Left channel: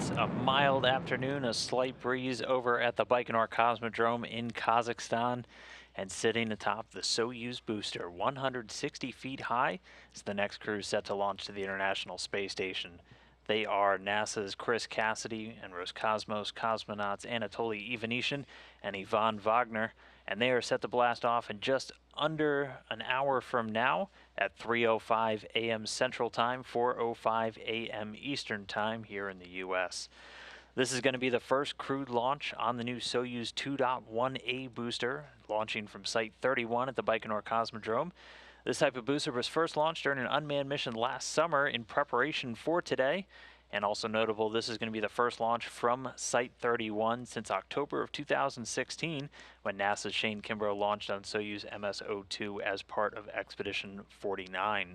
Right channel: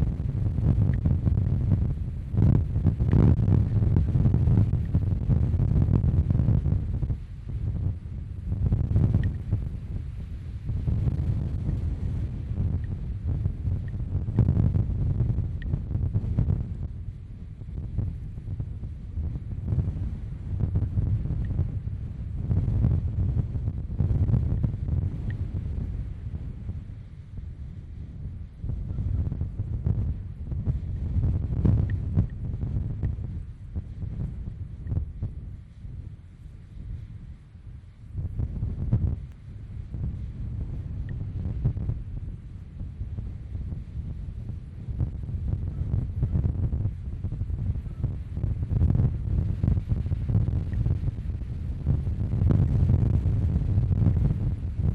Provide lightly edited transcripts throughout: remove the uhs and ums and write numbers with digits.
It's a mild afternoon, a slight breeze over at the Baikonur Cosmodrome in Kazakhstan, and sitting atop the Soyuz booster, 160 feet high, is the next crew set to launch to the International Space Station. They are NASA's Chris Cassidy and Roscosmos Cosmonauts Anatoly Ivanishin and Vagner, and they are set to blast off in just under an hour from now at 3:05 a.m. Central Time, 4:05 a.m. Eastern Time here in the U.S. This is going to be the first crewed launch on the new Soyuz 2.1A booster, launching from Site 31 at the Baikonur Cosmodrome. This type of booster was first launched during an unmanned mission last summer in preparation for today. And also notable, this is going to be the first launch from Site 31 since October of 2016, when NASA's Shane Kimbrough launched on Soyuz MS-02 as part of Expedition 49.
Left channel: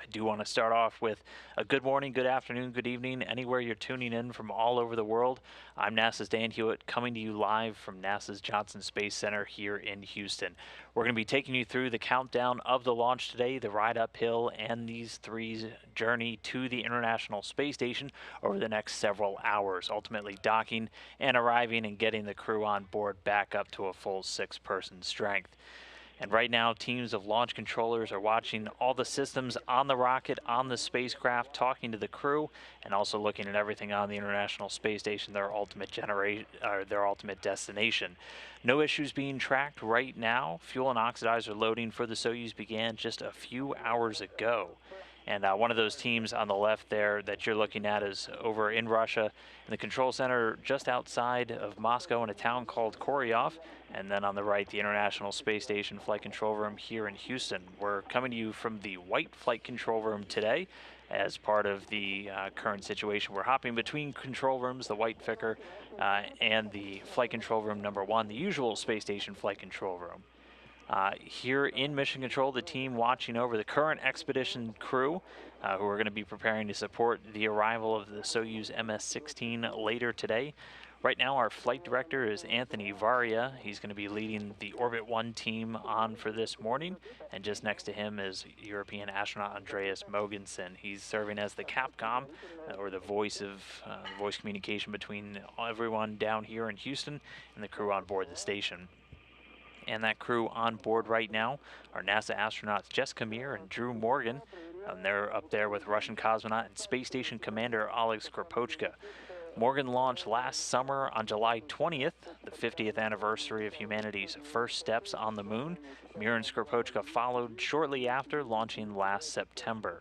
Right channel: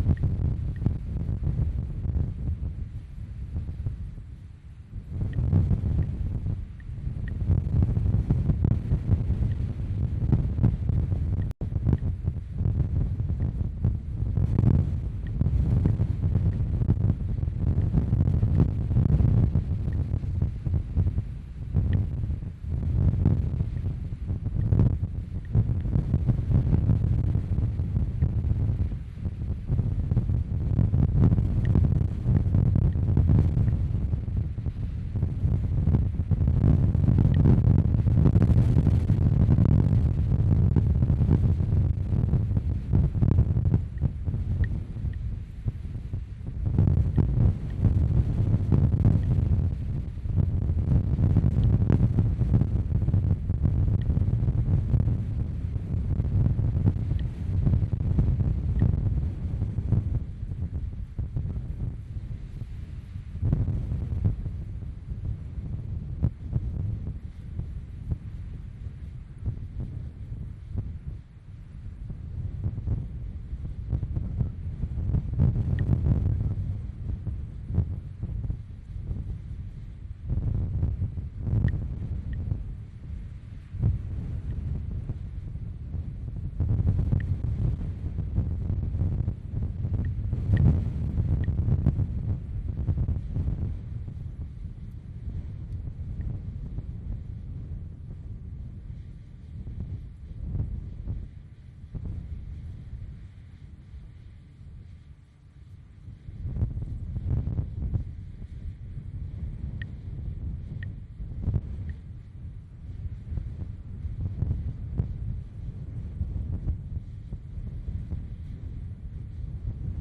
I do want to start off with a good morning, good afternoon, good evening, anywhere you're tuning in from all over the world. I'm NASA's Dan Hewitt, coming to you live from NASA's Johnson Space Center here in Houston. We're going to be taking you through the countdown of the launch today, the ride uphill, and these three's journey to the International Space Station over the next several hours, ultimately docking and arriving and getting the crew on board back up to a full 6-person strength. And right now, teams of launch controllers are watching all the systems on the rocket, on the spacecraft, talking to the crew, and also looking at everything on the International Space Station, their ultimate destination. No issues being tracked right now. Fuel and oxidizer loading for the Soyuz began just a few hours ago. And one of those teams on the left there that you're looking at is over in Russia, in the control center just outside of Moscow in a town called Koryov. And then on the right, the International Space Station Flight Control Room here in Houston. We're coming to you from the White Flight Control Room today as part of the current situation. We're hopping between control rooms, the White Ficker and the Flight Control Room number 1, the usual Space Station Flight Control Room. Here in Mission Control, the team watching over the current expedition crew who are going to be preparing to support the arrival of the Soyuz MS-16 later today. Right now, our flight director is Anthony Varia. He's going to be leading the Orbit 1 team on for this morning. And just next to him is European astronaut Andreas Mogensen. He's serving as the Capcom, or the voice communication between everyone down here in Houston and the crew on board the station. And that crew on board right now are NASA astronauts Jessica Meir and Drew Morgan. They're up there with Russian cosmonaut and Space Station Commander Oleg Skoropochka. Morgan launched last summer on July 20th, the 50th anniversary of humanity's first steps on the moon. Meir and Skoropochka followed shortly after, launching last September.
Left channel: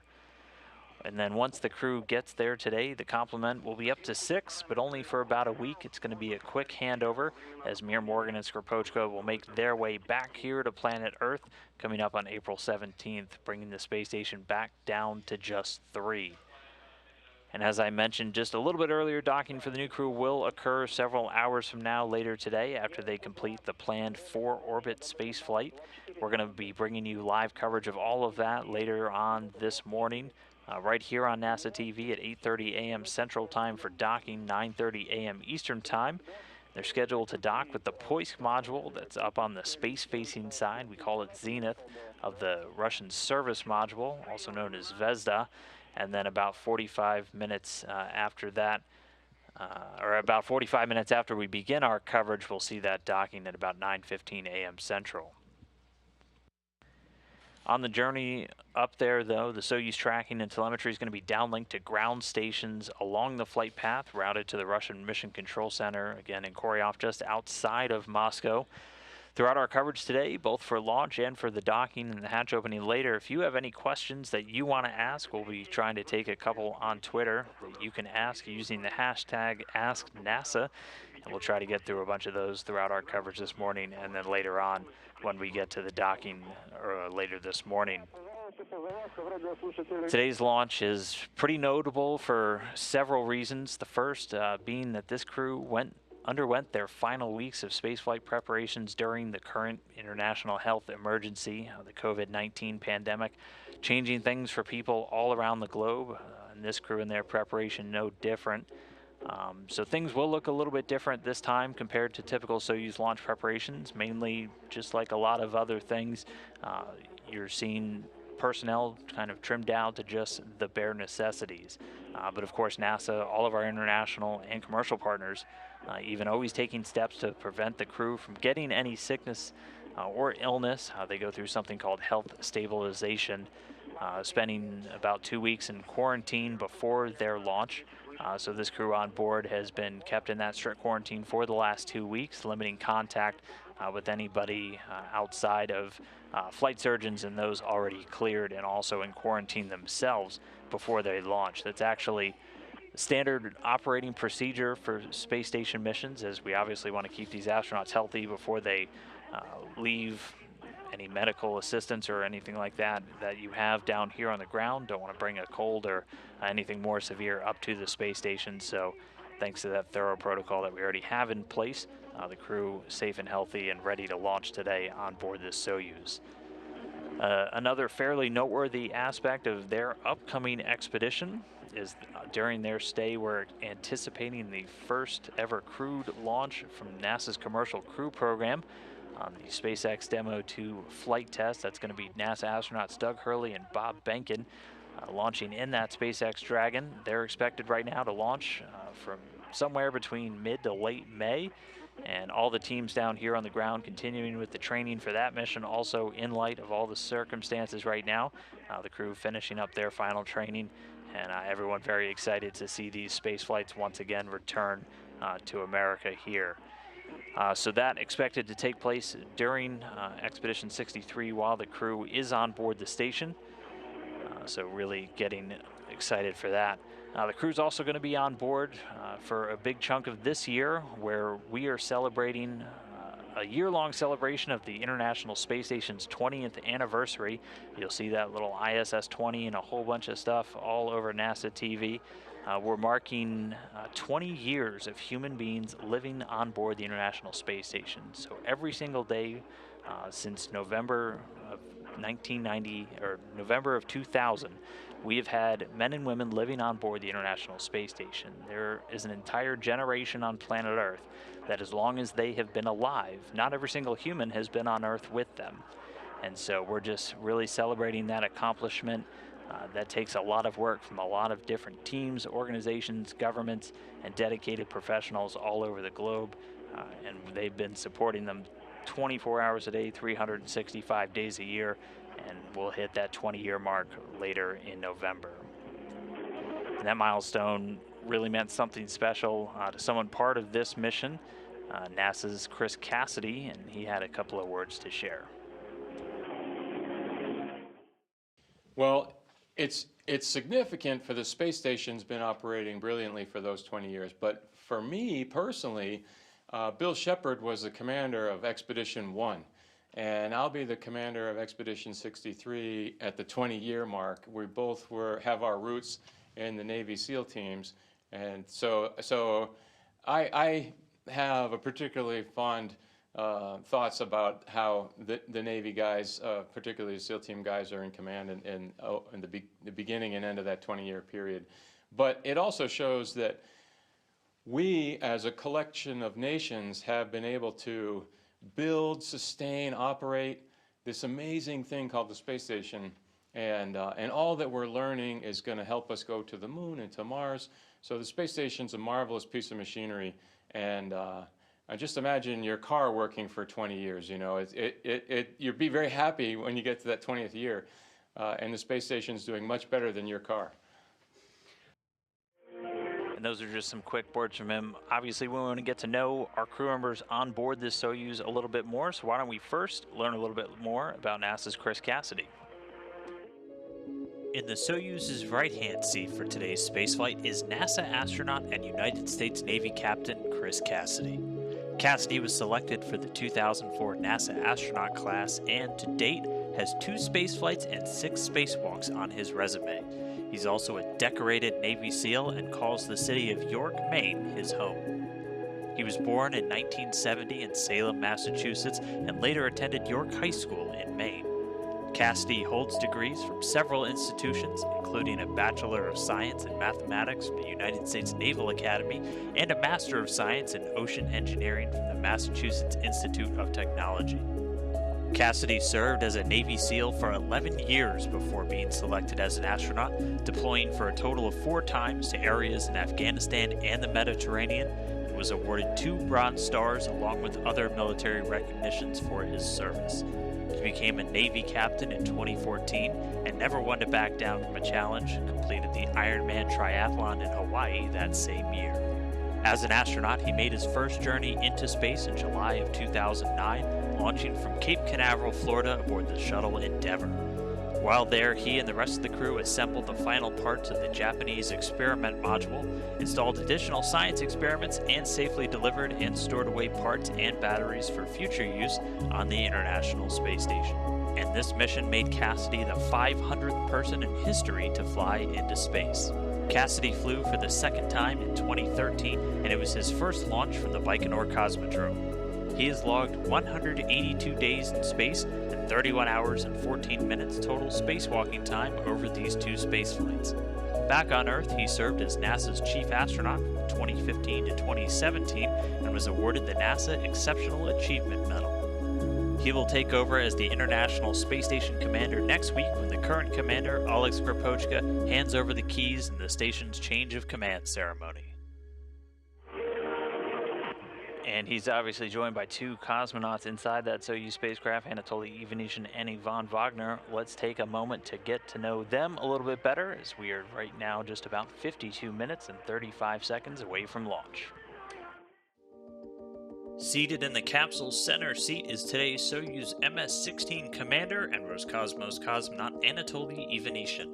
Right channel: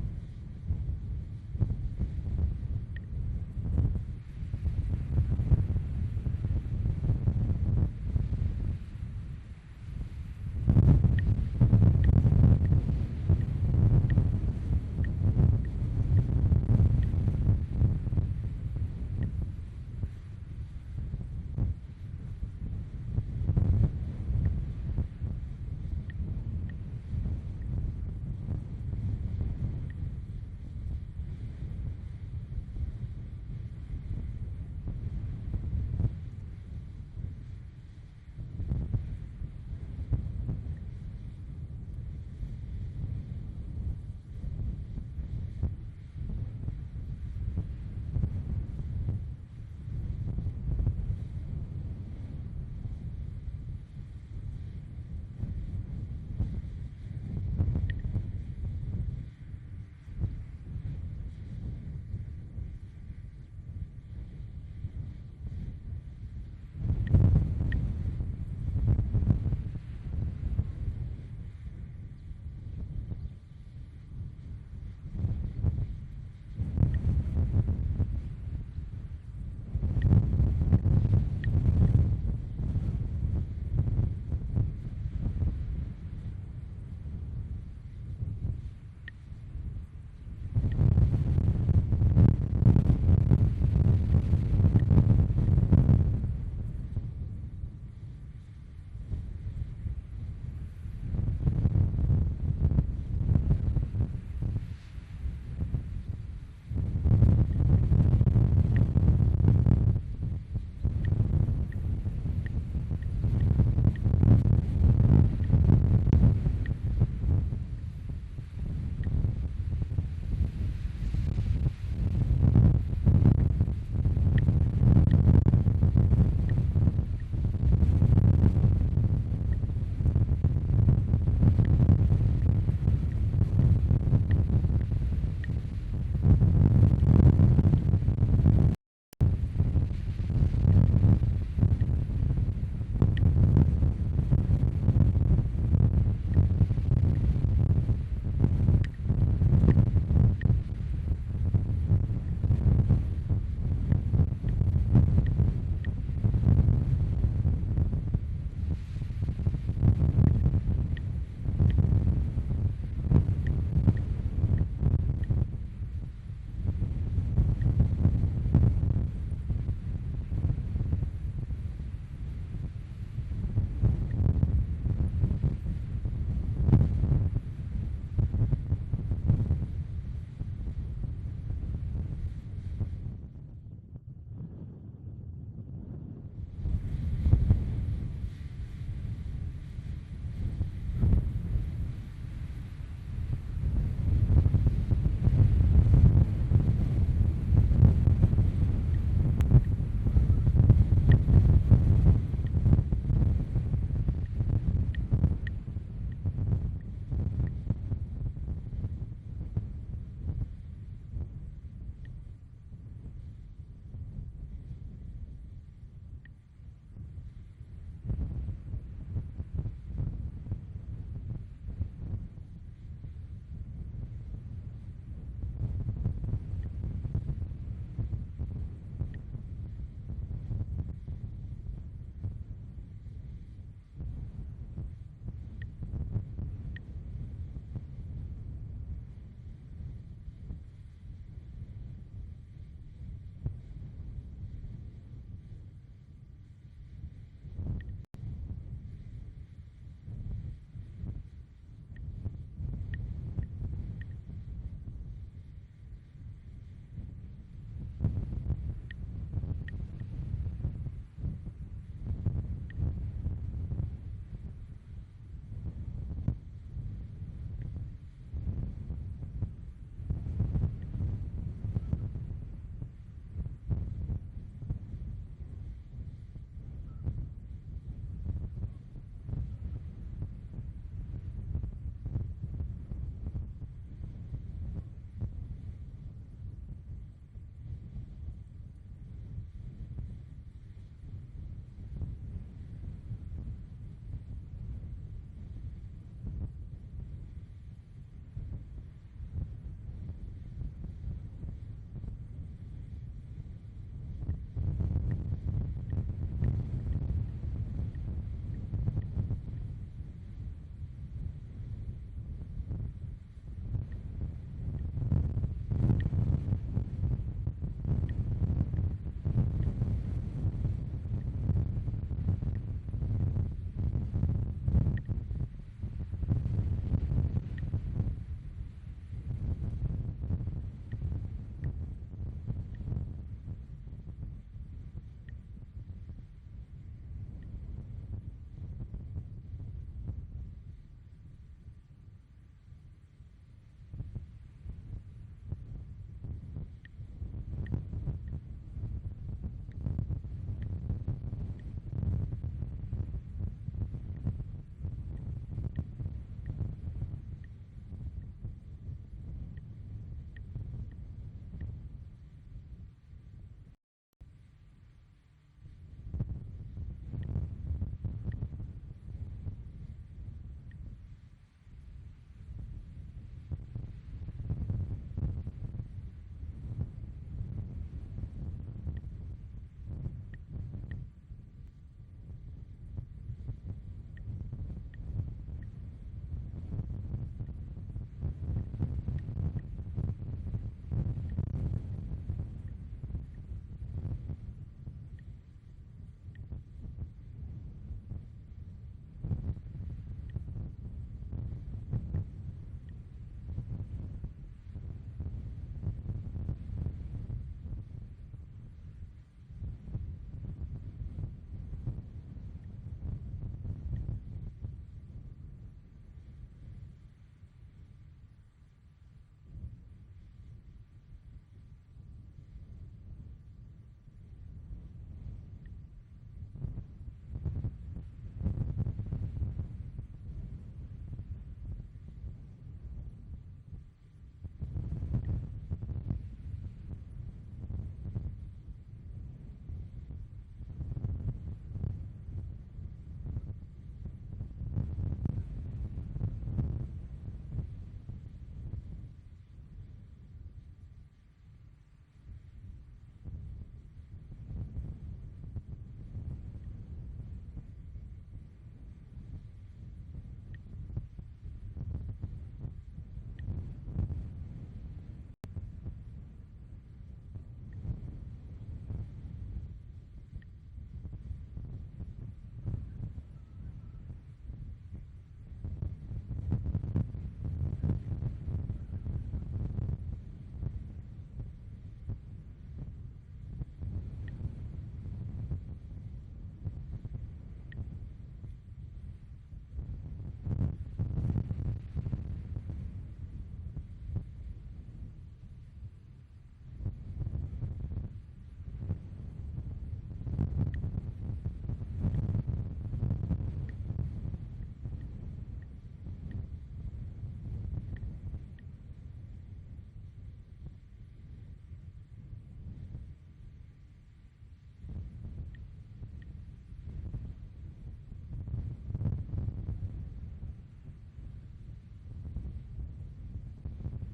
And then once the crew gets there today, the complement will be up to 6, but only for about a week. It's going to be a quick handover as Meir, Morgan, and Skoropochka will make their way back here to planet Earth, coming up on April 17th, bringing the space station back down to just 3. And as I mentioned just a little bit earlier, docking for the new crew will occur several hours from now later today after they complete the planned 4-orbit space flight. We're going to be bringing you live coverage of all of that later on this morning. Right here on NASA TV at 8:30 a.m. Central Time for docking, 9:30 a.m. Eastern Time. They're scheduled to dock with the Poist module that's up on the space-facing side. We call it Zenith, of the Russian service module, also known as Zvezda. And then about 45 minutes after that, or about 45 minutes after we begin our coverage, we'll see that docking at about 9:15 a.m. Central. On the journey up there, though, the Soyuz tracking and telemetry is going to be downlinked to ground stations along the flight path, routed to the Russian Mission Control Center, again in Koryov, just outside of Moscow. Throughout our coverage today, both for launch and for the docking and the hatch opening later, if you have any questions that you want to ask, we'll be trying to take a couple on Twitter. You can ask using the hashtag AskNASA, and we'll try to get through a bunch of those throughout our coverage this morning, and then later on when we get to the docking later this morning. Today's launch is pretty notable for several reasons. The first being that this crew underwent their final weeks of spaceflight preparations during the current international health emergency, the COVID-19 pandemic, changing things for people all around the globe. And this crew and their preparation no different. So things will look a little bit different this time compared to typical Soyuz launch preparations, mainly just like a lot of other things. You're seeing personnel kind of trimmed down to just the bare necessities. But of course, NASA, all of our international and commercial partners, even always taking steps to prevent the crew from getting any sickness or illness. They go through something called health stabilization, spending about 2 weeks in quarantine before their launch. So this crew on board has been kept in that strict quarantine for the last 2 weeks, limiting contact with anybody outside of flight surgeons and those already cleared, and also in quarantine themselves before they launch. That's actually standard operating procedure for space station missions, as we obviously want to keep these astronauts healthy before they leave. Any medical assistance or anything like that you have down here on the ground, don't want to bring a cold or anything more severe up to the space station. So thanks to that thorough protocol that we already have in place, the crew safe and healthy and ready to launch today on board this Soyuz. Another fairly noteworthy aspect of their upcoming expedition is during their stay, we're anticipating the first ever crewed launch from NASA's Commercial Crew Program. The SpaceX Demo 2 flight test. That's going to be NASA astronauts Doug Hurley and Bob Behnken launching in that SpaceX Dragon. They're expected right now to launch from somewhere between mid to late May, and all the teams down here on the ground continuing with the training for that mission. Also, in light of all the circumstances right now, the crew finishing up their final training, and everyone very excited to see these space flights once again return to America here. So that expected to take place during Expedition 63 while the crew is on board the station. So really getting excited for that. The crew's also going to be on board for a big chunk of this year, where we are celebrating a year-long celebration of the International Space Station's 20th anniversary. You'll see that little ISS 20 and a whole bunch of stuff all over NASA TV. We're marking 20 years of human beings living on board the International Space Station. So every single day since November of 1990, or November of 2000, we have had men and women living on board the International Space Station. There is an entire generation on planet Earth that, as long as they have been alive, not every single human has been on Earth with them. And so we're just really celebrating that accomplishment. That takes a lot of work from a lot of different teams, organizations, governments, and dedicated professionals all over the globe. And they've been supporting them 24 hours a day, 365 days a year, and we'll hit that 20-year mark later in November. And that milestone really meant something special to someone part of this mission, NASA's Chris Cassidy, and he had a couple of words to share. Well, it's significant for the space station's been operating brilliantly for those 20 years, but for me personally, Bill Shepard was the commander of Expedition 1, and I'll be the commander of Expedition 63 at the 20-year mark. We both have our roots in the Navy SEAL teams, and so I have a particularly fond thoughts about how the Navy guys, particularly the SEAL team guys, are in command in the beginning and end of that 20-year period. But it also shows that we, as a collection of nations, have been able to build, sustain, operate this amazing thing called the space station. And all that we're learning is going to help us go to the moon and to Mars. So the space station's a marvelous piece of machinery. And just imagine your car working for 20 years. You know, you'd be very happy when you get to that 20th year, and the space station's doing much better than your car. And those are just some quick words from him. Obviously, we want to get to know our crew members on board this Soyuz a little bit more. So why don't we first learn a little bit more about NASA's Chris Cassidy. In the Soyuz's right-hand seat for today's spaceflight is NASA astronaut and United States Navy Captain Chris Cassidy. Cassidy was selected for the 2004 NASA astronaut class and, to date, has 2 spaceflights and 6 spacewalks on his resume. He's also a decorated Navy SEAL and calls the city of York, Maine, his home. He was born in 1970 in Salem, Massachusetts, and later attended York High School in Maine. Cassidy holds degrees from several institutions, including a Bachelor of Science in Mathematics from the United States Naval Academy and a Master of Science in Ocean Engineering from the Massachusetts Institute of Technology. Cassidy served as a Navy SEAL for 11 years before being selected as an astronaut, deploying for a total of 4 times to areas in Afghanistan and the Mediterranean, and was awarded 2 Bronze Stars along with other military recognitions for his service. He became a Navy captain in 2014 and never one to back down from a challenge, and completed the Ironman triathlon in Hawaii that same year. As an astronaut, he made his first journey into space in July of 2009, launching from Cape Canaveral, Florida aboard the shuttle Endeavour. While there, he and the rest of the crew assembled the final parts of the Japanese experiment module, installed additional science experiments, and safely delivered and stored away parts and batteries for future use on the International Space Station. And this mission made Cassidy the 500th person in history to fly into space. Cassidy flew for the second time in 2013, and it was his first launch from the Baikonur Cosmodrome. He has logged 182 days in space and 31 hours and 14 minutes total spacewalking time over these 2 space flights. Back on Earth, he served as NASA's chief astronaut from 2015 to 2017 and was awarded the NASA Exceptional Achievement Medal. He will take over as the International Space Station commander next week when the current commander, Alex Krapochka, hands over the keys in the station's change of command ceremony. And he's obviously joined by 2 cosmonauts inside that Soyuz spacecraft, Anatoly Ivanishin and Ivan Vagner. Let's take a moment to get to know them a little bit better, as we are right now just about 52 minutes and 35 seconds away from launch. Seated in the capsule's center seat is today's Soyuz MS-16 commander and Roscosmos cosmonaut Anatoly Ivanishin.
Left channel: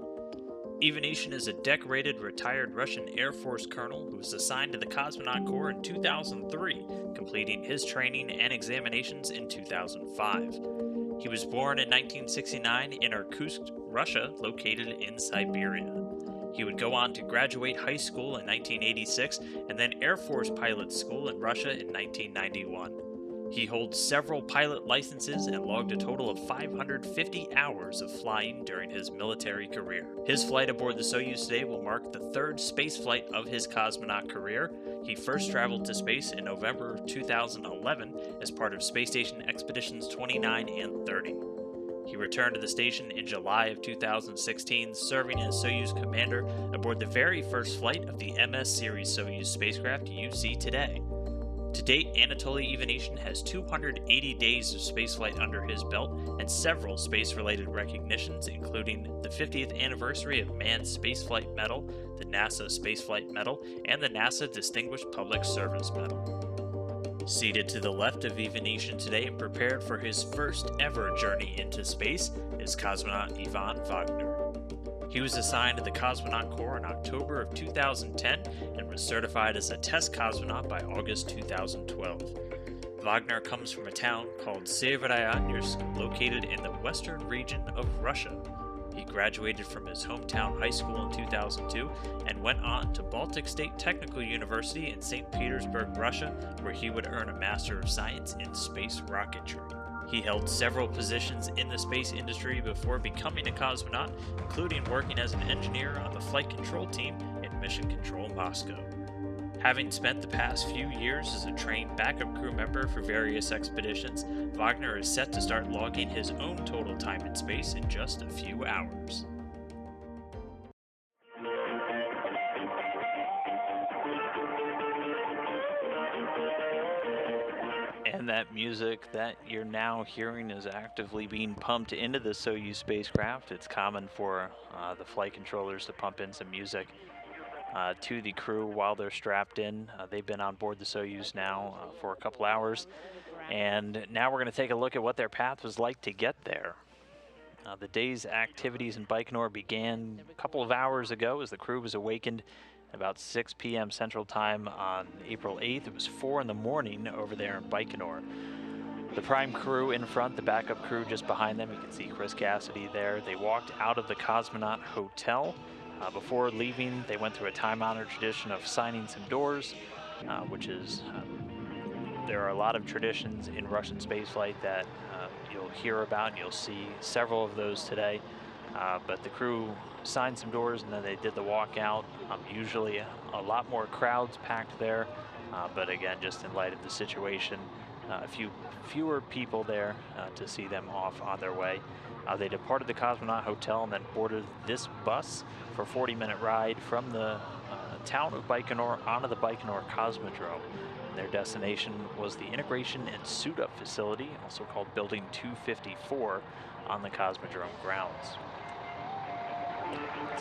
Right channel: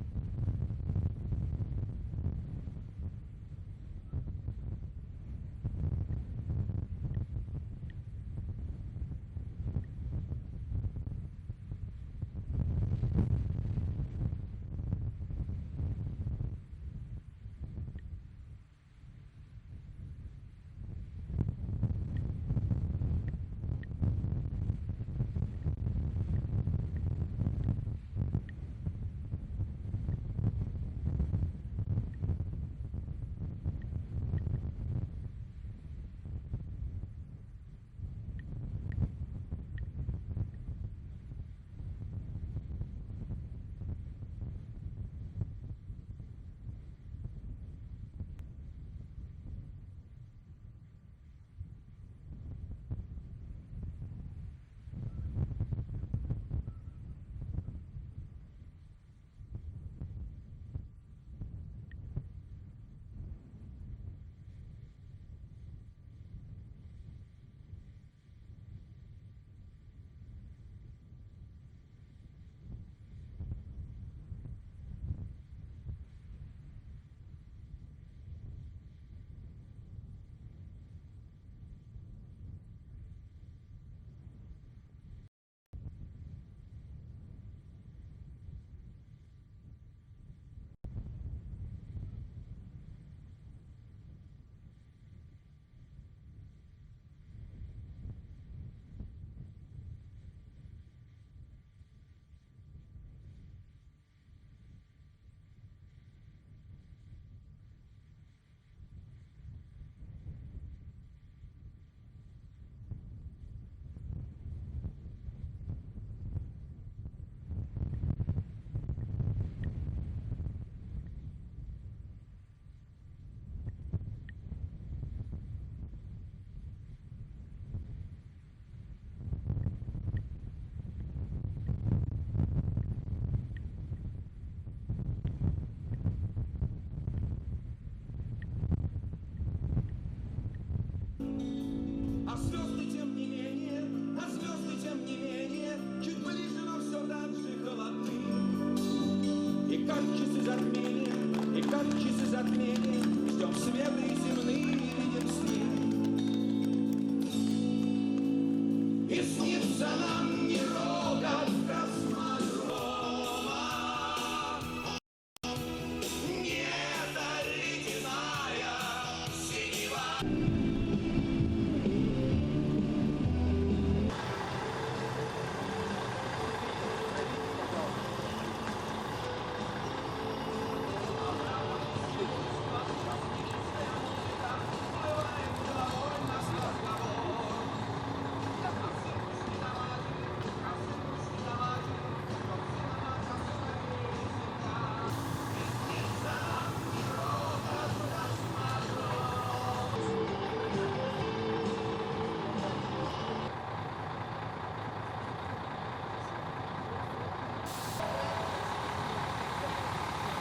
Ivanishin is a decorated retired Russian Air Force colonel who was assigned to the Cosmonaut Corps in 2003, completing his training and examinations in 2005. He was born in 1969 in Irkutsk, Russia, located in Siberia. He would go on to graduate high school in 1986 and then Air Force pilot school in Russia in 1991. He holds several pilot licenses and logged a total of 550 hours of flying during his military career. His flight aboard the Soyuz today will mark the 3rd space flight of his cosmonaut career. He first traveled to space in November 2011 as part of Space Station Expeditions 29 and 30. He returned to the station in July of 2016, serving as Soyuz commander aboard the very first flight of the MS series Soyuz spacecraft you see today. To date, Anatoly Ivanishin has 280 days of spaceflight under his belt and several space-related recognitions, including the 50th anniversary of Manned Spaceflight Medal, the NASA Spaceflight Medal, and the NASA Distinguished Public Service Medal. Seated to the left of Ivanishin today and prepared for his first ever journey into space is cosmonaut Ivan Vagner. He was assigned to the Cosmonaut Corps in October of 2010 and was certified as a test cosmonaut by August 2012. Vagner comes from a town called Severyanorsk, located in the western region of Russia. He graduated from his hometown high school in 2002 and went on to Baltic State Technical University in St. Petersburg, Russia, where he would earn a Master of Science in Space Rocketry. He held several positions in the space industry before becoming a cosmonaut, including working as an engineer on the flight control team in Mission Control Moscow. Having spent the past few years as a trained backup crew member for various expeditions, Vagner is set to start logging his own total time in space in just a few hours. And that music that you're now hearing is actively being pumped into the Soyuz spacecraft. It's common for the flight controllers to pump in some music to the crew while they're strapped in. They've been on board the Soyuz now for a couple hours, and now we're going to take a look at what their path was like to get there. The day's activities in Baikonur began a couple of hours ago as the crew was awakened about 6 p.m. Central Time on April 8th. It was 4 in the morning over there in Baikonur. The prime crew in front, the backup crew just behind them, you can see Cassidy there. They walked out of the Cosmonaut Hotel. Before leaving, they went through a time-honored tradition of signing some doors, which is, there are a lot of traditions in Russian spaceflight that you'll hear about. You'll see several of those today. But the crew signed some doors and then they did the walkout. Usually a lot more crowds packed there. But again, just in light of the situation, fewer people there to see them off on their way. They departed the Cosmonaut Hotel and then boarded this bus for a 40-minute ride from the town of Baikonur onto the Baikonur Cosmodrome. Their destination was the Integration and Suit-Up Facility, also called Building 254, on the Cosmodrome grounds.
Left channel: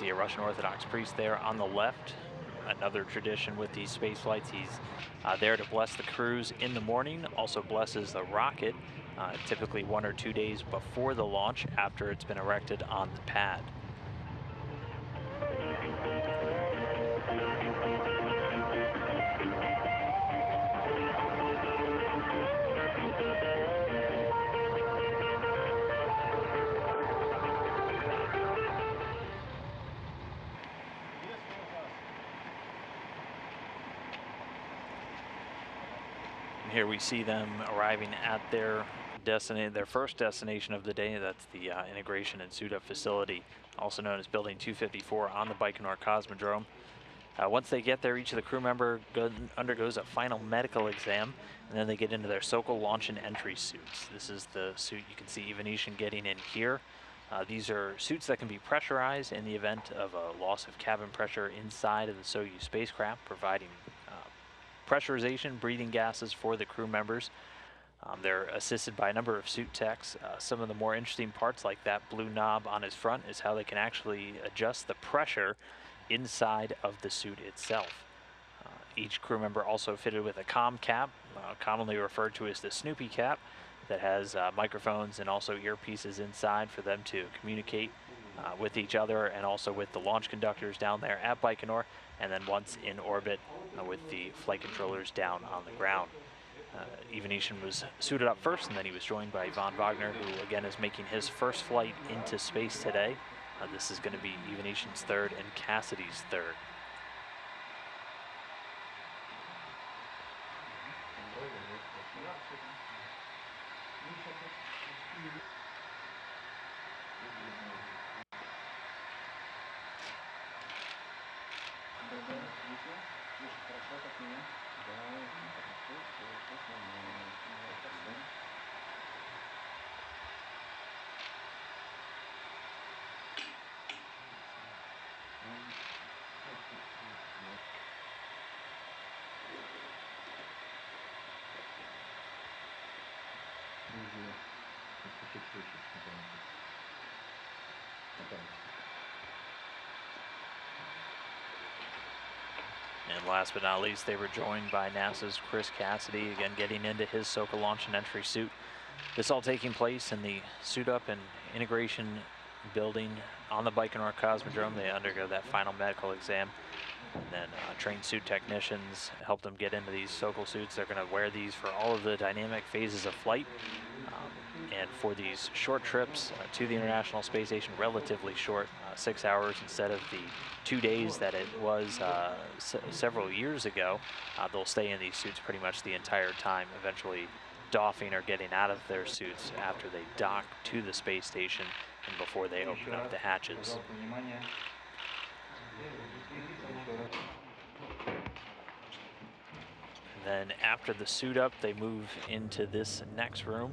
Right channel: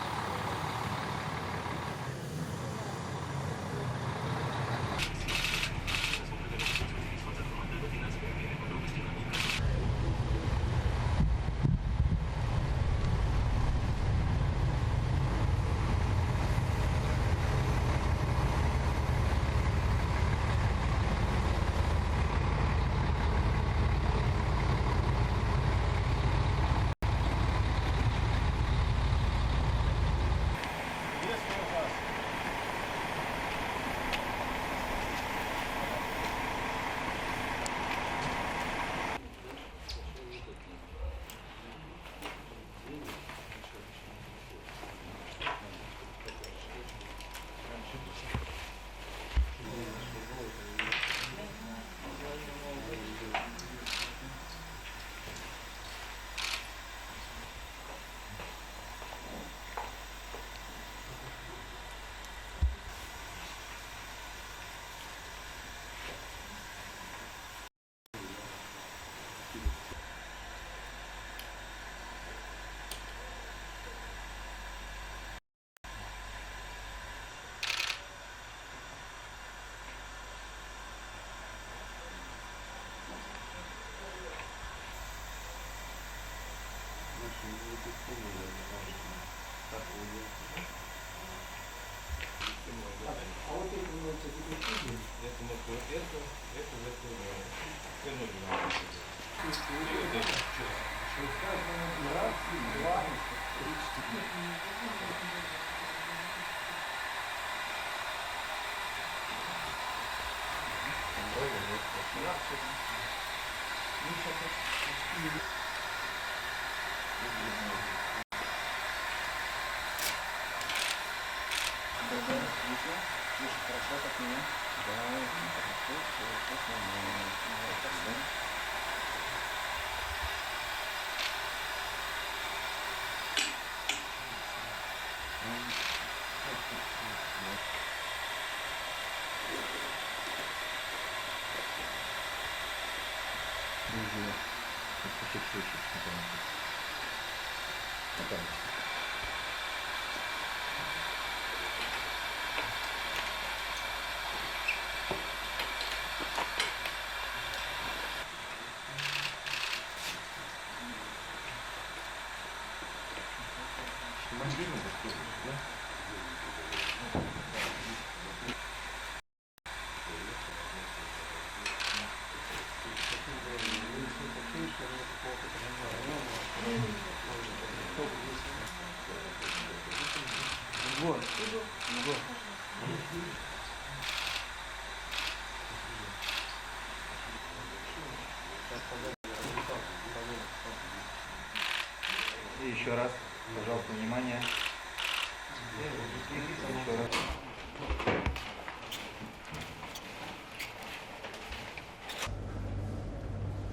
See a Russian Orthodox priest there on the left. Another tradition with these space flights. He's there to bless the crews in the morning, also blesses the rocket, typically 1 or 2 days before the launch after it's been erected on the pad. Here we see them arriving at their first destination of the day. That's the Integration and Suit-Up Facility, also known as Building 254 on the Baikonur Cosmodrome. Once they get there, each of the crew member undergoes a final medical exam, and then they get into their Sokol launch and entry suits. This is the suit you can see Ivanishin getting in here. These are suits that can be pressurized in the event of a loss of cabin pressure inside of the Soyuz spacecraft, providing pressurization, breathing gases for the crew members. They're assisted by a number of suit techs. Some of the more interesting parts, like that blue knob on his front, is how they can actually adjust the pressure inside of the suit itself. Each crew member also fitted with a comm cap, commonly referred to as the Snoopy cap, that has microphones and also earpieces inside for them to communicate with each other and also with the launch conductors down there at Baikonur, and then once in orbit with the flight controllers down on the ground. Ivanishin was suited up first, and then he was joined by Vagner, who again is making his first flight into space today. This is going to be Ivanishin's third and Cassidy's third. And last but not least, they were joined by NASA's Chris Cassidy, again getting into his Sokol launch and entry suit. This all taking place in the suit-up and integration building on the Baikonur Cosmodrome. They undergo that final medical exam, and then trained suit technicians help them get into these Sokol suits. They're going to wear these for all of the dynamic phases of flight. And for these short trips to the International Space Station, relatively short, 6 hours instead of the 2 days that it was several years ago, they'll stay in these suits pretty much the entire time, eventually doffing or getting out of their suits after they dock to the space station and before they open up the hatches. Then after the suit up, they move into this next room,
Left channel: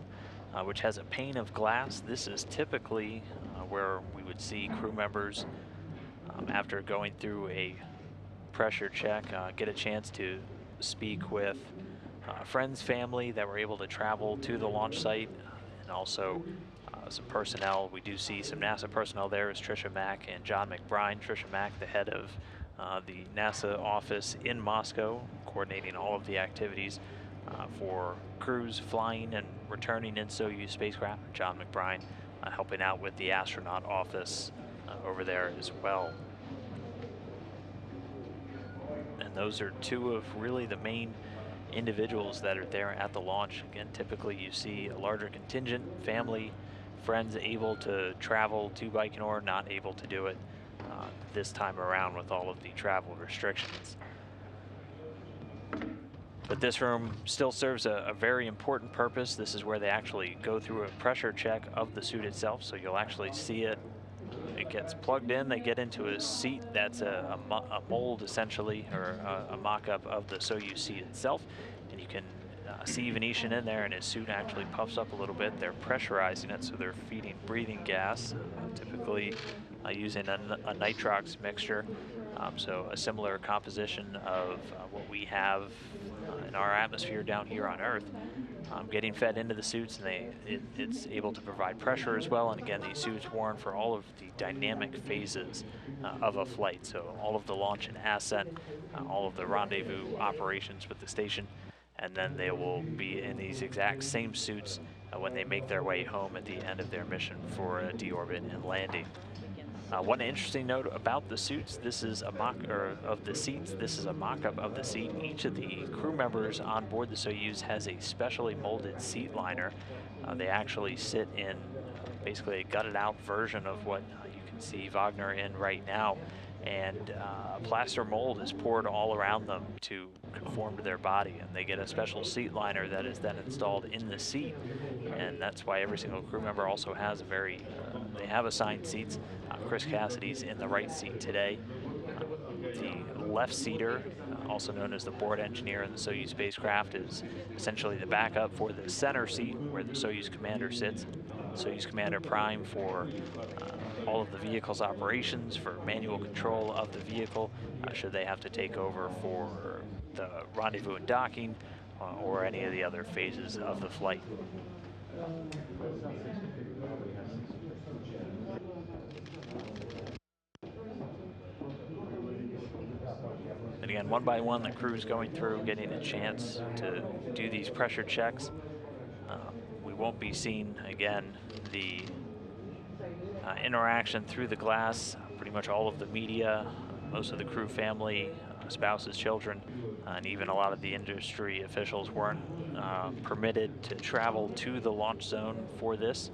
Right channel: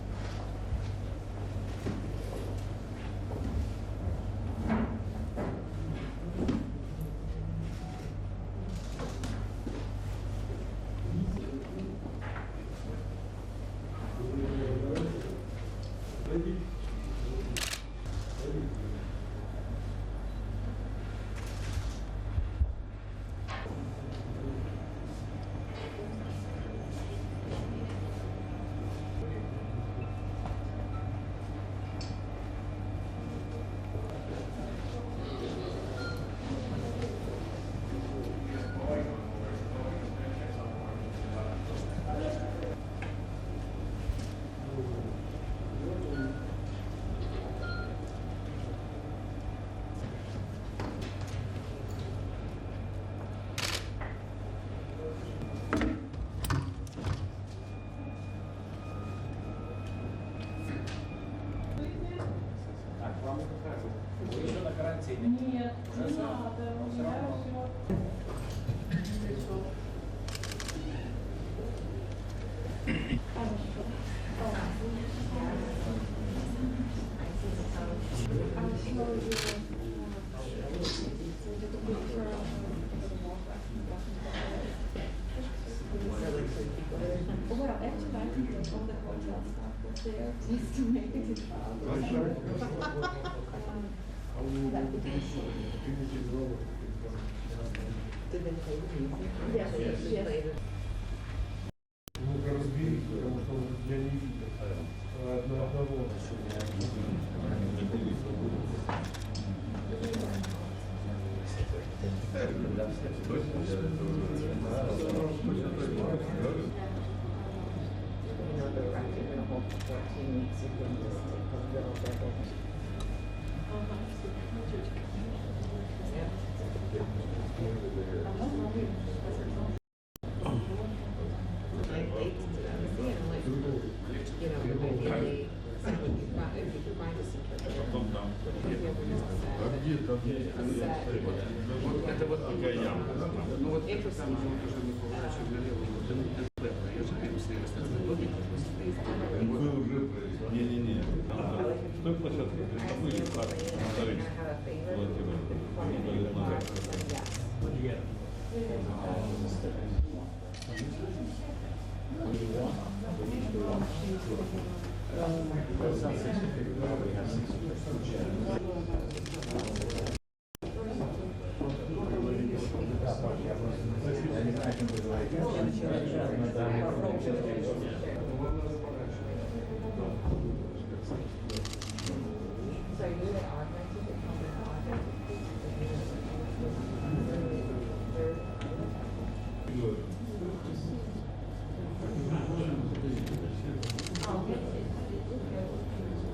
which has a pane of glass. This is typically where we would see crew members, after going through a pressure check, get a chance to speak with friends, family that were able to travel to the launch site, and also some personnel. We do see some NASA personnel there as Tricia Mack and John McBride. Tricia Mack, the head of the NASA office in Moscow, coordinating all of the activities for crews flying and returning in Soyuz spacecraft. John McBride helping out with the astronaut office over there as well. And those are two of really the main individuals that are there at the launch. Again, typically you see a larger contingent, family, friends able to travel to Baikonur, not able to do it this time around with all of the travel restrictions. But this room still serves a very important purpose. This is where they actually go through a pressure check of the suit itself, so you'll actually see it. It gets plugged in, they get into a seat that's a mold essentially, or a mock-up of the Soyuz seat itself, and you can see Ivanishin in there, and his suit actually puffs up a little bit. They're pressurizing it, so they're feeding breathing gas, typically using a nitrox mixture, so a similar composition of what we have in our atmosphere down here on Earth. Getting fed into the suits, it's able to provide pressure as well, and again, these suits worn for all of the dynamic phases of a flight, so all of the launch and ascent, all of the rendezvous operations with the station, and then they will be in these exact same suits when they make their way home at the end of their mission for a deorbit and landing. One interesting note about the suits, this is a of the seats, this is a mock-up of the seat. Each of the crew members on board the Soyuz has a specially molded seat liner. They actually sit in basically a gutted out version of what you can see Vagner in right now, and plaster mold is poured all around them to conform to their body, and they get a special seat liner that is then installed in the seat, and that's why every single crew member also has they have assigned seats. Chris Cassidy's in the right seat today. The left seater, also known as the board engineer in the Soyuz spacecraft, is essentially the backup for the center seat where the Soyuz commander sits. The Soyuz commander prime for all of the vehicle's operations, for manual control of the vehicle, should they have to take over for the rendezvous and docking, or any of the other phases of the flight. And again, one by one, the crew is going through, getting a chance to do these pressure checks. We won't be seeing, again, the interaction through the glass. Pretty much all of the media, most of the crew family, spouses, children, and even a lot of the industry officials weren't permitted to travel to the launch zone for this.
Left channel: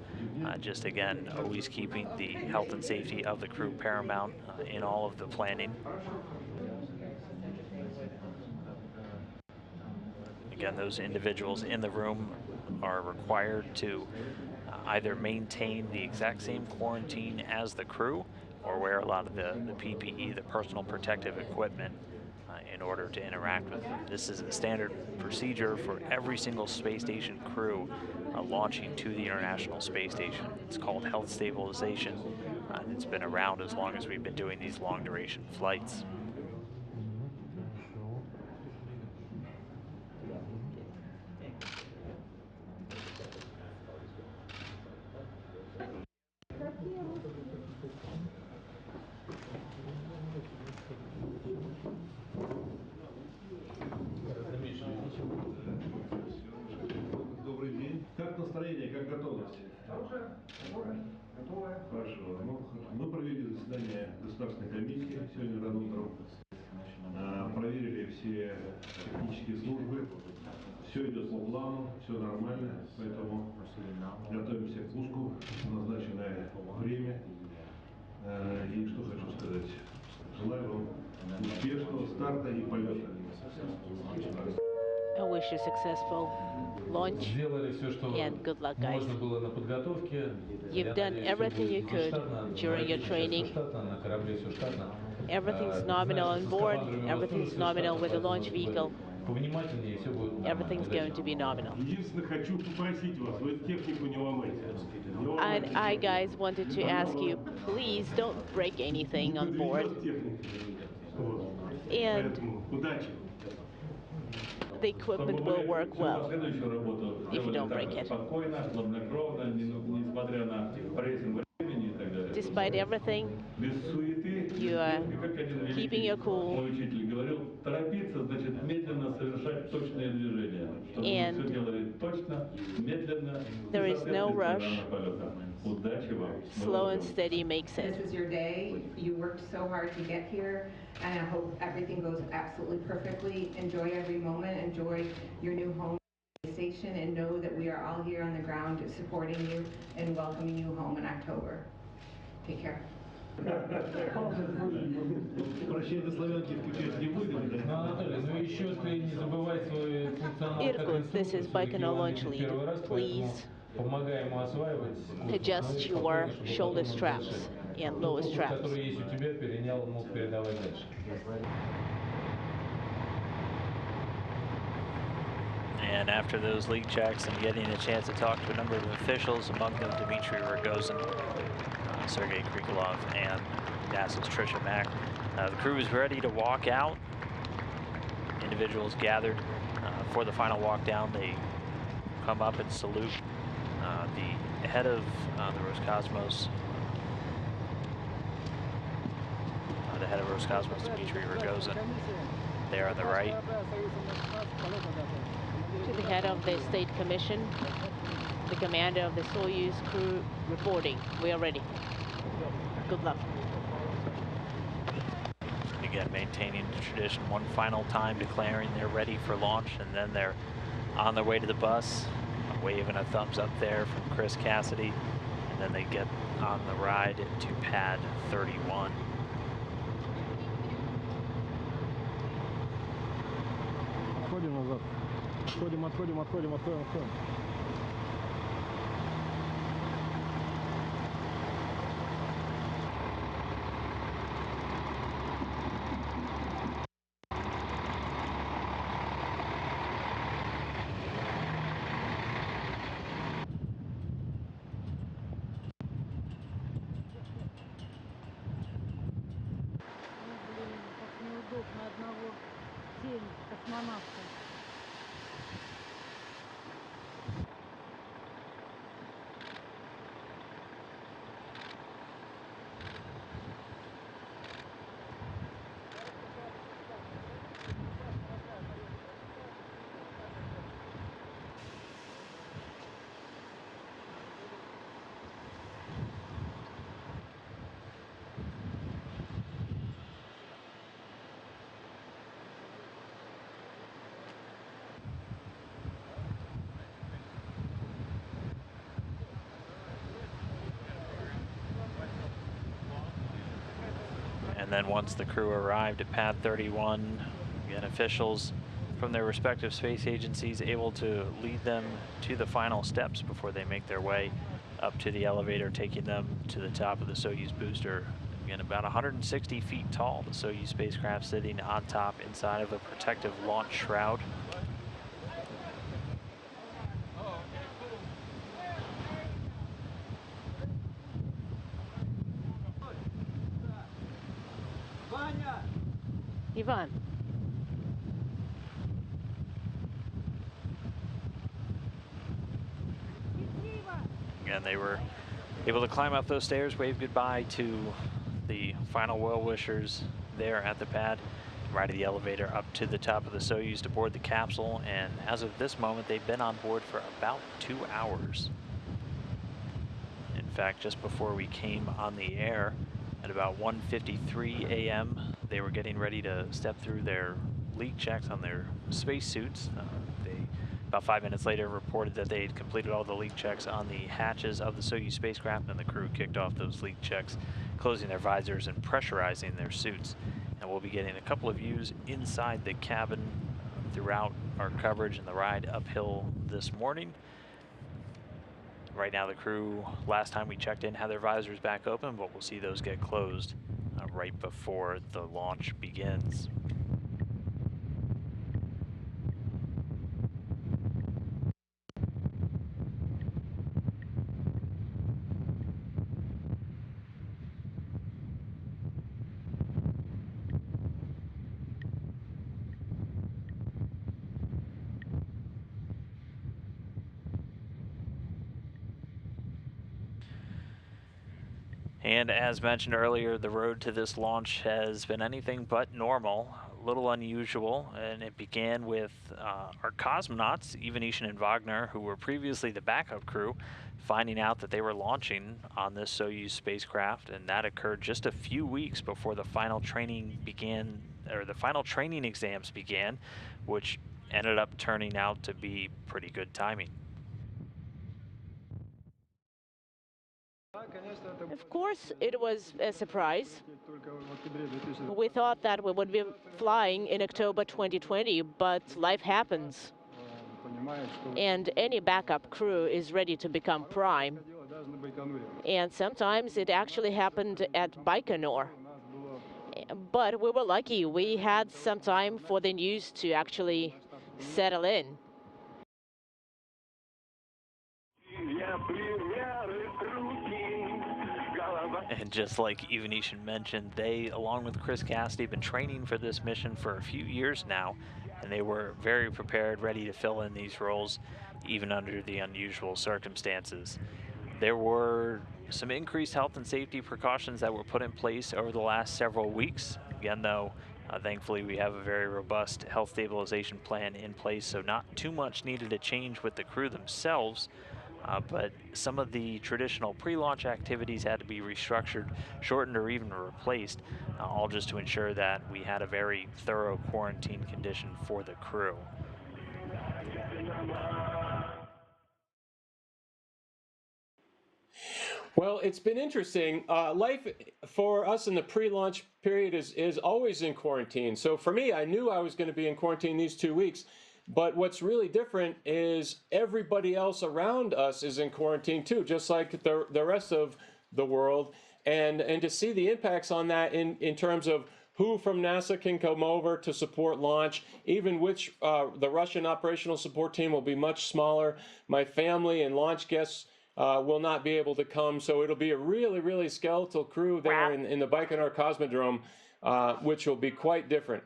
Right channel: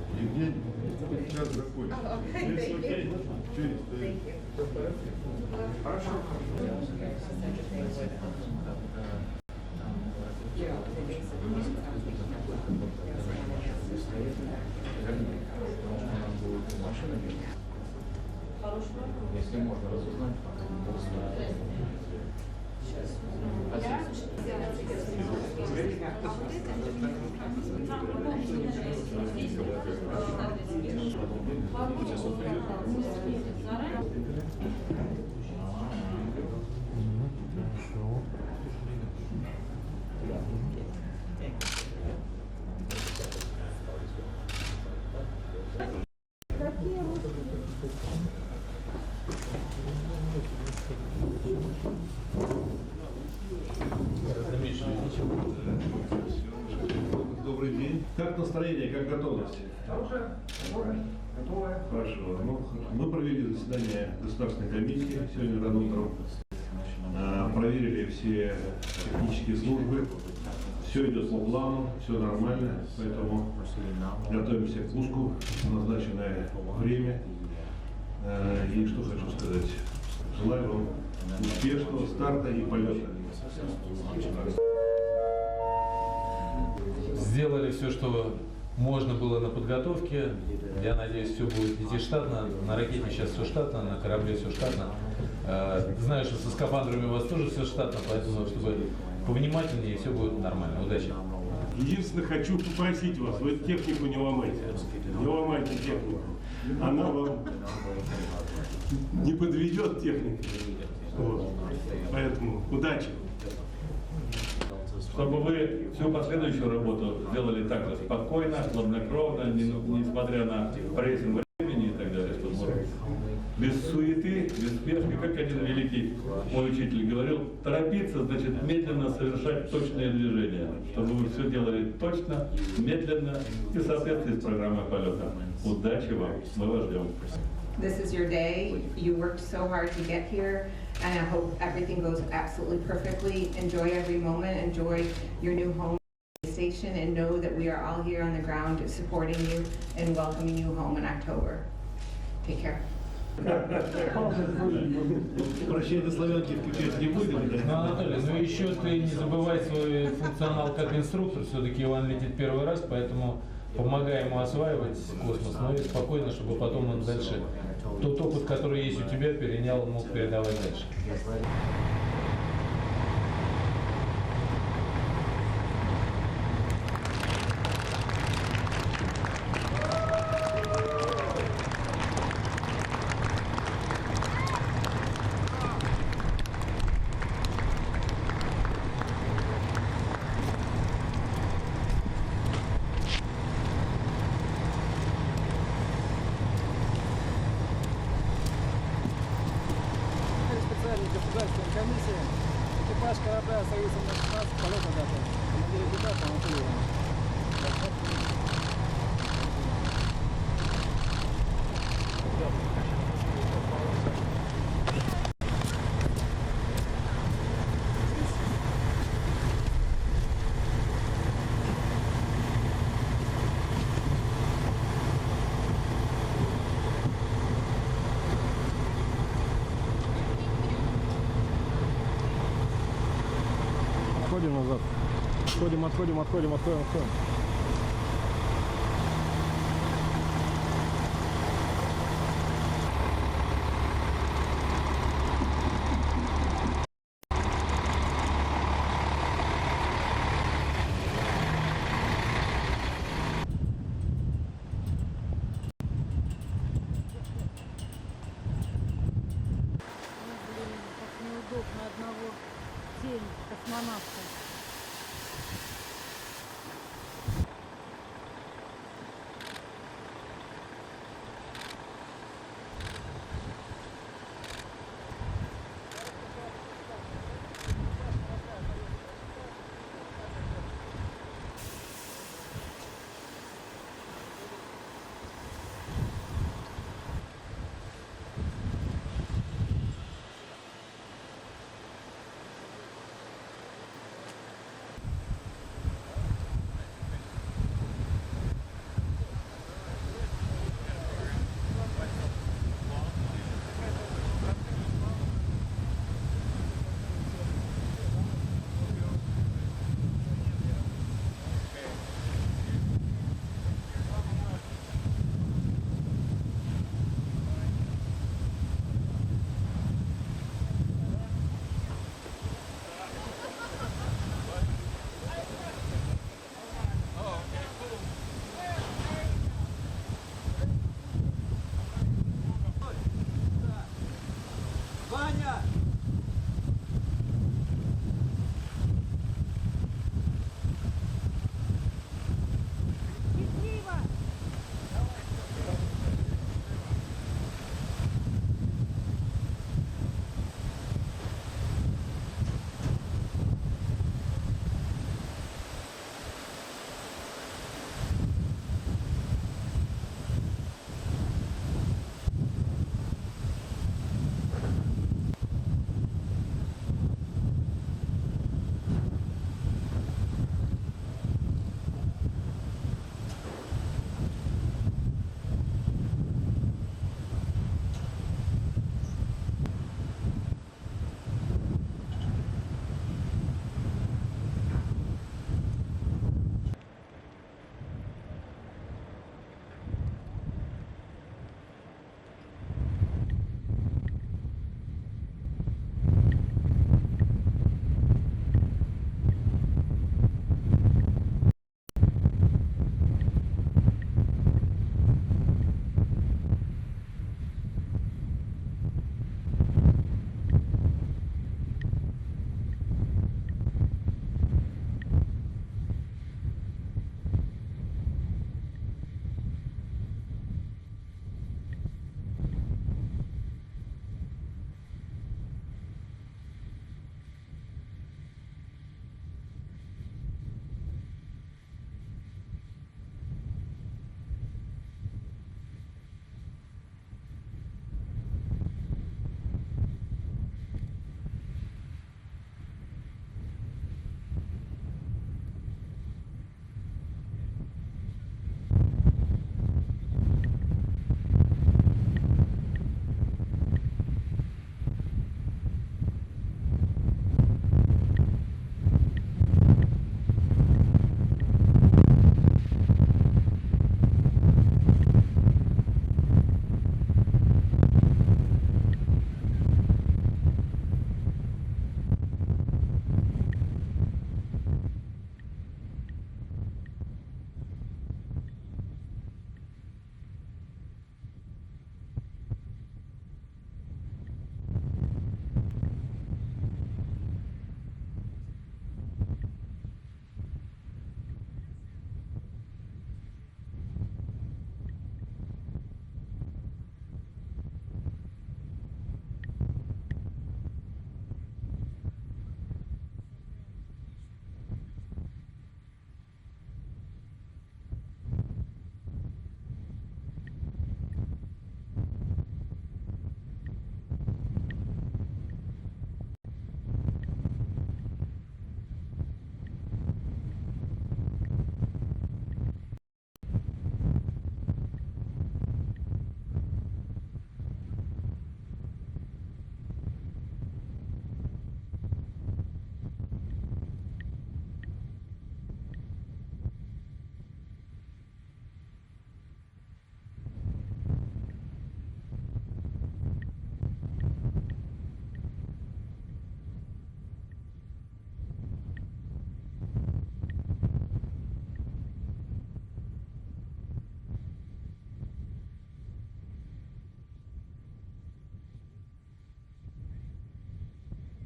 Just again, always keeping the health and safety of the crew paramount in all of the planning. Again, those individuals in the room are required to either maintain the exact same quarantine as the crew, or wear a lot of the PPE, the personal protective equipment, in order to interact with it. This is the standard procedure for every single space station crew launching to the International Space Station. It's called health stabilization. It's been around as long as we've been doing these long duration flights. Как настроение, как готовность? Хорошая. Хорошо. Ну, мы провели заседание государственной комиссии сегодня рано утром. Проверили все технические службы. Все идет по плану, все нормально, поэтому готовимся к пуску в назначенное время. И что хочу сказать. Желаю вам успешного старта и полета. Сделали все, что можно было на подготовке. Я надеюсь, все будет здесь штатно, на ракете все штатно, на корабле все штатно. Знаю, что со скафандрами у вас тоже все штатно, поэтому чтобы повнимательнее, все будет нормально. Удачи. Единственное, хочу попросить вас, вы технику не ломайте. I guys wanted to ask you, please don't break anything on board. Не подведет техника. Поэтому удачи. The equipment will work Всю well. последующую работу сделали так спокойно, хладнокровно, несмотря на прессинг времени и так далее. Despite everything, Без суеты, без спешки, как один великий мой учитель говорил, торопиться значит медленно совершать точные движения. Чтобы вы все делали точно, медленно, и соответственно программы полета. Удачи вам. slow and steady makes This sense. is your day. You worked so hard to get here, and I hope everything goes absolutely perfectly. Enjoy every moment. Enjoy your new home station, and know that we are all here on the ground supporting you and welcoming you home in October. Take care. Прощение славянки включать не будем, да? Ну, Анатолий, ну еще ты не забывай свой функционал как инструктор, все-таки он летит первый раз, поэтому помогай ему осваивать космос, ну и спокойно, чтобы потом он дальше тот опыт, который есть у тебя, перенял, мог передавать дальше. And after those those leak checks and getting a chance to talk to a number of officials, among them Dmitry Roscosmos, Sergei Krikalev, and NASA's Trisha Mack. The crew is ready to walk out. Individuals gathered for the final walk down. They come up and salute the head of the Roscosmos. The head of Roscosmos, Dmitry Rogozin, there on the right. The head of the State Commission, the commander of the Soyuz crew reporting. We are ready. Good luck. Again, maintaining the tradition, one final time declaring they're ready for launch, and then they're on their way to the bus, waving a thumbs up there from Chris Cassidy, and then they get on the ride to pad 31. Отходим назад. Отходим. Неудобно одного тень космонавта. And then once the crew arrived at pad 31, again, officials from their respective space agencies able to lead them to the final steps before they make their way up to the elevator, taking them to the top of the Soyuz booster. Again, about 160 feet tall, the Soyuz spacecraft sitting on top inside of a protective launch shroud. Ivan. Again, they were able to climb up those stairs, wave goodbye to the final well-wishers there at the pad, ride the elevator up to the top of the Soyuz to board the capsule, and as of this moment, they've been on board for about 2 hours. In fact, just before we came on the air, at about 1:53 a.m., they were getting ready to step through their leak checks on their spacesuits. About 5 minutes later, reported that they had completed all the leak checks on the hatches of the Soyuz spacecraft, and the crew kicked off those leak checks, closing their visors and pressurizing their suits. And we'll be getting a couple of views inside the cabin throughout our coverage and the ride uphill this morning. Right now, the crew, last time we checked in, had their visors back open, but we'll see those get closed right before the launch begins. And as mentioned earlier, the road to this launch has been anything but normal, a little unusual, and it began with our cosmonauts, Ivanishin and Vagner, who were previously the backup crew, finding out that they were launching on this Soyuz spacecraft, and that occurred just a few weeks before the final training began, or the final training exams began, which ended up turning out to be pretty good timing. Of course, it was a surprise. We thought that we would be flying in October 2020, but life happens. And any backup crew is ready to become prime. And sometimes it actually happened at Baikonur. But we were lucky. We had some time for the news to actually settle in. And just like Ivanishin mentioned, they, along with Chris Cassidy, have been training for this mission for a few years now, and they were very prepared, ready to fill in these roles, even under the unusual circumstances. There were some increased health and safety precautions that were put in place over the last several weeks. Again, though, thankfully we have a very robust health stabilization plan in place, so not too much needed to change with the crew themselves. But some of the traditional pre-launch activities had to be restructured, shortened, or even replaced, all just to ensure that we had a very thorough quarantine condition for the crew. Well, it's been interesting. Life for us in the pre-launch period is always in quarantine. So for me, I knew I was going to be in quarantine these 2 weeks. But what's really different is everybody else around us is in quarantine too, just like the rest of the world. And to see the impacts on that in terms of who from NASA can come over to support launch, even which the Russian operational support team will be much smaller. My family and launch guests will not be able to come, so it'll be a really, really skeletal crew there in the Baikonur Cosmodrome, which will be quite different.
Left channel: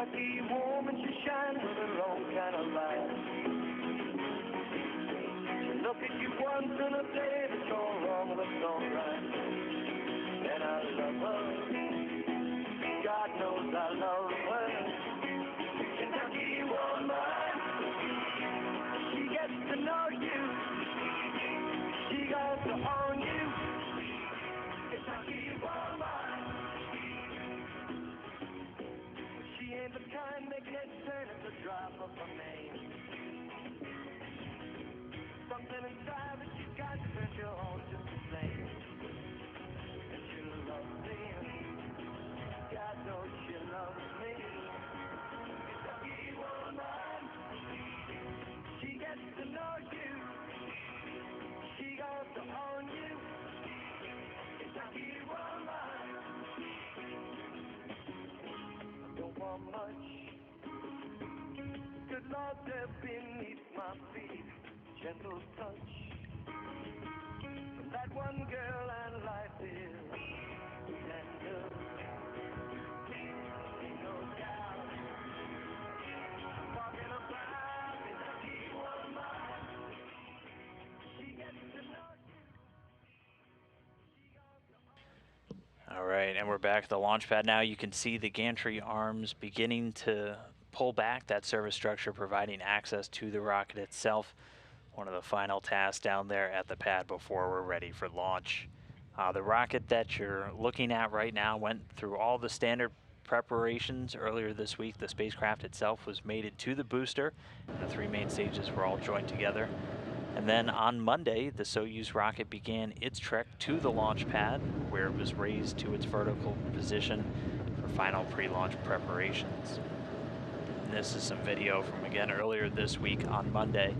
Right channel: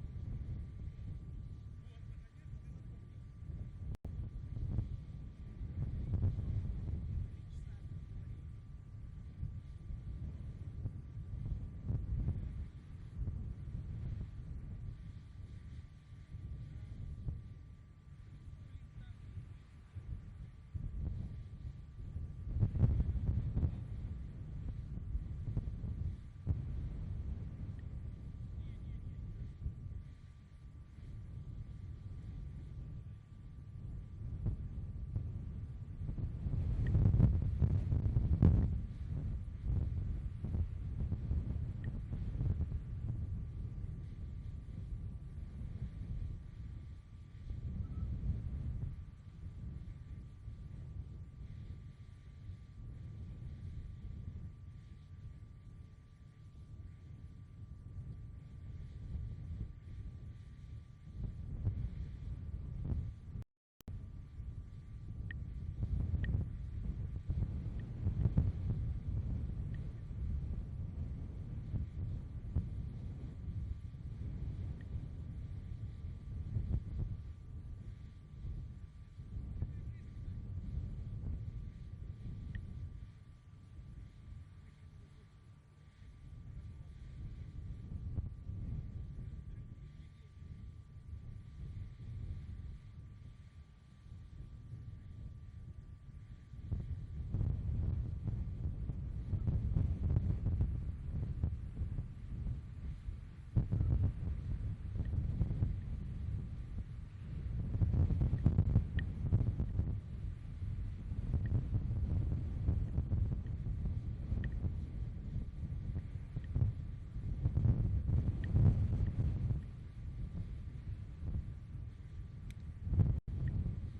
Kentucky woman, she shines with her own kind of light. She look at you once in a day, but you're wrong, looks alright. And I love her. God knows I love her. Kentucky woman, she gets to know you. She goes to own you. Kentucky woman. She ain't the kind that gets turned at the drop of a name. Something inside that she's got to set your own just the same. And she loves me. God knows she loves me. Kentucky woman. She gets to know you. She goes to own you. Kentucky woman. Don't want much. Good Lord, there beneath my feet, gentle touch. That one girl and life is tender. Ain't no doubt. Talking about Kentucky woman. She gets to know you. All right, and we're back at the launch pad now. You can see the gantry arms beginning to pull back that service structure, providing access to the rocket itself. One of the final tasks down there at the pad before we're ready for launch. The rocket that you're looking at right now went through all the standard preparations earlier this week. The spacecraft itself was mated to the booster, and the three main stages were all joined together. And then on Monday, the Soyuz rocket began its trek to the launch pad, where it was raised to its vertical position for final pre-launch preparations. And this is some video from, again, earlier this week on Monday.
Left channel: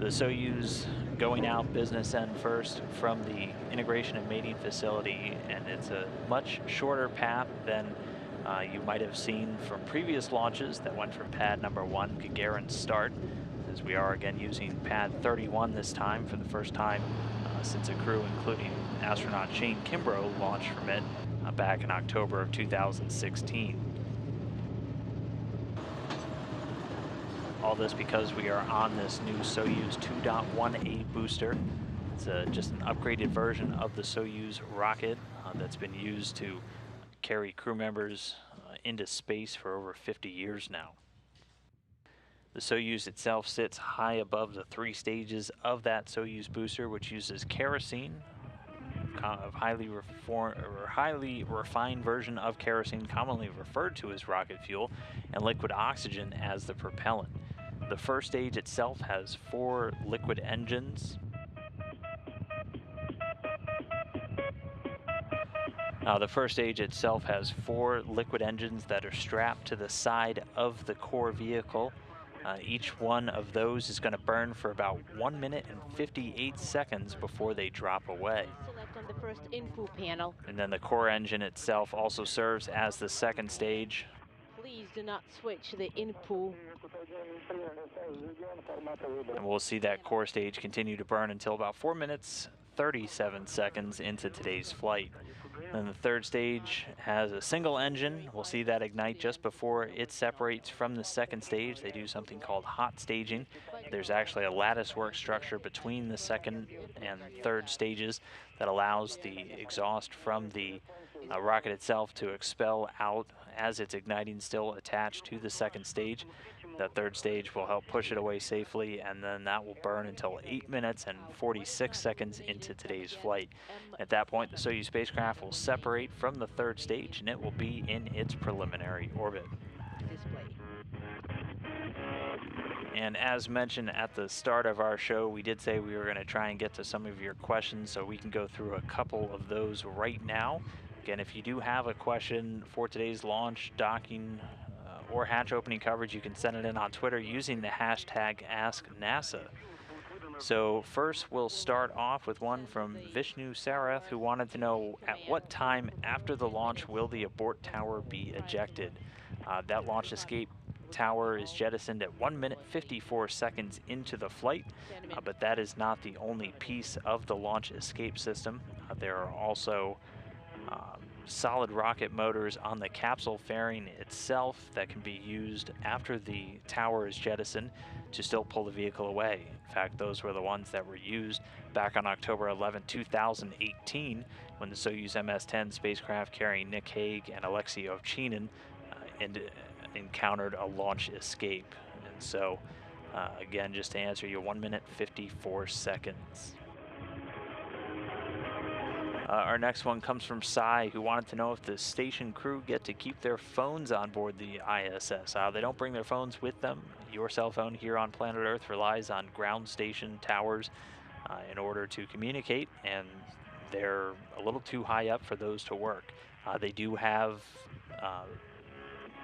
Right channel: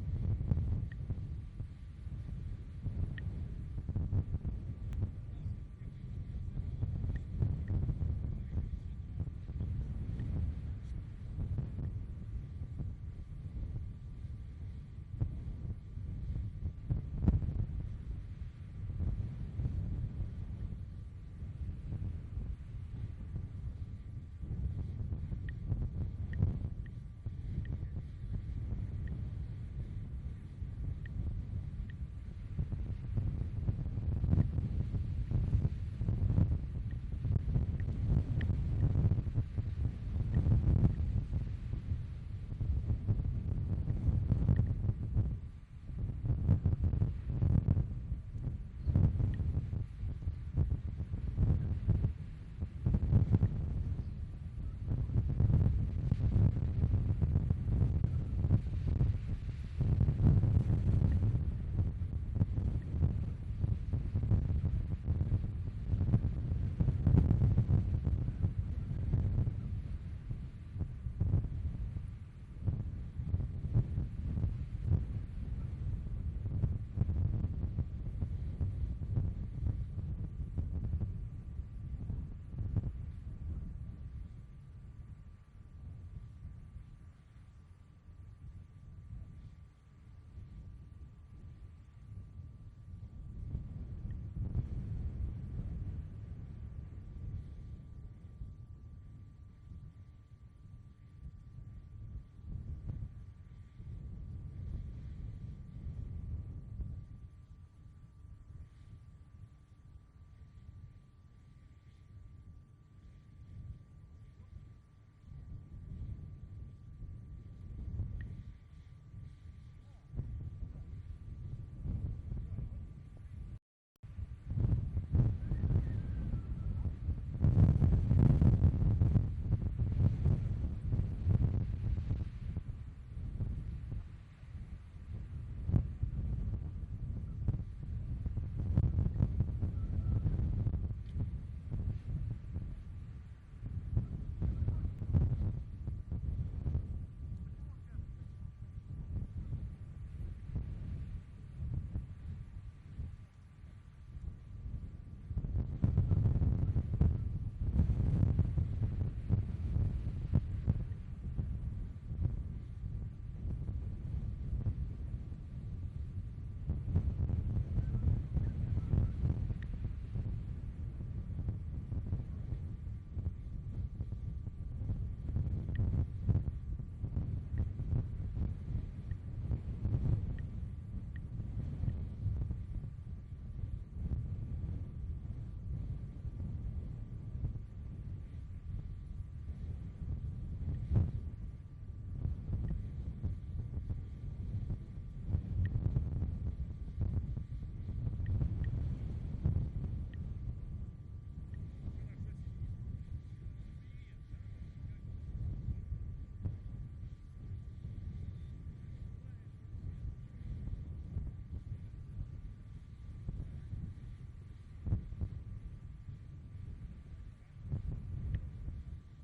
The Soyuz going out business end first from the integration and mating facility, and it's a much shorter path than you might have seen from previous launches that went from pad number 1, Gagarin start, as we are again using pad 31 this time for the first time since a crew including astronaut Shane Kimbrough launched from it back in October of 2016. All this because we are on this new Soyuz 2.1A booster. It's just an upgraded version of the Soyuz rocket that's been used to carry crew members into space for over 50 years now. The Soyuz itself sits high above the 3 stages of that Soyuz booster, which uses kerosene, a highly refined version of kerosene, commonly referred to as rocket fuel, and liquid oxygen as the propellant. The first stage itself has 4 liquid engines. The first stage itself has 4 liquid engines that are strapped to the side of the core vehicle. Each one of those is going to burn for about 1 minute and 58 seconds before they drop away. Select on the first info panel. And then the core engine itself also serves as the second stage. Please do not switch the info. And we'll see that core stage continue to burn until about 4 minutes, 37 seconds into today's flight. Then the third stage has a single engine. We'll see that ignite just before it separates from the second stage. They do something called hot staging. There's actually a lattice work structure between the second and third stages that allows the exhaust from the rocket itself to expel out as it's igniting, still attached to the second stage. The third stage will help push it away safely, and then that will burn until 8 minutes and 46 seconds into today's flight. At that point, the Soyuz spacecraft will separate from the third stage, and it will be in its preliminary orbit. And as mentioned at the start of our show, we did say we were going to try and get to some of your questions, so we can go through a couple of those right now. Again, if you do have a question for today's launch, docking, or hatch opening coverage, you can send it in on Twitter using the hashtag AskNASA. So first, we'll start off with one from Vishnu Sarath, who wanted to know at what time after the launch will the abort tower be ejected. That launch escape tower is jettisoned at 1 minute 54 seconds into the flight, but that is not the only piece of the launch escape system. There are also solid rocket motors on the capsule fairing itself that can be used after the tower is jettisoned to still pull the vehicle away. In fact, those were the ones that were used back on October 11, 2018, when the Soyuz MS-10 spacecraft carrying Nick Hague and Alexei Ovchinin encountered a launch escape. And so, again, just to answer you, 1 minute 54 seconds. Our next one comes from Sai, who wanted to know if the station crew get to keep their phones on board the ISS. They don't bring their phones with them. Your cell phone here on planet Earth relies on ground station towers in order to communicate, and they're a little too high up for those to work. They do have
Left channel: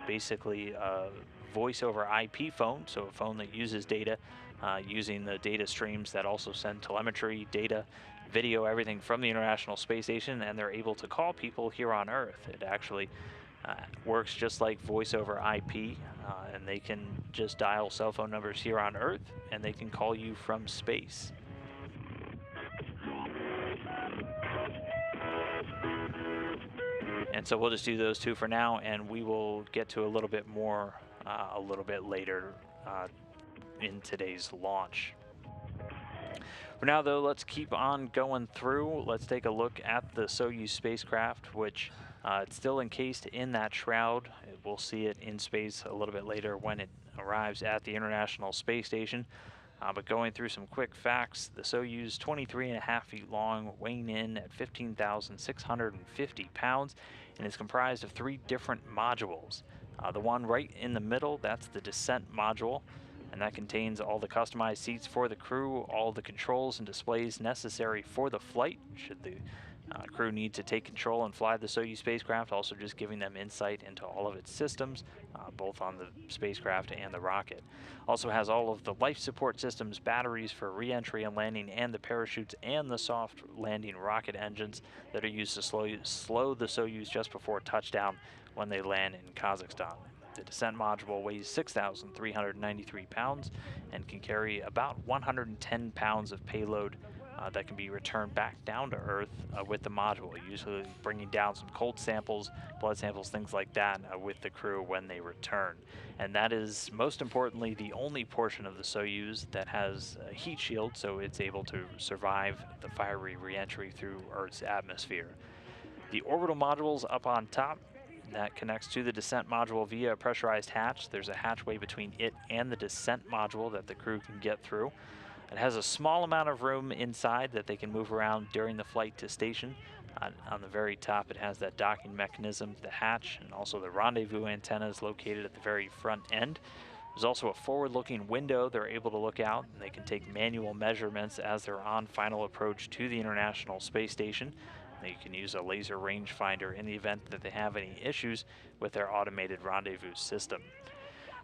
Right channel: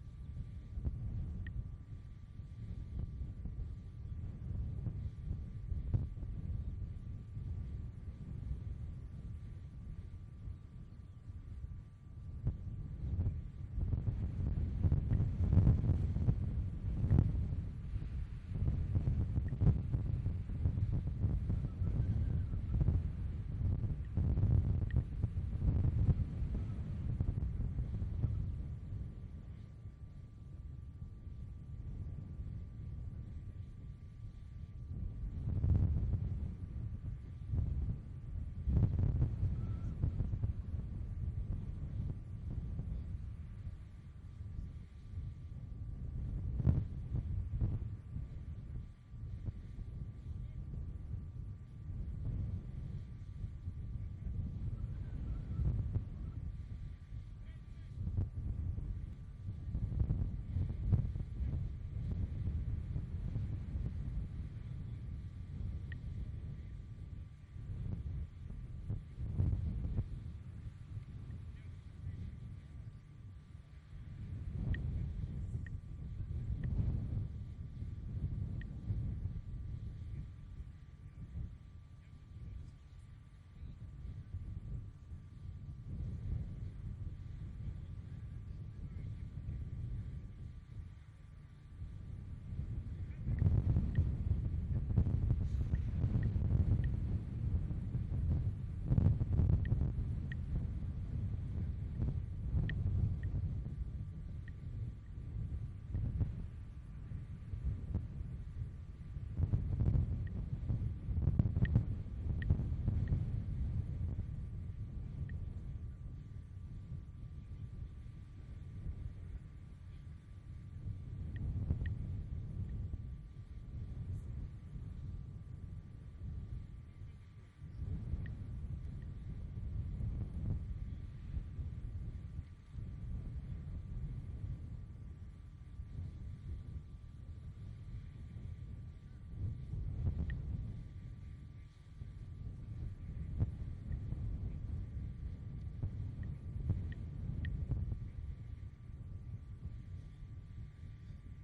basically a voice over IP phone, so a phone that uses data using the data streams that also send telemetry, data, video, everything from the International Space Station, and they're able to call people here on Earth. It actually works just like voice over IP, and they can just dial cell phone numbers here on Earth, and they can call you from space. And so we'll just do those two for now, and we will get to a little bit more a little bit later in today's launch. For now, though, let's keep on going through. Let's take a look at the Soyuz spacecraft, which it's still encased in that shroud. We'll see it in space a little bit later when it arrives at the International Space Station. But going through some quick facts, the Soyuz, 23.5 feet long, weighing in at 15,650 pounds, and is comprised of 3 different modules. The one right in the middle, that's the descent module, and that contains all the customized seats for the crew, all the controls and displays necessary for the flight, should the crew need to take control and fly the Soyuz spacecraft, also just giving them insight into all of its systems, both on the spacecraft and the rocket. Also has all of the life support systems, batteries for re-entry and landing, and the parachutes and the soft landing rocket engines that are used to slow the Soyuz just before touchdown when they land in Kazakhstan. The descent module weighs 6,393 pounds and can carry about 110 pounds of payload that can be returned back down to Earth with the module, usually bringing down some cold samples, blood samples, things like that with the crew when they return. And that is, most importantly, the only portion of the Soyuz that has a heat shield, so it's able to survive the fiery re-entry through Earth's atmosphere. The orbital module's up on top. That connects to the descent module via a pressurized hatch. There's a hatchway between it and the descent module that the crew can get through. It has a small amount of room inside that they can move around during the flight to station. On the very top, it has that docking mechanism, the hatch, and also the rendezvous antennas located at the very front end. There's also a forward-looking window they're able to look out, and they can take manual measurements as they're on final approach to the International Space Station. You can use a laser rangefinder in the event that they have any issues with their automated rendezvous system.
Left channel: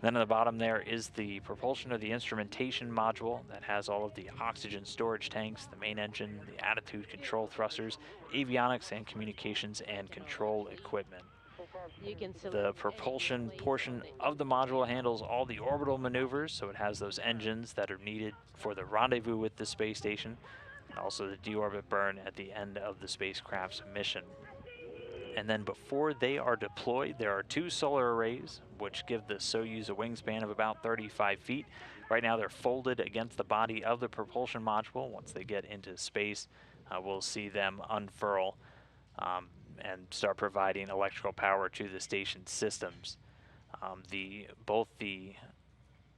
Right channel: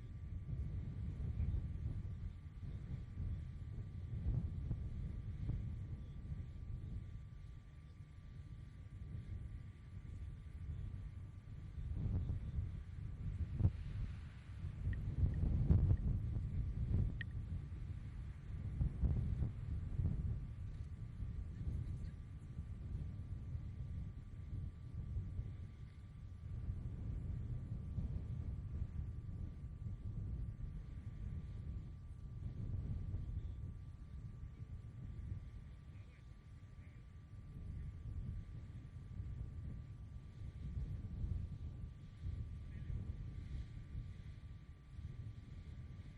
Then at the bottom there is the propulsion or the instrumentation module that has all of the oxygen storage tanks, the main engine, the attitude control thrusters, avionics and communications and control equipment. The propulsion portion of the module handles all the orbital maneuvers, so it has those engines that are needed for the rendezvous with the space station, and also the deorbit burn at the end of the spacecraft's mission. And then before they are deployed, there are 2 solar arrays, which give the Soyuz a wingspan of about 35 feet. Right now they're folded against the body of the propulsion module. Once they get into space, we'll see them unfurl and start providing electrical power to the station systems. Both the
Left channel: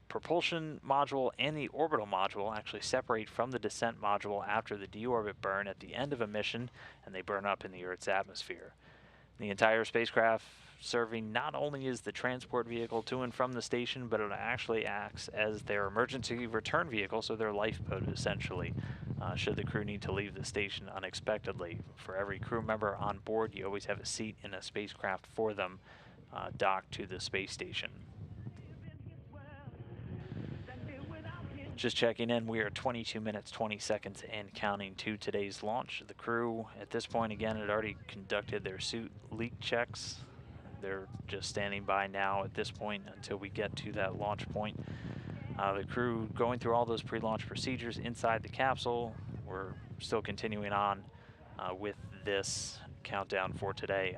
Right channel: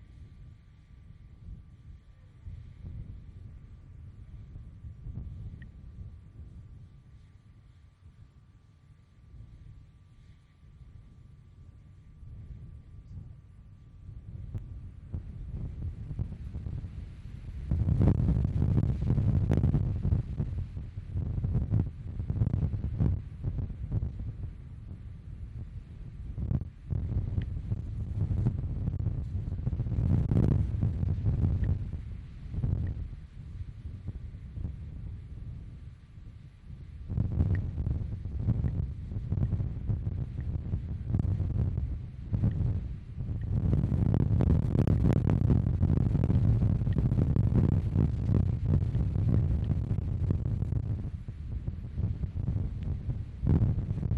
propulsion module and the orbital module actually separate from the descent module after the deorbit burn at the end of a mission, and they burn up in the Earth's atmosphere. The entire spacecraft serving not only as the transport vehicle to and from the station, but it actually acts as their emergency return vehicle, so their lifeboat essentially, should the crew need to leave the station unexpectedly. For every crew member on board, you always have a seat in a spacecraft for them docked to the space station. Just checking in, we are 22 minutes, 20 seconds and counting to today's launch. The crew at this point, again, had already conducted their suit leak checks. They're just standing by now at this point until we get to that launch point. The crew going through all those pre-launch procedures inside the capsule. We're still continuing on with this countdown for today.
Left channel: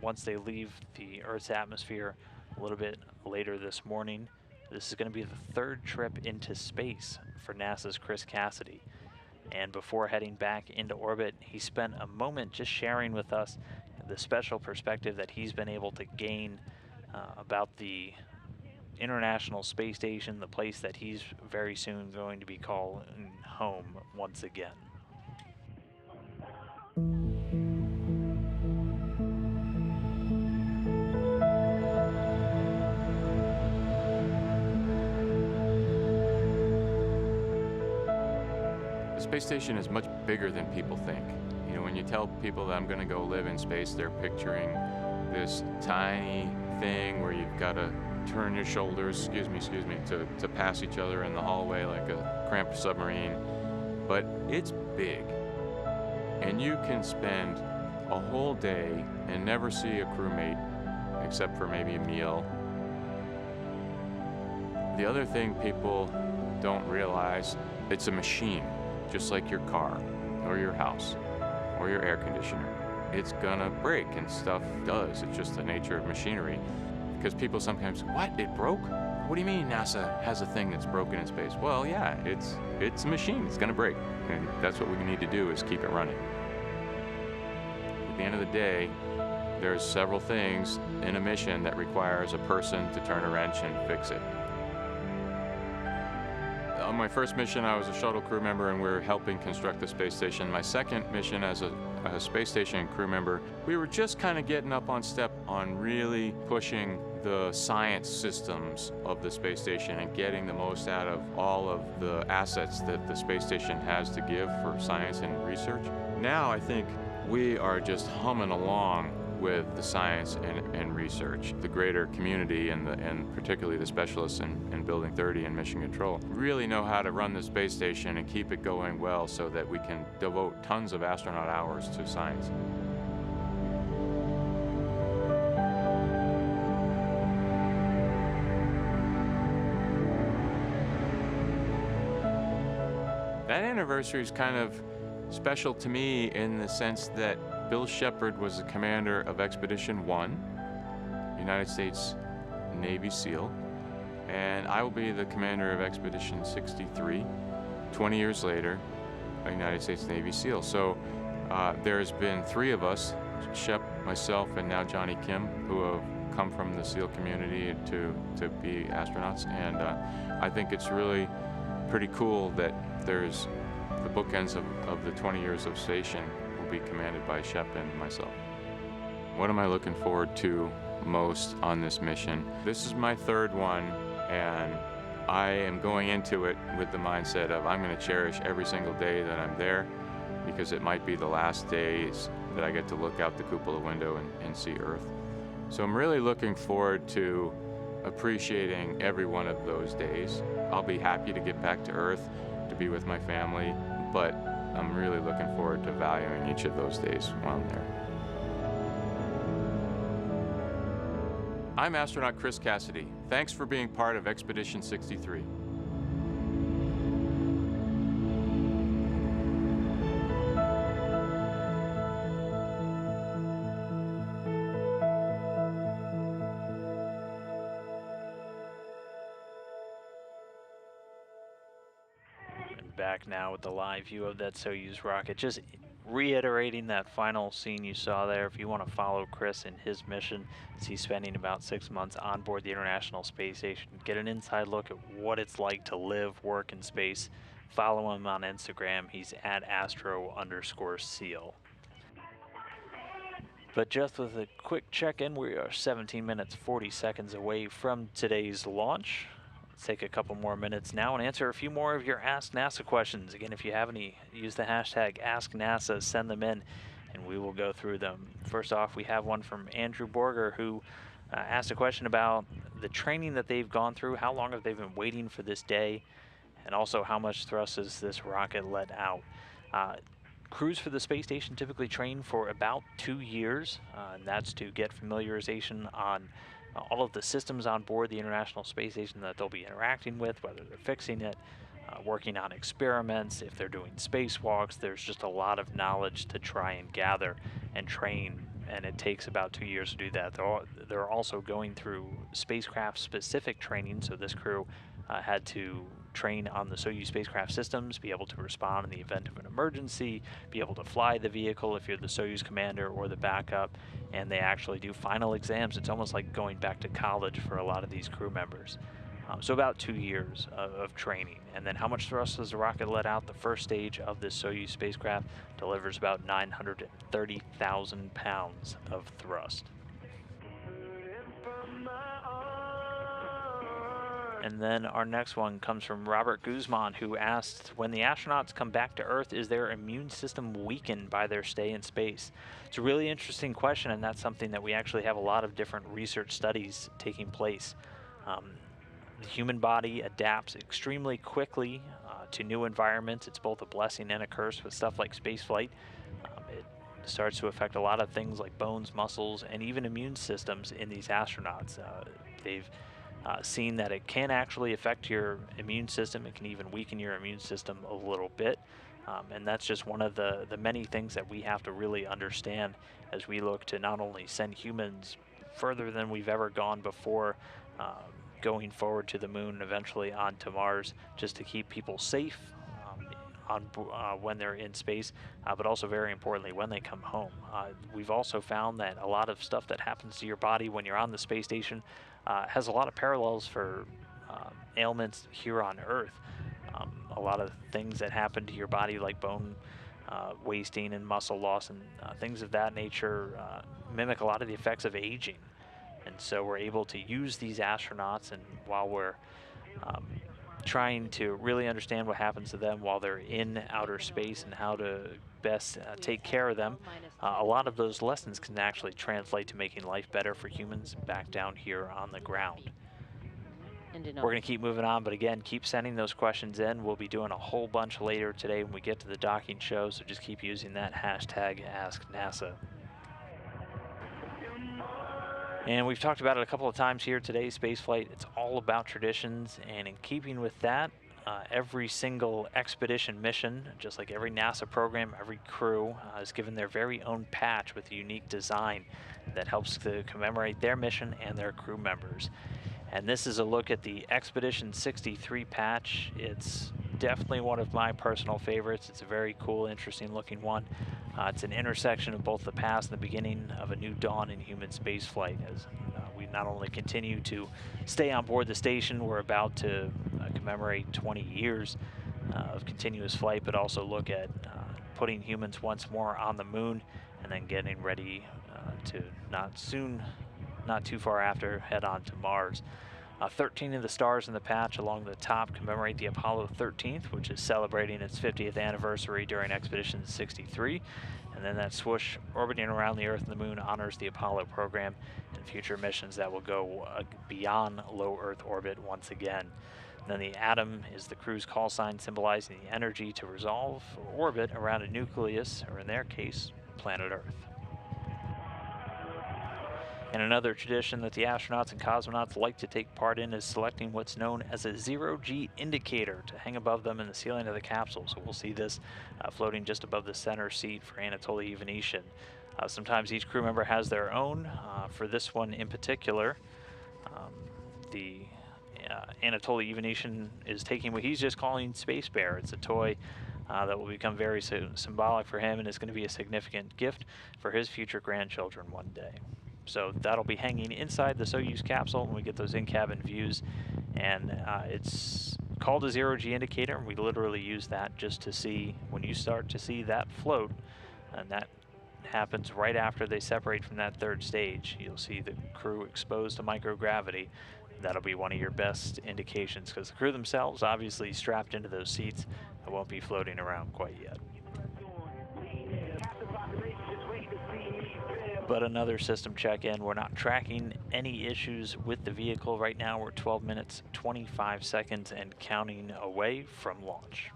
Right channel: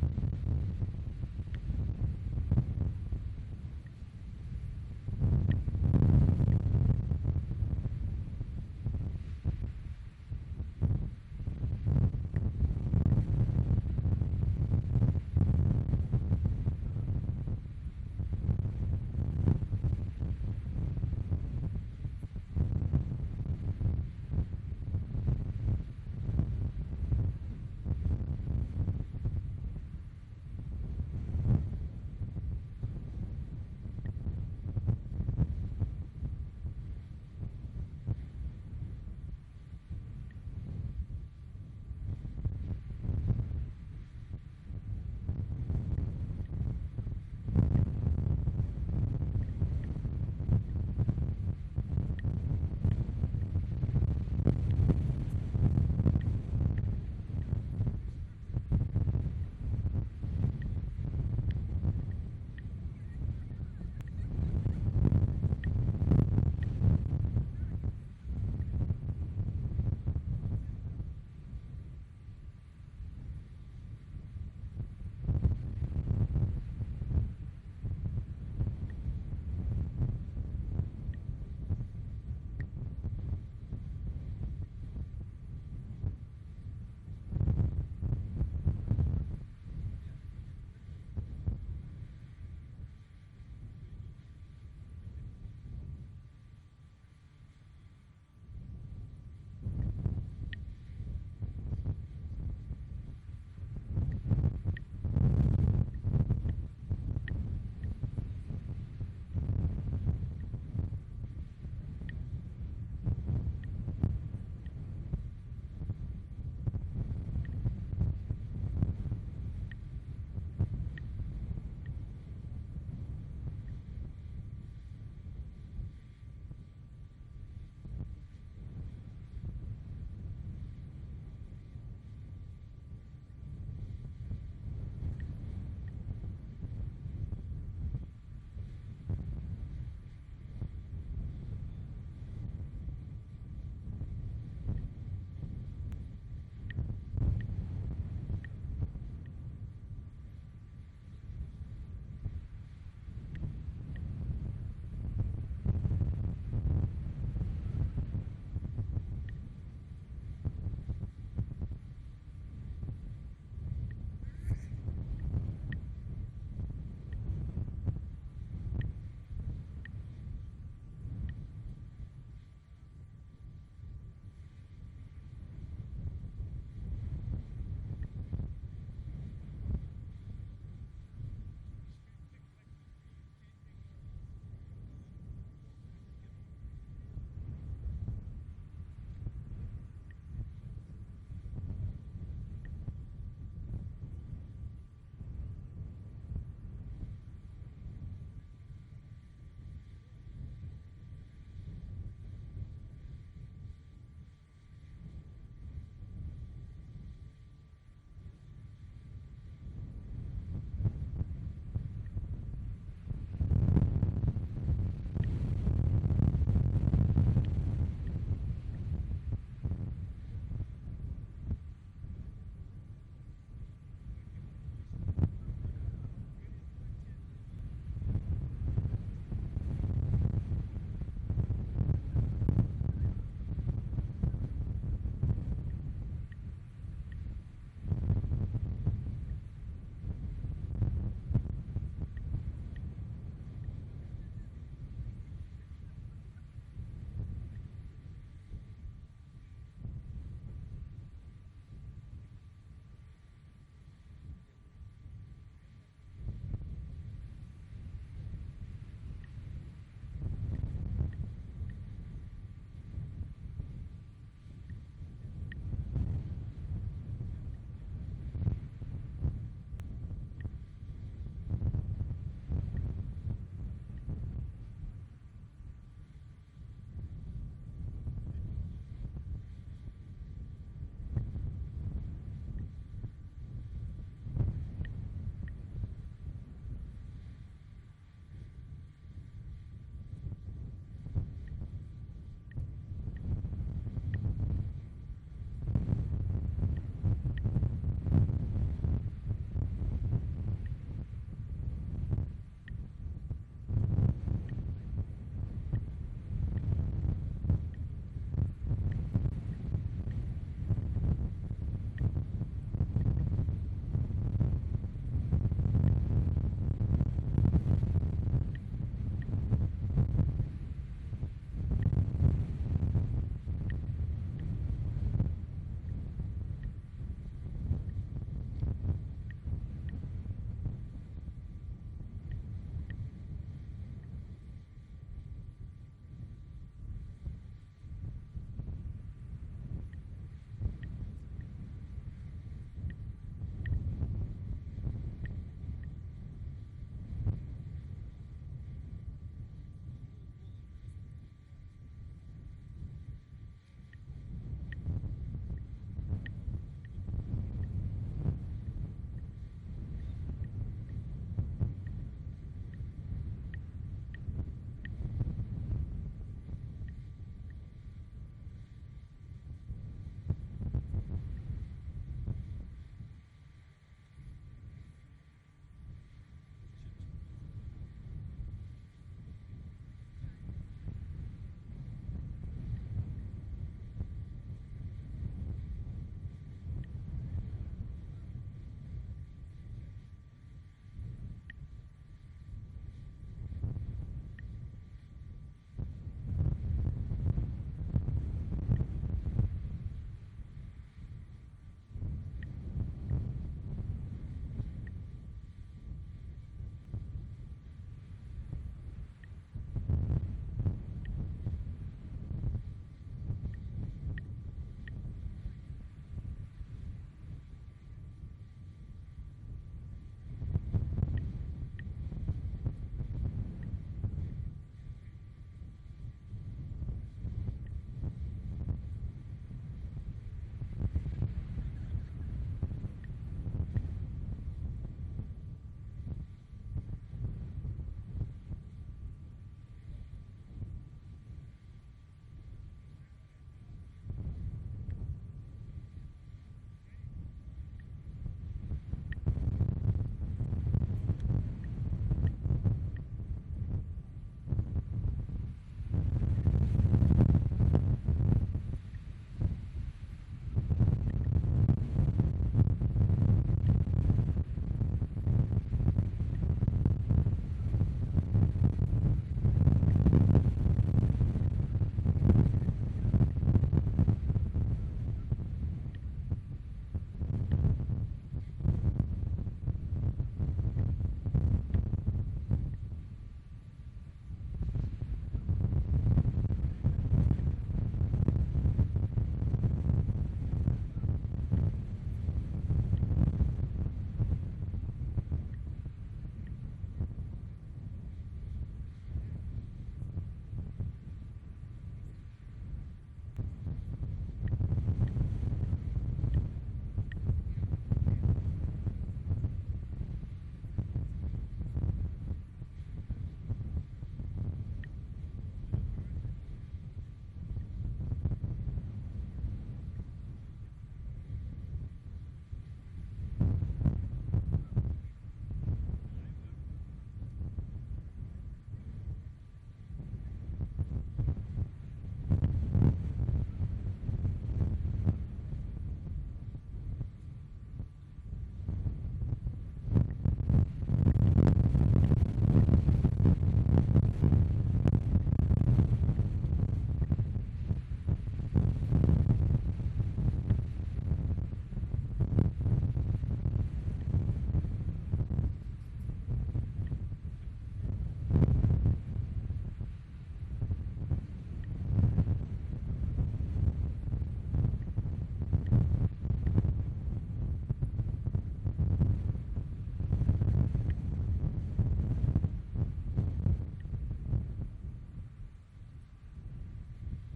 Once they leave the Earth's atmosphere a little bit later this morning, this is going to be the 3rd trip into space for NASA's Chris Cassidy. And before heading back into orbit, he spent a moment just sharing with us the special perspective that he's been able to gain about the International Space Station, the place that he's very soon going to be calling home once again. The space station is much bigger than people think. You know, when you tell people that I'm going to go live in space, they're picturing this tiny thing where you've got to turn your shoulders, excuse me, to pass each other in the hallway like a cramped submarine. But it's big, and you can spend a whole day and never see a crewmate except for maybe a meal. The other thing people don't realize, it's a machine, just like your car or your house or your air conditioner. It's gonna break, and stuff does. It's just the nature of machinery. Because people sometimes, what, it broke? What do you mean NASA has a thing that's broken in space? Well, yeah, it's a machine, it's gonna break. And that's what we need to do, is keep it running. At the end of the day, there's several things in a mission that requires a person to turn a wrench and fix it. On my first mission, I was a shuttle crew member, and we were helping construct the space station. My second mission as a space station crew member, we were just kind of getting up on step on really pushing the science systems of the space station and getting the most out of all of the assets that the space station has to give for science and research. Now I think we are just humming along with the science and research. The greater community and particularly the specialists in Building 30 and Mission Control really know how to run the space station and keep it going well so that we can devote tons of astronaut hours to science. That anniversary is kind of special to me in the sense that Bill Shepard was the commander of Expedition 1, United States Navy SEAL, and I will be the commander of Expedition 63, 20 years later, a United States Navy SEAL. So there's been 3 of us, Shep, myself, and now Johnny Kim, who have come from the SEAL community to be astronauts, and I think it's really pretty cool that there's the bookends of the 20 years of station will be commanded by Shep and myself. What am I looking forward to most on this mission? This is my 3rd one, and I am going into it with the mindset of I'm going to cherish every single day that I'm there, because it might be the last days that I get to look out the cupola window and see Earth. So I'm really looking forward to appreciating every one of those days. I'll be happy to get back to Earth, to be with my family, but I'm really looking forward to valuing each of those days while I'm there. I'm astronaut Chris Cassidy. Thanks for being part of Expedition 63. Back now with the live view of that Soyuz rocket, just reiterating that final scene you saw there. If you want to follow Chris in his mission, as he's spending about 6 months on board the International Space Station, get an inside look at what it's like to live, work in space, follow him on Instagram. He's at @astro_seal. But just with a quick check-in, we are 17 minutes 40 seconds away from today's launch. Let's take a couple more minutes now and answer a few more of your Ask NASA questions. Again, if you have any, use the hashtag AskNASA, send them in, and we will go through them. First off, we have one from Andrew Borger, who asked a question about the training that they've gone through. How long have they been waiting for this day? And also, how much thrust has this rocket let out? Crews for the space station typically train for about 2 years, and that's to get familiarization on all of the systems on board the International Space Station that they'll be interacting with, whether they're fixing it, working on experiments, if they're doing spacewalks. There's just a lot of knowledge to try and gather and train, and it takes about 2 years to do that. They're also going through spacecraft-specific training, so this crew had to train on the Soyuz spacecraft systems, be able to respond in the event of an emergency, be able to fly the vehicle if you're the Soyuz commander or the backup, and they actually do final exams. It's almost like going back to college for a lot of these crew members. So about 2 years of training. And then how much thrust does the rocket let out? The first stage of this Soyuz spacecraft delivers about 930,000 pounds of thrust. And then our next one comes from Robert Guzman, who asked, when the astronauts come back to Earth, is their immune system weakened by their stay in space? It's a really interesting question, and that's something that we actually have a lot of different research studies taking place. The human body adapts extremely quickly to new environments. It's both a blessing and a curse with stuff like spaceflight. It starts to affect a lot of things like bones, muscles, and even immune systems in these astronauts. They've seen that it can actually affect your immune system. It can even weaken your immune system a little bit. And that's just one of the many things that we have to really understand as we look to not only send humans further than we've ever gone before, going forward to the moon, eventually onto Mars, just to keep people safe when they're in space, but also very importantly when they come home. We've also found that a lot of stuff that happens to your body when you're on the space station has a lot of parallels for ailments here on Earth. A lot of things that happen to your body, like bone wasting and muscle loss and things of that nature, mimic a lot of the effects of aging. And so we're able to use these astronauts, and while we're trying to really understand what happens to them while they're in outer space and how to best take care of them, a lot of those lessons can actually translate to making life better for humans back down here on the ground. We're going to keep moving on, but again, keep sending those questions in. We'll be doing a whole bunch later today when we get to the docking show, so just keep using that hashtag AskNASA. And we've talked about it a couple of times here today, spaceflight. It's all about traditions, and in keeping with that, every single expedition mission, just like every NASA program, every crew is given their very own patch with a unique design that helps to commemorate their mission and their crew members. And this is a look at the Expedition 63 patch. It's definitely one of my personal favorites. It's a very cool, interesting looking one. It's an intersection of both the past and the beginning of a new dawn in human spaceflight. As we not only continue to stay on board the station, we're about to commemorate 20 years of continuous flight, but also look at putting humans once more on the moon and then getting ready to not too far after, head on to Mars. 13 of the stars in the patch along the top commemorate the Apollo 13th, which is celebrating its 50th anniversary during Expedition 63. And then that swoosh orbiting around the Earth and the Moon honors the Apollo program and future missions that will go beyond low Earth orbit once again. Then the atom is the crew's call sign, symbolizing the energy to resolve or orbit around a nucleus, or in their case, planet Earth. And another tradition that the astronauts and cosmonauts like to take part in is selecting what's known as a zero-G indicator to hang above them in the ceiling of the capsule. So we'll see this floating just above the center seat for Anatoly Ivanishin. Sometimes each crew member has their own. For this one in particular, the Anatoly Ivanishin is taking what he's just calling Space Bear. It's a toy that will become very symbolic for him and is going to be a significant gift for his future grandchildren one day. So that'll be hanging inside the Soyuz capsule when we get those in-cabin views, and it's called a zero-G indicator, and we literally use that just to see when you start to see that float, and that happens right after they separate from that third stage. You'll see the crew exposed to microgravity. That'll be one of your best indications, because the crew themselves obviously strapped into those seats and won't be floating around quite yet. But another system check-in. We're not tracking any issues with the vehicle right now. We're 12 minutes, 25 seconds and counting away from launch.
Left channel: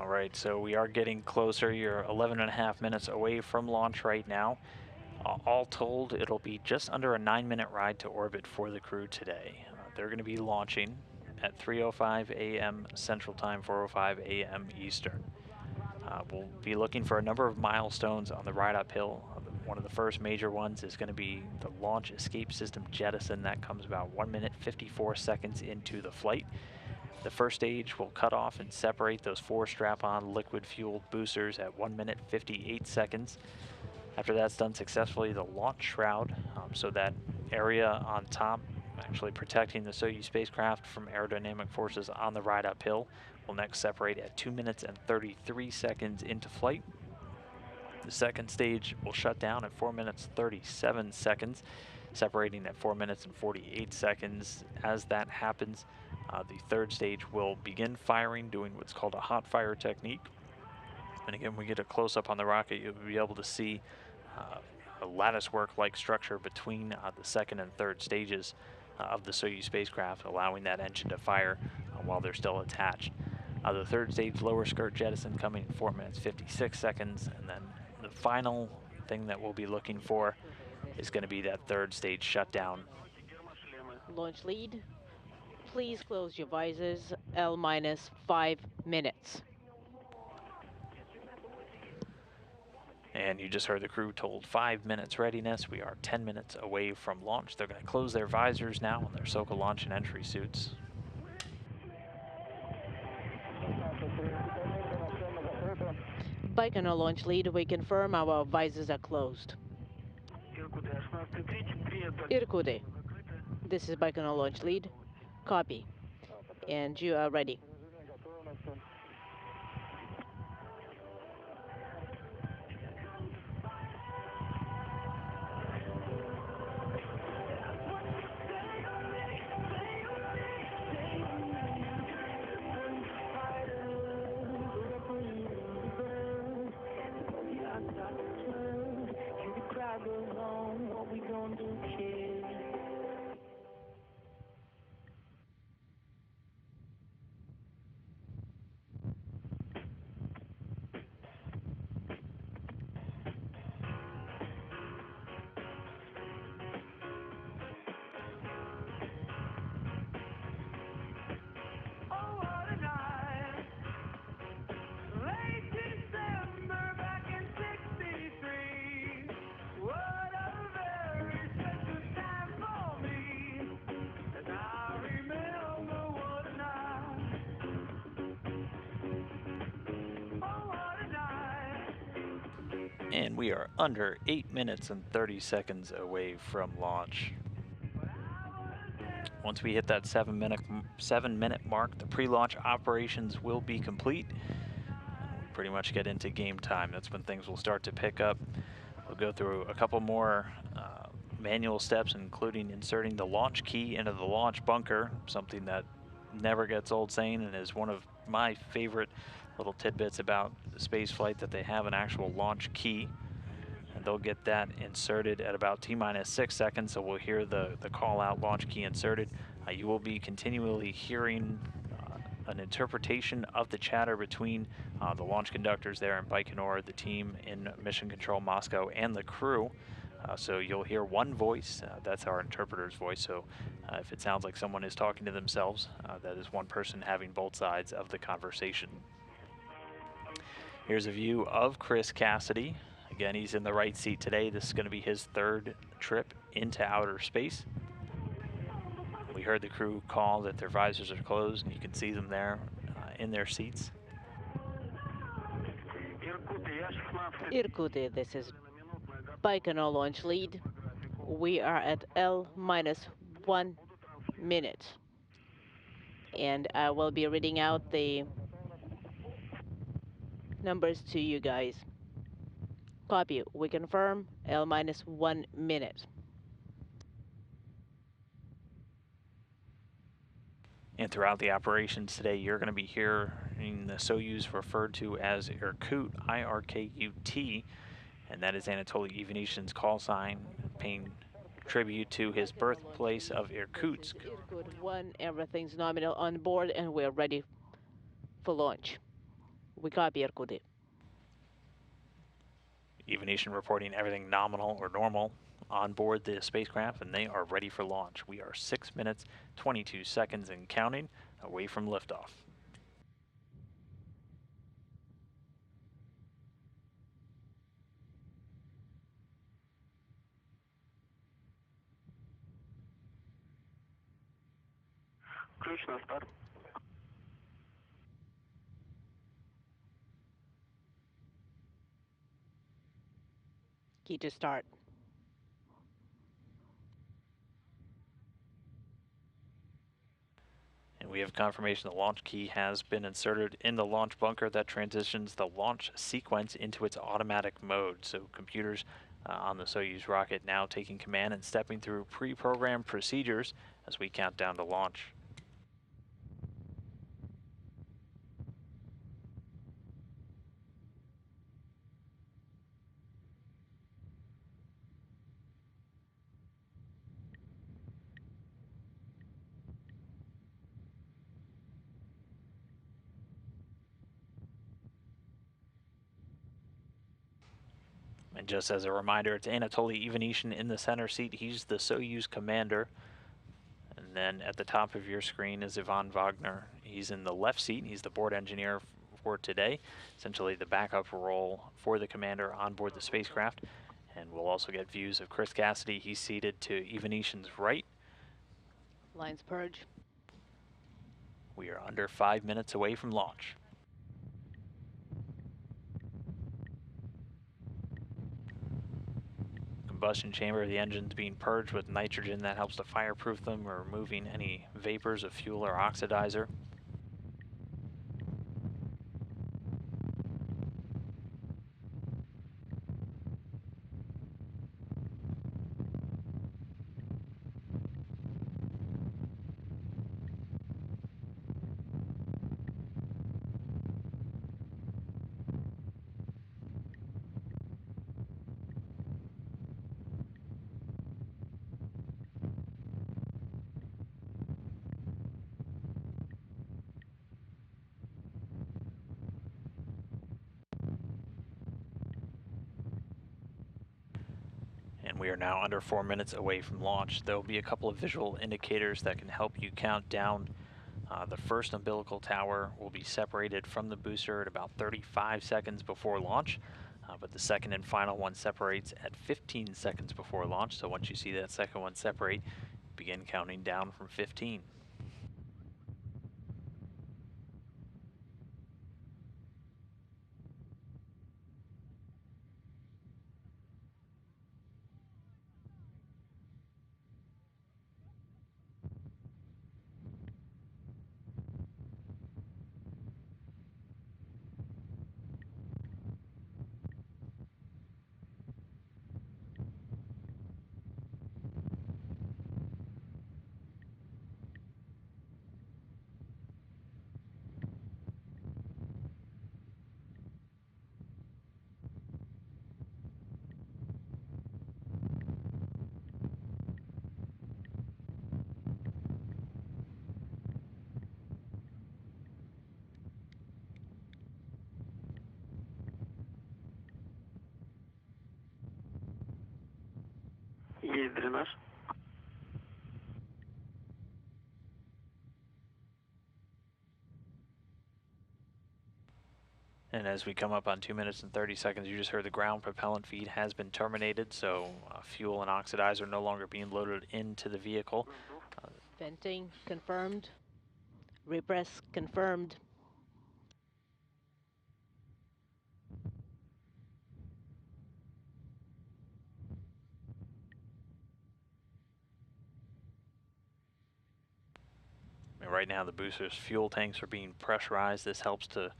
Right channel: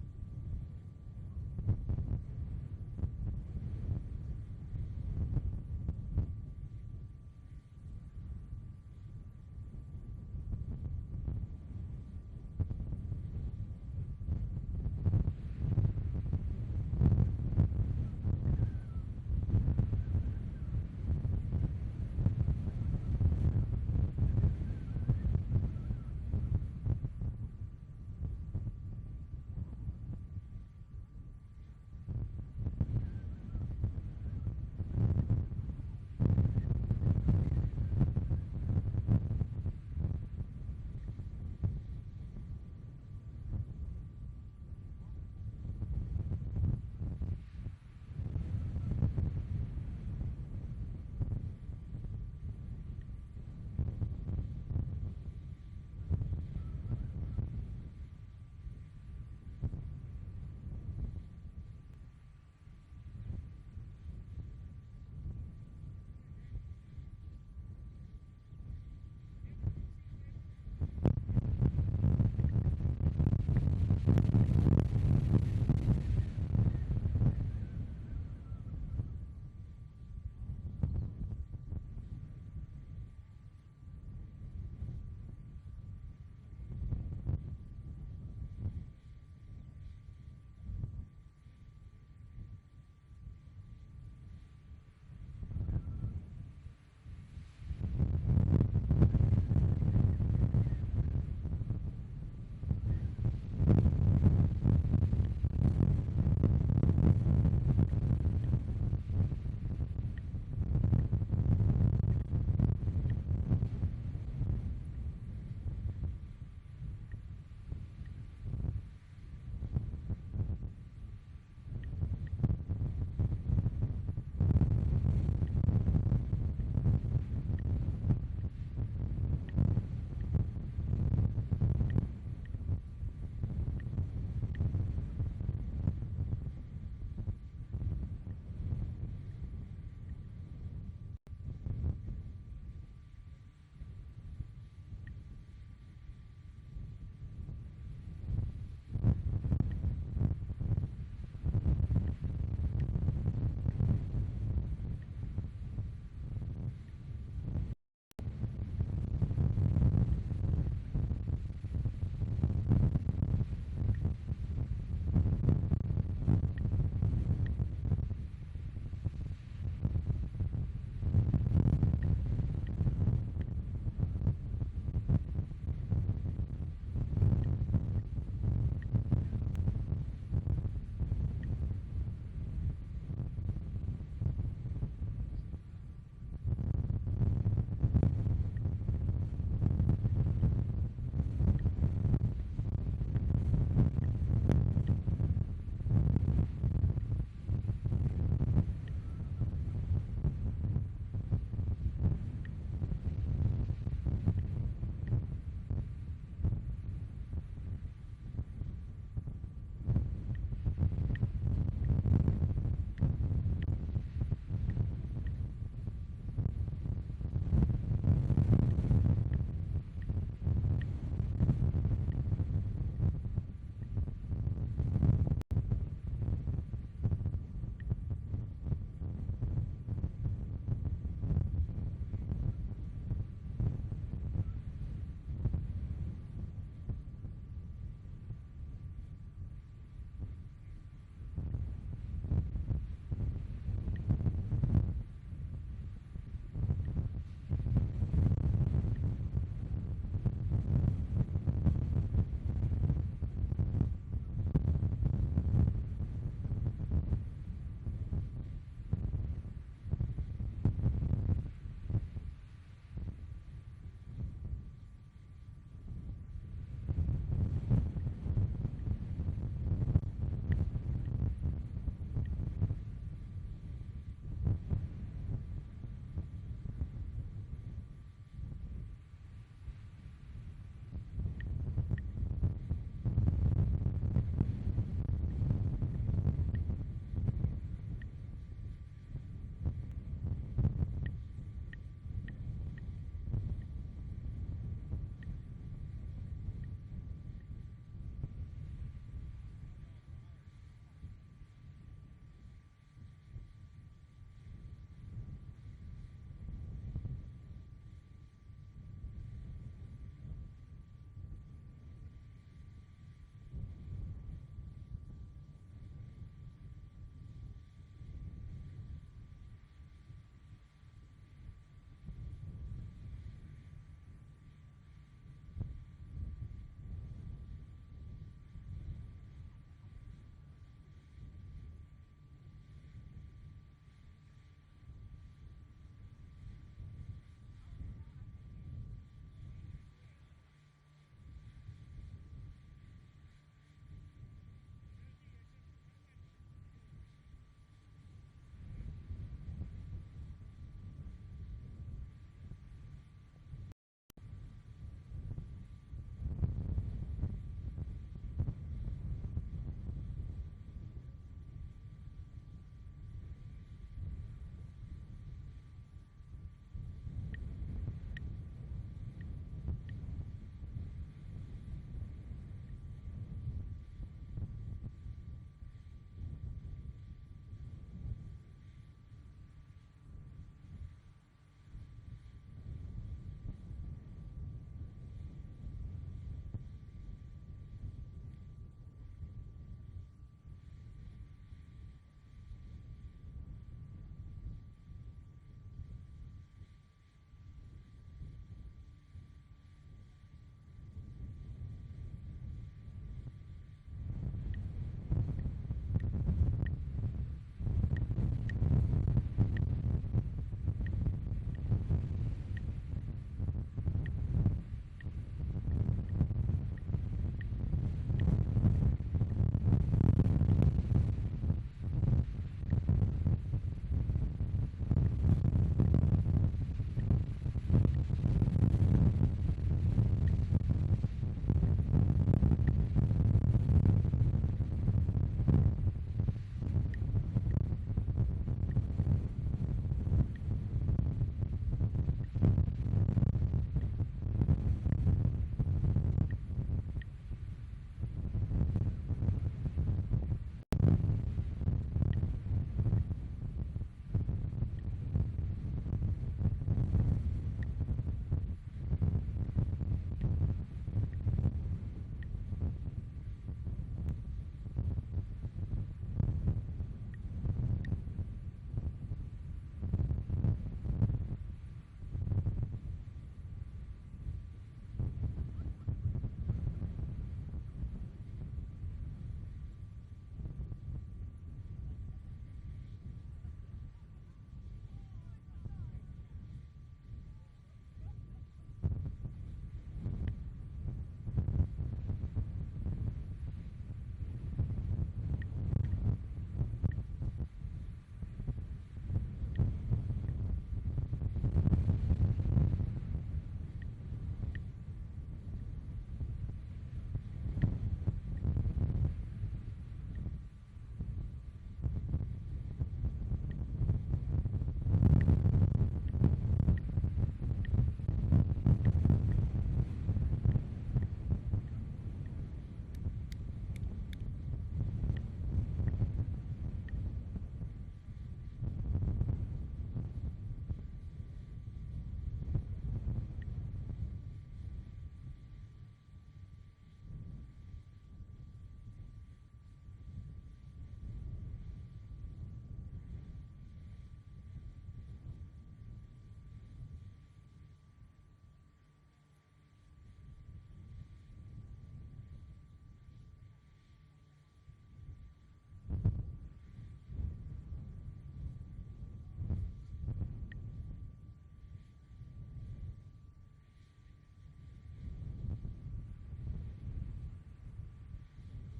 Alright, so we are getting closer. You're 11.5 minutes away from launch right now. All told, it'll be just under a 9-minute ride to orbit for the crew today. They're going to be launching at 3:05 a.m. Central Time, 4:05 a.m. Eastern. We'll be looking for a number of milestones on the ride uphill. One of the first major ones is going to be the launch escape system jettison. That comes about 1 minute 54 seconds into the flight. The first stage will cut off and separate those 4 strap-on liquid-fueled boosters at 1 minute 58 seconds. After that's done successfully, the launch shroud, so that area on top, actually protecting the Soyuz spacecraft from aerodynamic forces on the ride uphill, will next separate at 2 minutes and 33 seconds into flight. The second stage will shut down at 4 minutes 37 seconds, separating at 4 minutes and 48 seconds. As that happens, the third stage will begin firing, doing what's called a hot fire technique. And again, when we get a close-up on the rocket, you'll be able to see a latticework-like structure between the second and third stages of the Soyuz spacecraft, allowing that engine to fire while they're still attached. The third stage lower skirt jettison coming 4 minutes 56 seconds, and then the final thing that we'll be looking for is going to be that third stage shutdown. Launch lead, please close your visors, L-5 minutes. And you just heard the crew told 5 minutes readiness. We are 10 minutes away from launch. They're going to close their visors now in their SOCA launch and entry suits. Baikonur launch lead, we confirm our visors are closed. Irkutsk. This is Baikonur launch lead. Copy. And you are ready. And we are under 8 minutes and 30 seconds away from launch. Once we hit that 7 minute mark, the pre-launch operations will be complete. Pretty much get into game time. That's when things will start to pick up. We'll go through a couple more manual steps, including inserting the launch key into the launch bunker, something that never gets old saying and is one of my favorite little tidbits about the space flight, that they have an actual launch key. And they'll get that inserted at about T-minus 6 seconds, so we'll hear the call out launch key inserted. You will be continually hearing an interpretation of the chatter between the launch conductors there in Baikonur, the team in Mission Control Moscow, and the crew. So you'll hear one voice, that's our interpreter's voice, so if it sounds like someone is talking to themselves, that is one person having both sides of the conversation. Here's a view of Chris Cassidy. Again, he's in the right seat today. This is going to be his third trip into outer space. We heard the crew call that their visors are closed. You can see them there in their seats. Irkut, this is Baikonur launch lead. We are at L-1 minute. And I will be reading out the numbers to you guys. Copy. We confirm L-1 minute. And throughout the operations today, you're going to be hearing the Soyuz referred to as Irkut, I-R-K-U-T, and that is Anatoly Ivanishin's call sign, paying tribute to his birthplace of Irkutsk. Irkut 1, everything's nominal on board, and we're ready for launch. We copy Irkut. Ivanishin reporting everything nominal or normal on board the spacecraft, and they are ready for launch. We are 6 minutes, 22 seconds and counting away from liftoff. Key to start. And we have confirmation the launch key has been inserted in the launch bunker that transitions the launch sequence into its automatic mode. So computers on the Soyuz rocket now taking command and stepping through pre-programmed procedures as we count down to launch. And just as a reminder, it's Anatoly Ivanishin in the center seat. He's the Soyuz commander. And then at the top of your screen is Ivan Vagner. He's in the left seat. He's the board engineer for today, essentially the backup role for the commander on board the spacecraft. And we'll also get views of Chris Cassidy. He's seated to Ivanishin's right. Lines purge. We are under 5 minutes away from launch. combustion chamber. The engine's being purged with nitrogen that helps to fireproof them, removing any vapors of fuel or oxidizer. We are now under 4 minutes away from launch. There will be a couple of visual indicators that can help you count down. The first umbilical tower will be separated from the booster at about 35 seconds before launch, but the second and final one separates at 15 seconds before launch. So once you see that second one separate, begin counting down from 15. Есть дренаж. And as we come up on 2 minutes and 30 seconds, you just heard the ground propellant feed has been terminated, so fuel and oxidizer no longer being loaded into the vehicle. Venting confirmed. Repress confirmed. Right now the booster's fuel tanks are being pressurized. This helps to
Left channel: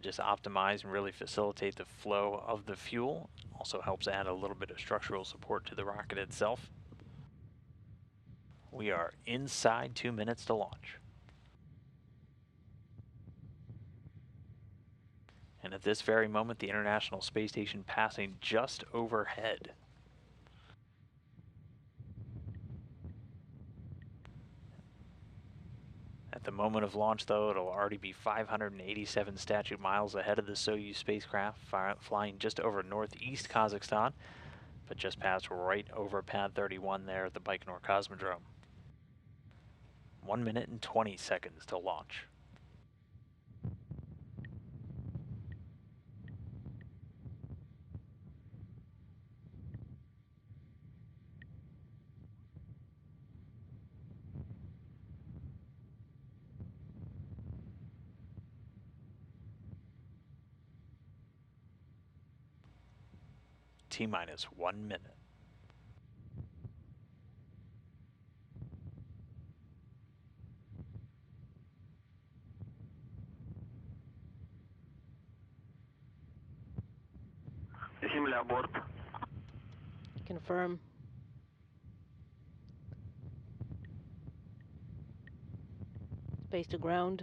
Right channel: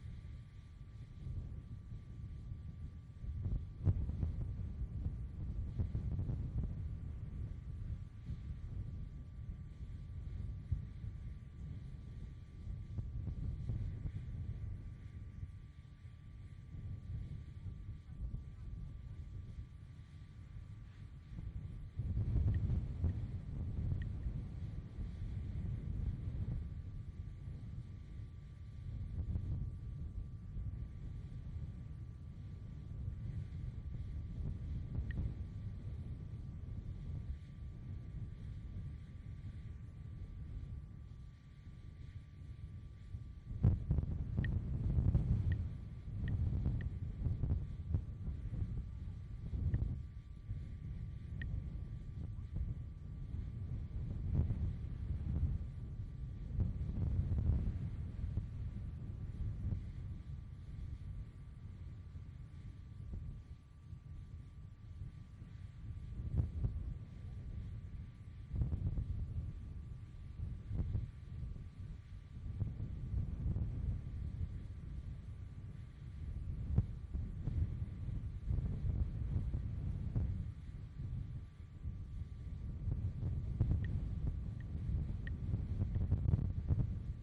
just optimize and really facilitate the flow of the fuel. Also helps add a little bit of structural support to the rocket itself. We are inside 2 minutes to launch. And at this very moment, the International Space Station passing just overhead. At the moment of launch, though, it'll already be 587 statute miles ahead of the Soyuz spacecraft, flying just over northeast Kazakhstan, but just passed right over pad 31 there at the Baikonur Cosmodrome. 1 minute and 20 seconds to launch. T-minus 1 minute. Земля, борт. Confirm. Base to ground.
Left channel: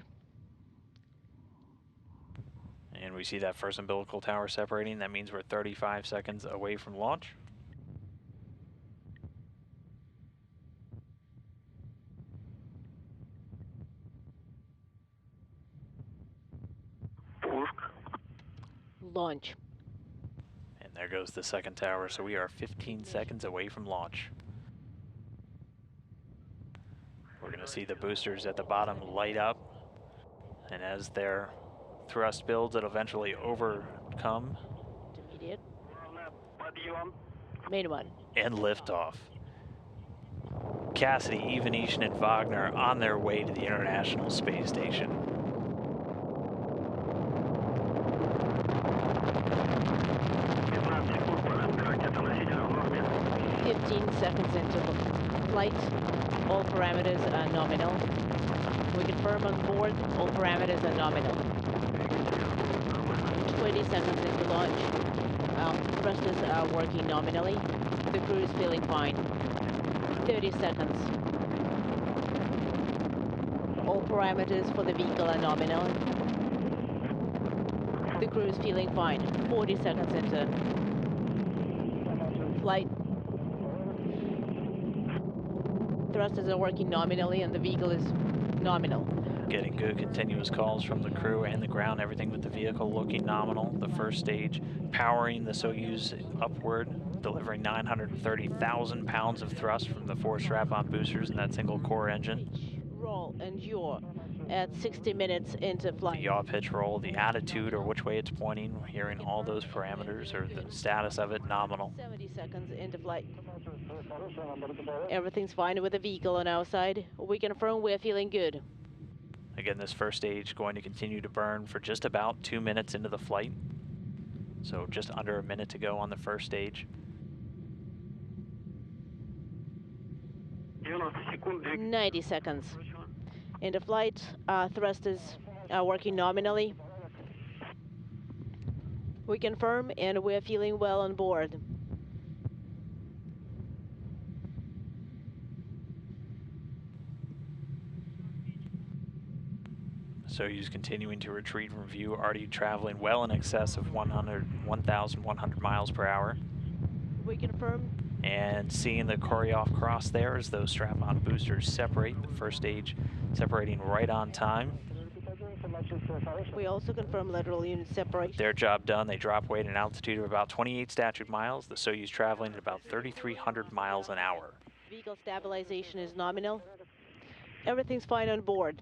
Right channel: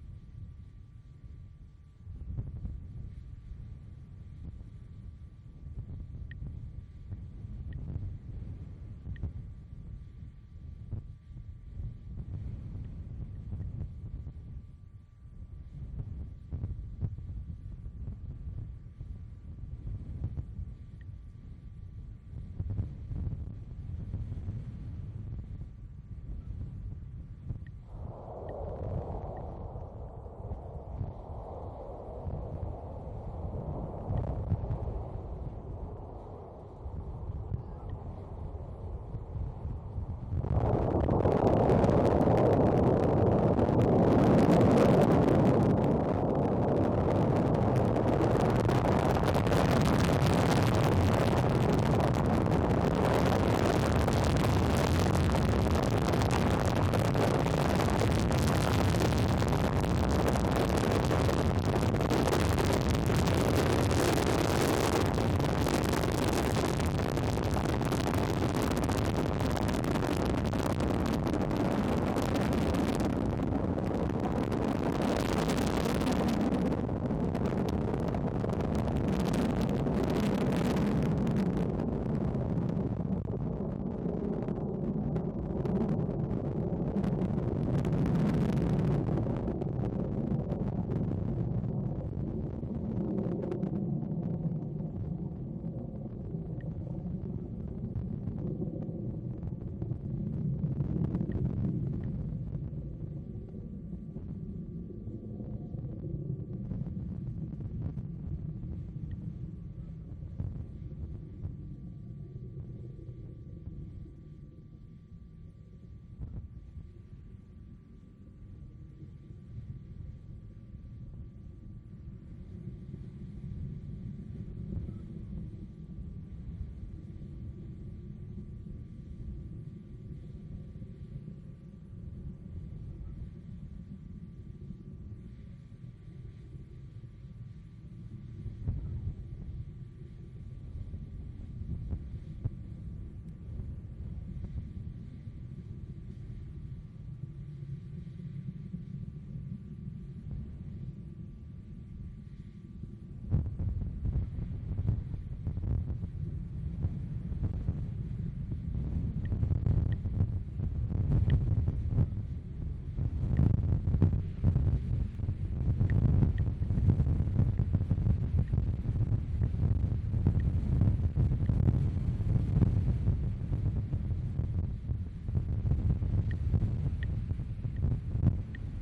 And we see that first umbilical tower separating. That means we're 35 seconds away from launch. Launch. And there goes the second tower, so we are 15 seconds away from launch. We're going to see the boosters at the bottom light up, and as their thrust builds, it'll eventually overcome. Intermediate. Main one. And liftoff. Cassidy, Ivanishin, and Vagner on their way to the International Space Station. Parameters for the vehicle are nominal. The crew is feeling fine. 40 seconds into flight. Thrusters are working nominally and the vehicle is nominal. Getting good continuous calls from the crew and the ground, everything with the vehicle looking nominal. The first stage powering the Soyuz upward, delivering 930,000 pounds of thrust from the 4 strap-on boosters and that single core engine. Roll and yaw at 60 minutes into The flight. yaw pitch roll, the attitude or which way it's pointing, hearing all those parameters or the status of it nominal. 70 seconds into flight. Everything's fine with the vehicle on our side. We confirm we're feeling good. Again, this first stage going to continue to burn for just about 2 minutes into the flight. So just under a minute to go on the first stage. 90 seconds into flight. Thrusters are working nominally. We confirm and we're feeling well on board. Soyuz continuing to retreat from view, already traveling well in excess of 1,100 miles per hour. We confirm. And seeing the Koryoff cross there as those strap-on boosters separate. The first stage separating right on time. We also confirm lateral unit separation. Their job done. They drop weight at an altitude of about 28 statute miles. The Soyuz traveling at about 3,300 miles an hour. Vehicle stabilization is nominal. Everything's fine on board.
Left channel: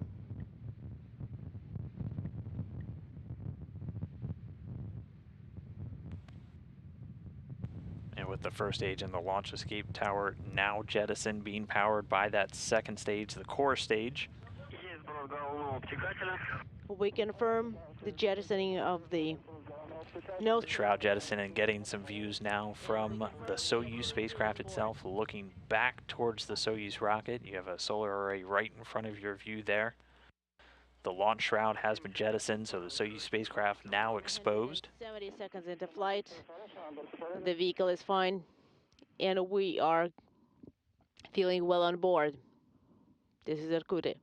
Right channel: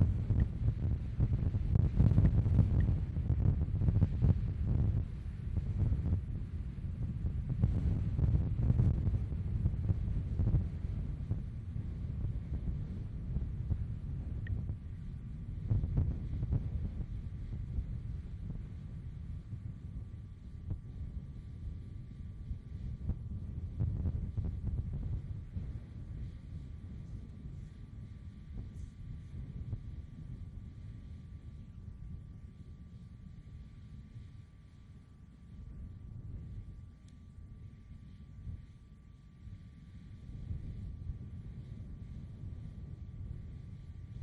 The first stage in the launch escape tower now jettisoned, being powered by that second stage, the core stage. We confirm the jettisoning of the nose. The shroud jettison and getting some views now from the Soyuz spacecraft itself, looking back towards the Soyuz rocket. You have a solar array right in front of your view there. The launch shroud has been jettisoned, so the Soyuz spacecraft now exposed. 70 seconds into flight. The vehicle is fine, and we are feeling well on board. This is Irkutsk.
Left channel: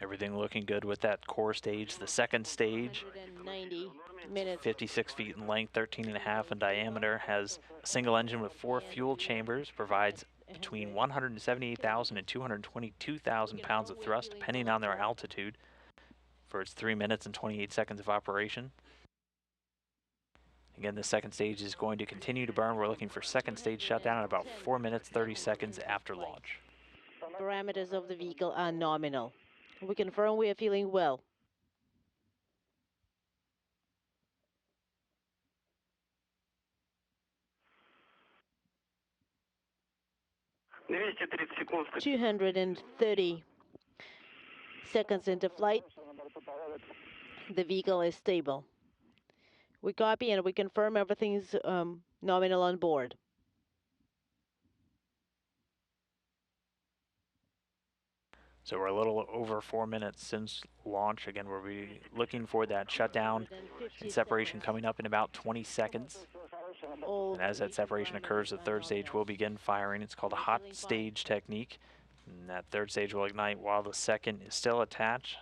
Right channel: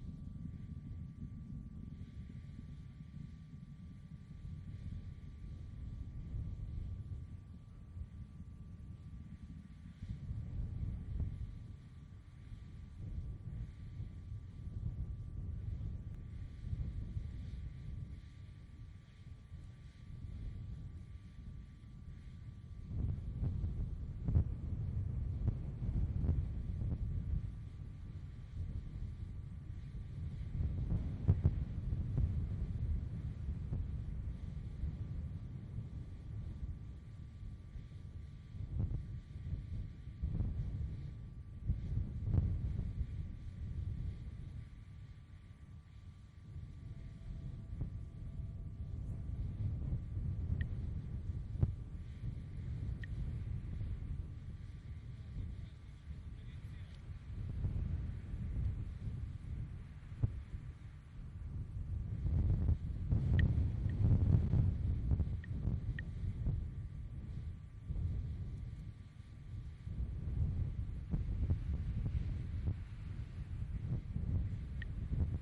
Everything looking good with that core stage. The second stage, 90 minutes. 56 feet in length, 13.5 in diameter, has a single engine with 4 fuel chambers, provides between 178,000 and 222,000 pounds of thrust, depending on their altitude, for its 3 minutes and 28 seconds of operation. Again, the second stage is going to continue to burn. We're looking for second stage shutdown at about 4 minutes, 30 seconds after launch. Parameters of the vehicle are nominal. We confirm we are feeling well. seconds. 230 seconds into flight. The vehicle is stable. We copy and we confirm everything's nominal on board. So we're a little over 4 minutes since launch. Again, we'll be looking for that shutdown and separation coming up in about 20 seconds. And as that separation occurs, the third stage will begin firing. It's called a hot stage technique. And that third stage will ignite while the second is still attached.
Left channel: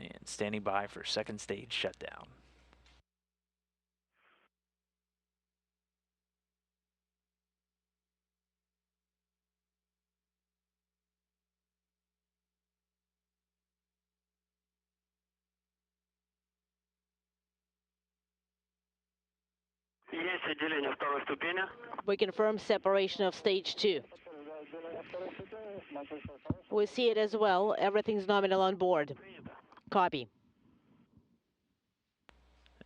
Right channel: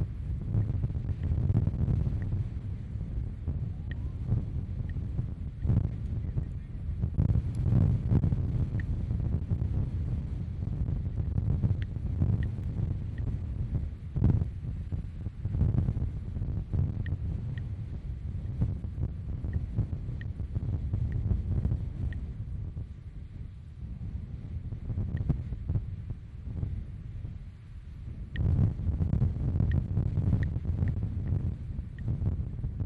And standing by for second stage shutdown. We confirm separation of stage 2. We see it as well. Everything's nominal on board. Copy.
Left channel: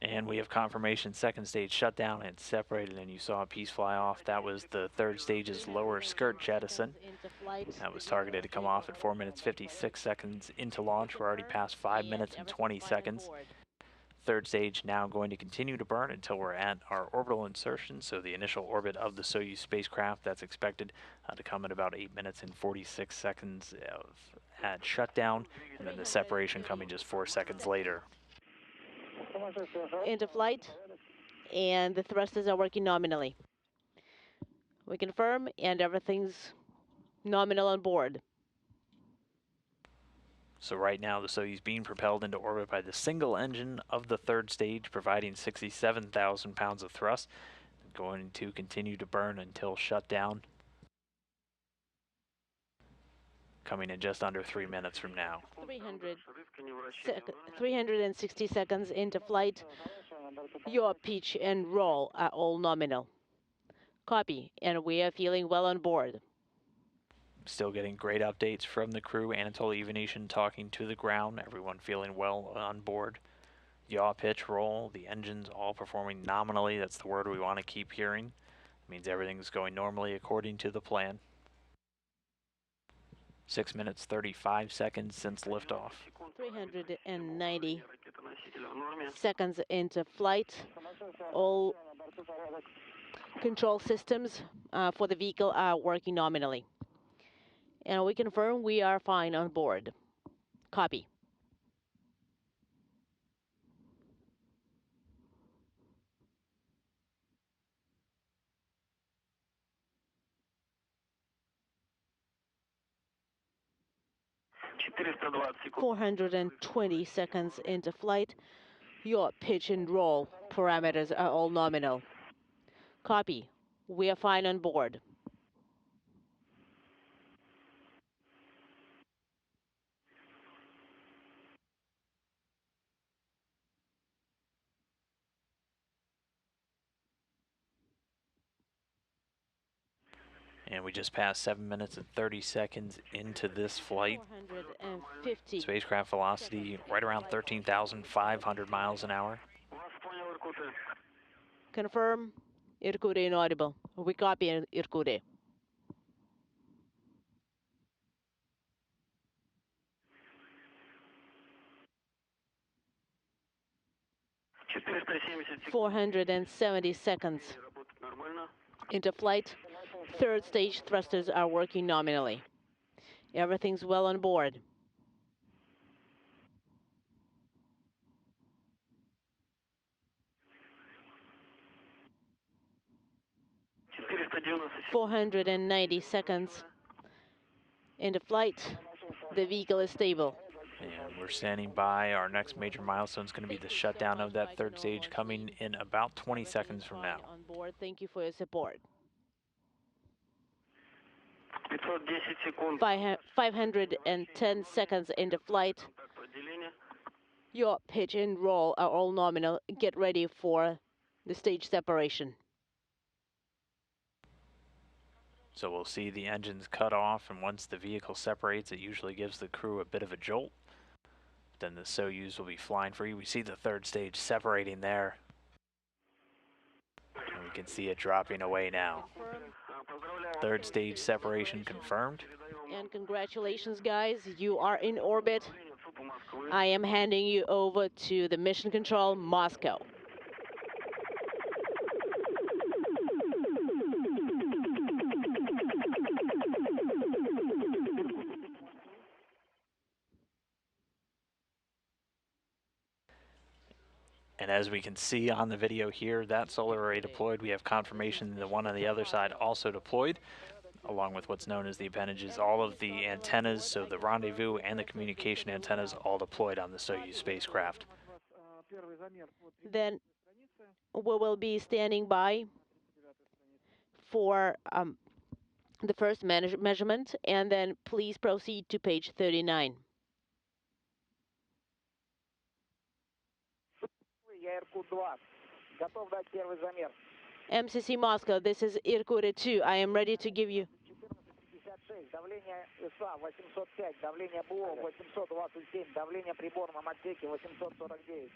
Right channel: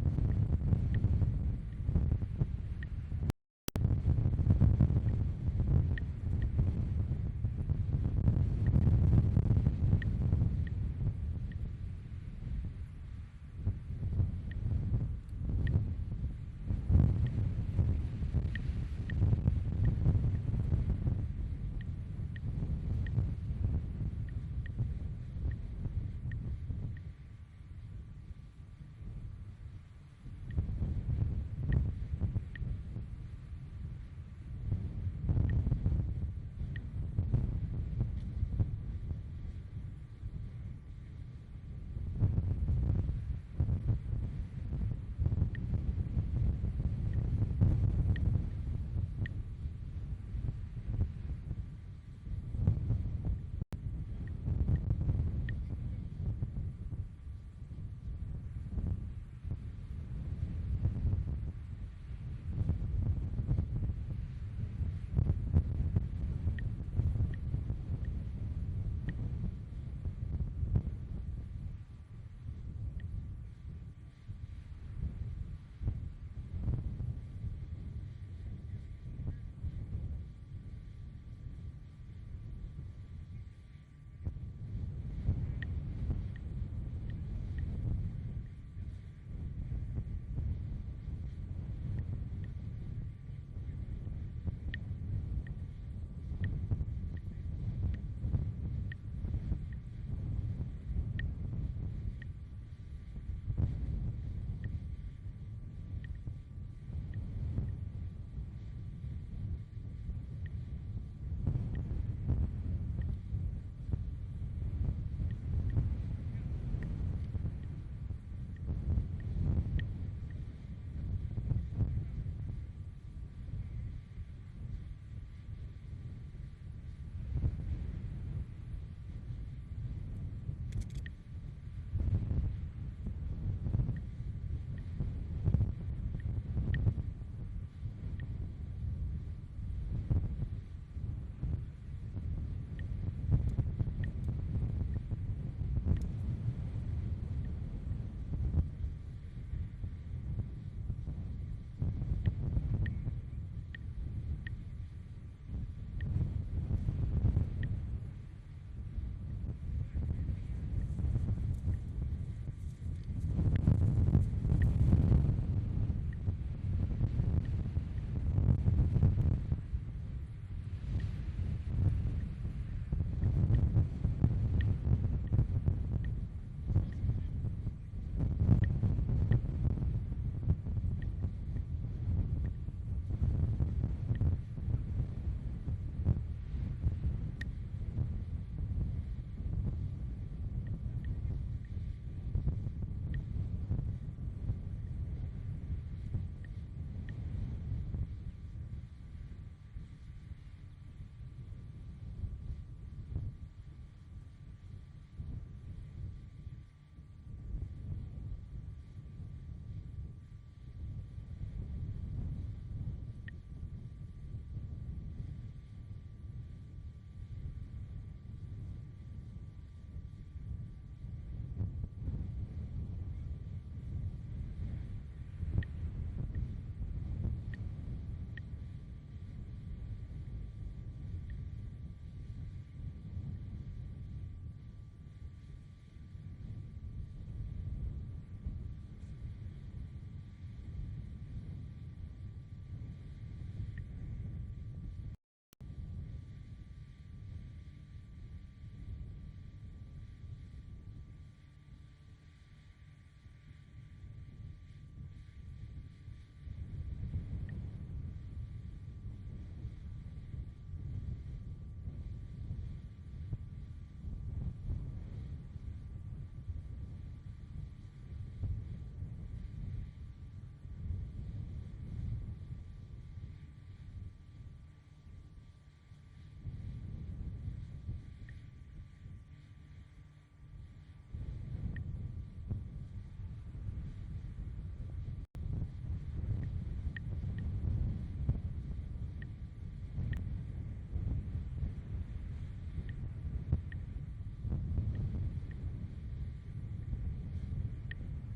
And we have confirmation second stage shut down and separated, and you saw a piece fly off. That was the third stage's lower skirt jettison. That was targeted to come off at 4 minutes 56 seconds into launch. We're already past 5 minutes and 20 seconds. Third stage now going to continue to burn until we're at our orbital insertion, so the initial orbit of the Soyuz spacecraft. That's expected to come at about 8 minutes and 46 seconds at shutdown, and then the separation coming just 4 seconds later. into flight, and the thrusters are working nominally. We confirm, and everything's nominal on board. So right now the Soyuz being propelled into orbit by the single engine of the third stage, providing 67,000 pounds of thrust, going to continue to burn until shutdown, coming in just under 3 minutes from now. 360 seconds into flight. Your pitch and roll are all nominal. Copy, and we are feeling well on board. Still getting great updates from the crew. Anatoly, Ivanishin talking to the ground. Everyone feeling well on board. Yaw, pitch, roll. The engines all performing nominally. That's the word we want to keep hearing. It means everything's going normally according to the plan. 6 minutes, 35 seconds since liftoff. 390 seconds into flight. All control systems for the vehicle are working nominally. And we confirm we are fine on board. Copy. секунд. 420 seconds into flight. Your pitch and roll parameters are all nominal. Copy. We are fine on board. And we just passed 7 minutes and 30 seconds into this flight. 450. Spacecraft velocity right around 13,500 miles an hour. Confirm. Irkutsk inaudible. We copy Irkutsk. секунд. 470 seconds into flight. Third stage thrusters are working nominally. Everything's well on board. секунд. 490 seconds into flight. The vehicle is stable. And we're standing by. Our next major milestone is going to be the shutdown of that third stage, coming in about 20 seconds from now. On board. Thank you for your support. 510 секунд. 510 seconds into flight. Your pitch and roll are all nominal. Get ready for the stage separation. So we'll see the engines cut off, and once the vehicle separates, it usually gives the crew a bit of a jolt. Then the Soyuz will be flying free. We see the third stage separating there. We can see it dropping away now. Third stage separation confirmed. And congratulations, guys. You are in orbit. I am handing you over to the Mission Control, Moscow. And as we can see on the video here, that solar array deployed. We have confirmation the one on the other side also deployed, along with what's known as the appendages. All of the antennas, so the rendezvous and the communication antennas, all deployed on the Soyuz spacecraft. Then we will be standing by for the first measurement, and then please proceed to page 39. Я Иркут-2. Готов дать первый замер. MCC Moscow, this is Irkutsk 2. I am ready to give you 56. Давление ИСА 805. Давление ПО 827. Давление приборном отсеке 849.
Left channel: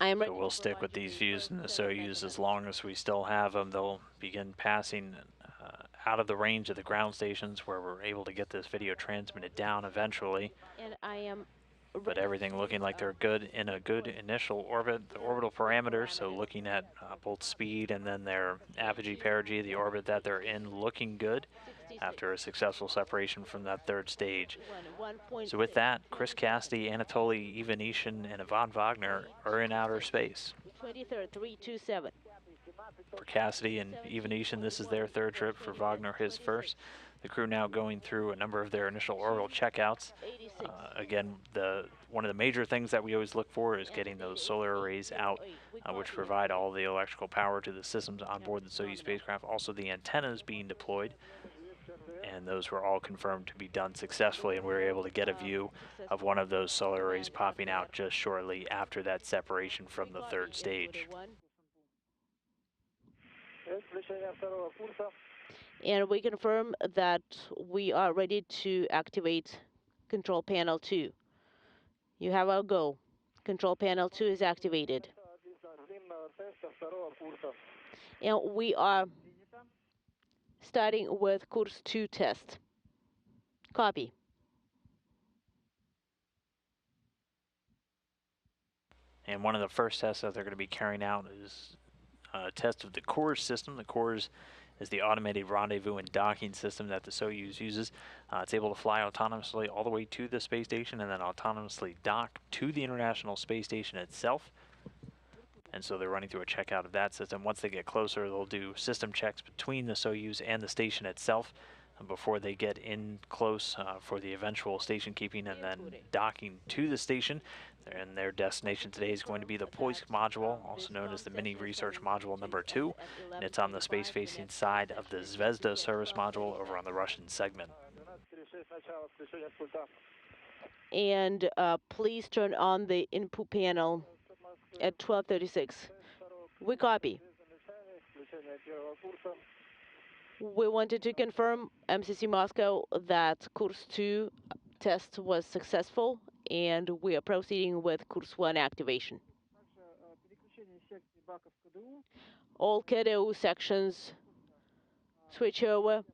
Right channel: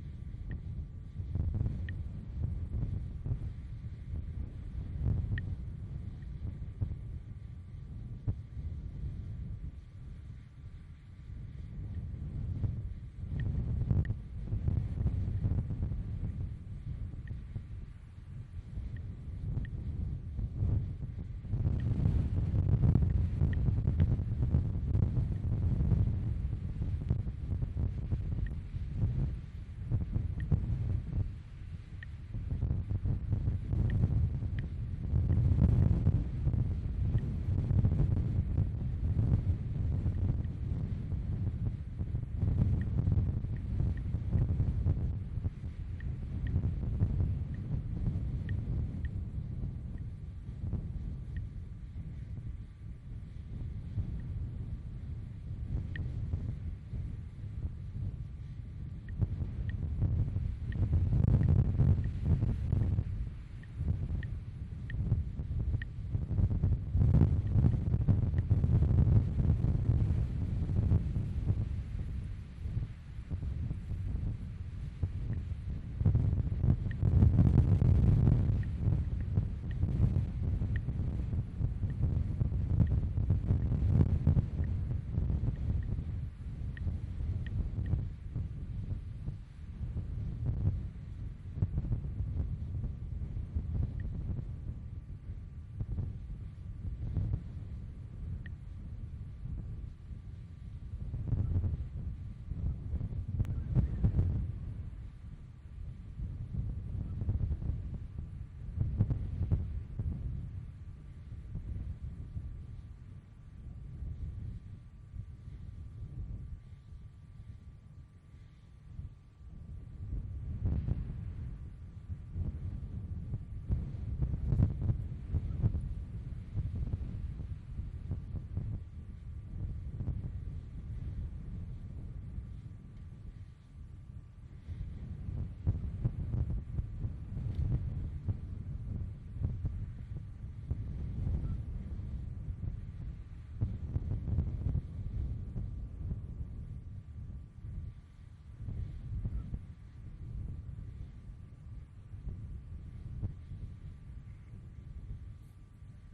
I am ready. So we'll stick with these views in the Soyuz as long as we still have them. They'll begin passing out of the range of the ground stations where we're able to get this video transmitted down eventually. And I am But everything looking like they're good in a good initial orbit. The orbital parameters, so looking at both speed and then their apogee, perigee, the orbit that they're in, looking good after a successful separation from that third stage. So with that, Chris Cassidy, Anatoly, Ivanishin, and Ivan Vagner are in outer space. 23rd, 327. For Cassidy and Ivanishin, this is their third trip. For Wagner, his first. The crew now going through a number of their initial orbital checkouts. Again, one of the major things that we always look for is getting those solar arrays out, which provide all the electrical power to the systems on board the Soyuz spacecraft. Also, the antennas being deployed, and those were all confirmed to be done successfully, and we were able to get a view of one of those solar arrays popping out just shortly after that separation from the third stage. And we confirm that we are ready to activate Control Panel 2. You have our go. Control Panel 2 is activated. And we are starting with Course 2 test. Copy. And one of the first tests that they're going to be carrying out is a test of the CORS system. The CORS is the automated rendezvous and docking system that the Soyuz uses. It's able to fly autonomously all the way to the space station and then autonomously dock to the International Space Station itself. And so they're running through a checkout of that system. Once they get closer, they'll do system checks between the Soyuz and the station itself before they get in close for the eventual station keeping and then docking to the station. And their destination today is going to be the Poist module, also known as the Mini Research Module number 2. And it's on the space-facing side of the Zvezda service module over on the Russian segment. And please turn on the input panel at 12:36. We copy. We wanted to confirm, MCC Moscow, that Course 2 test was successful, and we are proceeding with Course 1 activation. All KDU sections switch over.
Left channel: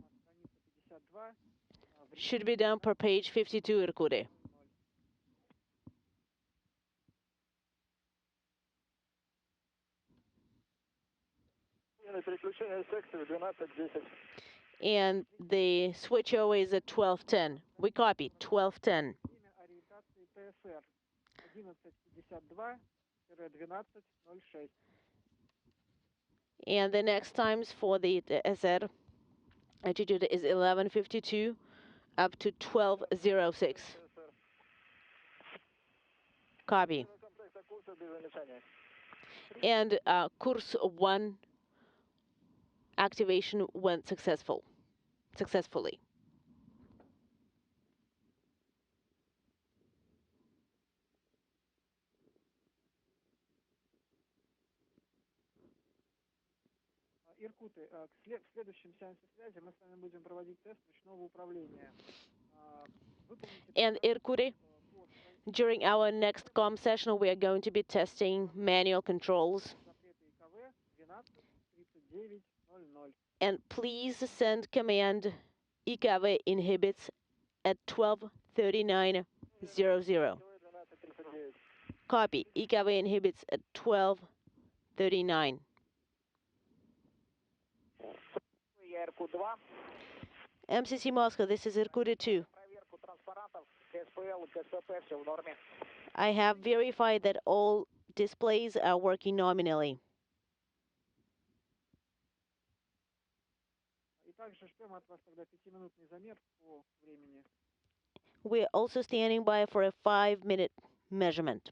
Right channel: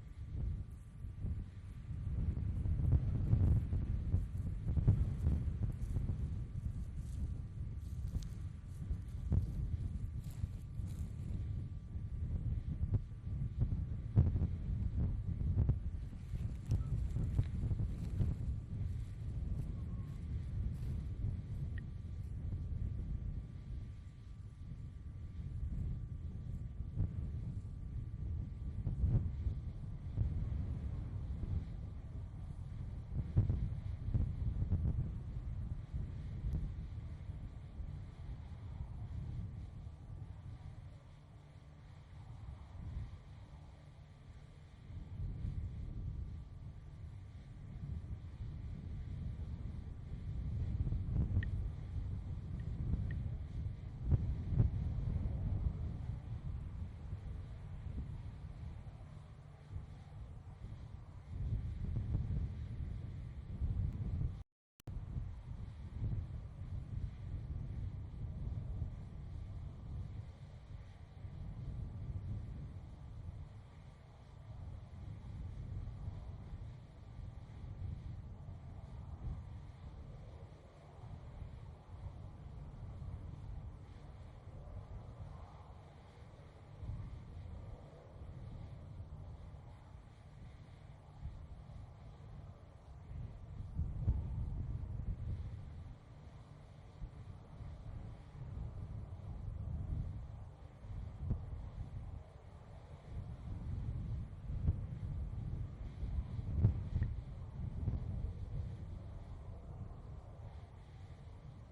Should be done per page 52, Irkutsk. And the switch over is at 12:10. We copy, 12:10. And the next times for the SR altitude is 11:52 up to 12:06. Copy. And Course 1 activation went successfully. And Irkutsk, during our next comm session, we are going to be testing manual controls. And please send command IKV inhibits at 12:39:00. Copy. IKV inhibits at 12:39. MCC Moscow, this is Irkutsk 2. I have verified that all displays are working nominally. We're also standing by for a 5-minute measurement.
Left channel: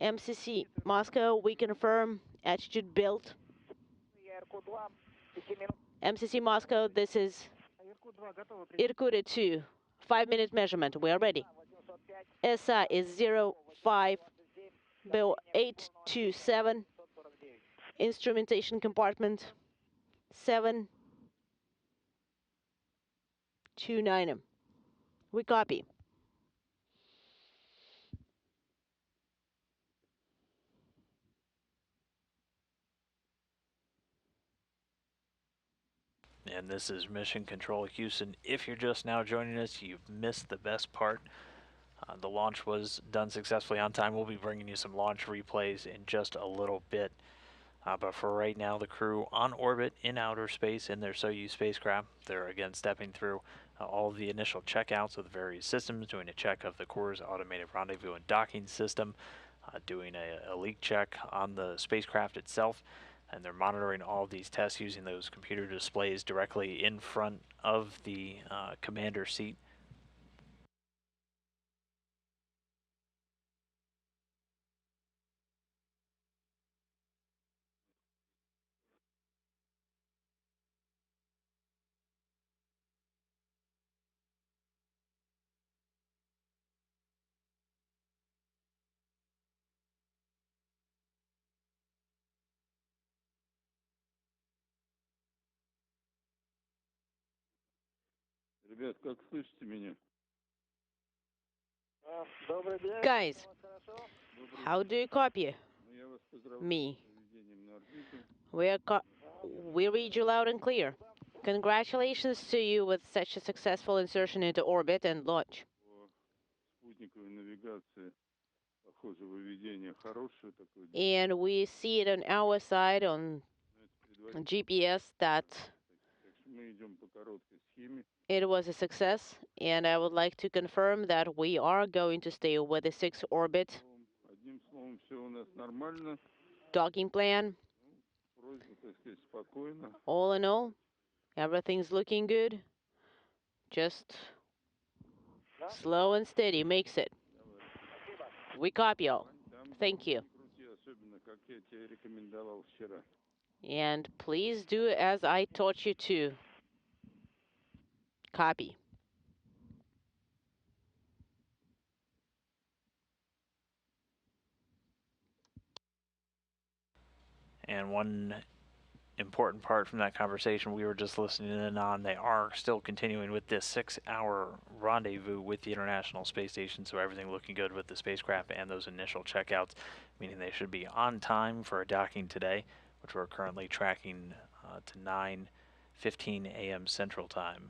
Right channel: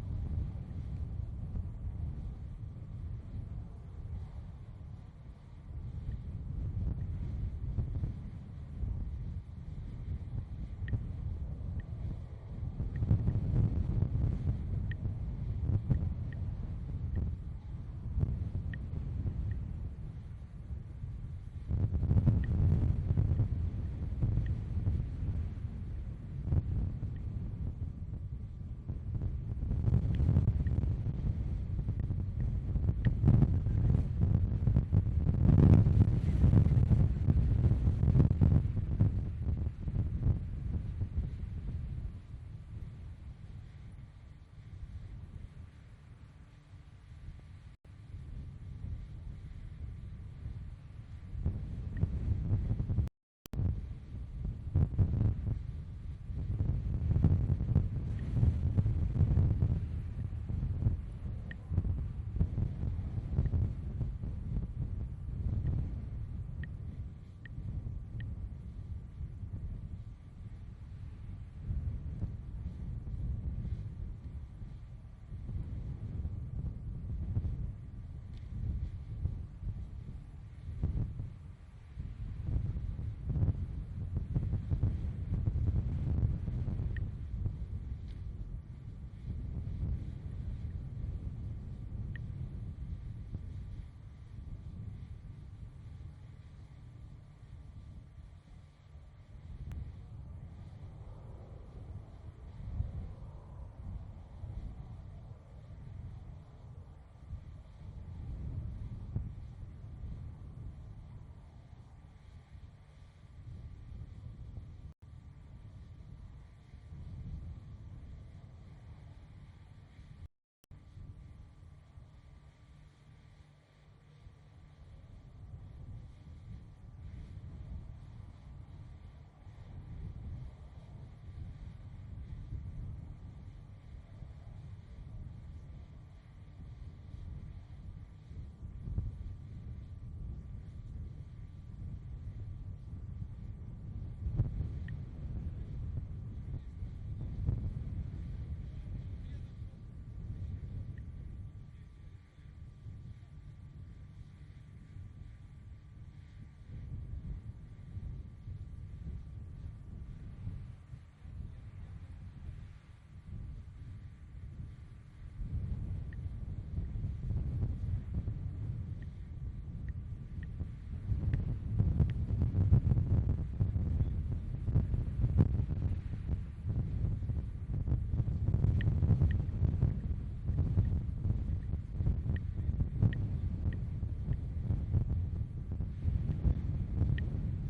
MCC Moscow, we confirm attitude built. MCC Moscow, this is Irkutsk 2. 5-minute measurement. We are ready. SI is 05827. Instrumentation compartment 729. We copy. And this is Mission Control Houston. If you're just now joining us, you've missed the best part. The launch was done successfully on time. We'll be bringing you some launch replays in just a little bit. But for right now, the crew on orbit in outer space in their Soyuz spacecraft, they're again stepping through all of the initial checkouts of the various systems, doing a check of the core's automated rendezvous and docking system, doing a leak check on the spacecraft itself, and they're monitoring all of these tests using those computer displays directly in front of the commander seat. Ребят, как слышите меня? Guys, how do you copy me? We read you loud and clear. Congratulations to you with such a successful insertion into orbit and launch. Спутниковой навигации, похоже, выведение хорошее такое. And we see it on our side on GPS that Мы идем по короткой схеме. it was a success, and I would like to confirm that we are going to stay with the 6 orbit Одним словом, все у нас нормально. docking plan. Просьба, так сказать, спокойно. All in all, everything's looking good. Just slow and steady makes it. We copy all. Thank you. Особенно, как я тебе рекомендовал вчера. And please do as I taught you to. Copy. And one important part from that conversation we were just listening in on, they are still continuing with this 6-hour rendezvous with the International Space Station, so everything looking good with the spacecraft and those initial checkouts, meaning they should be on time for a docking today, which we're currently tracking to 9:15 a.m. Central Time.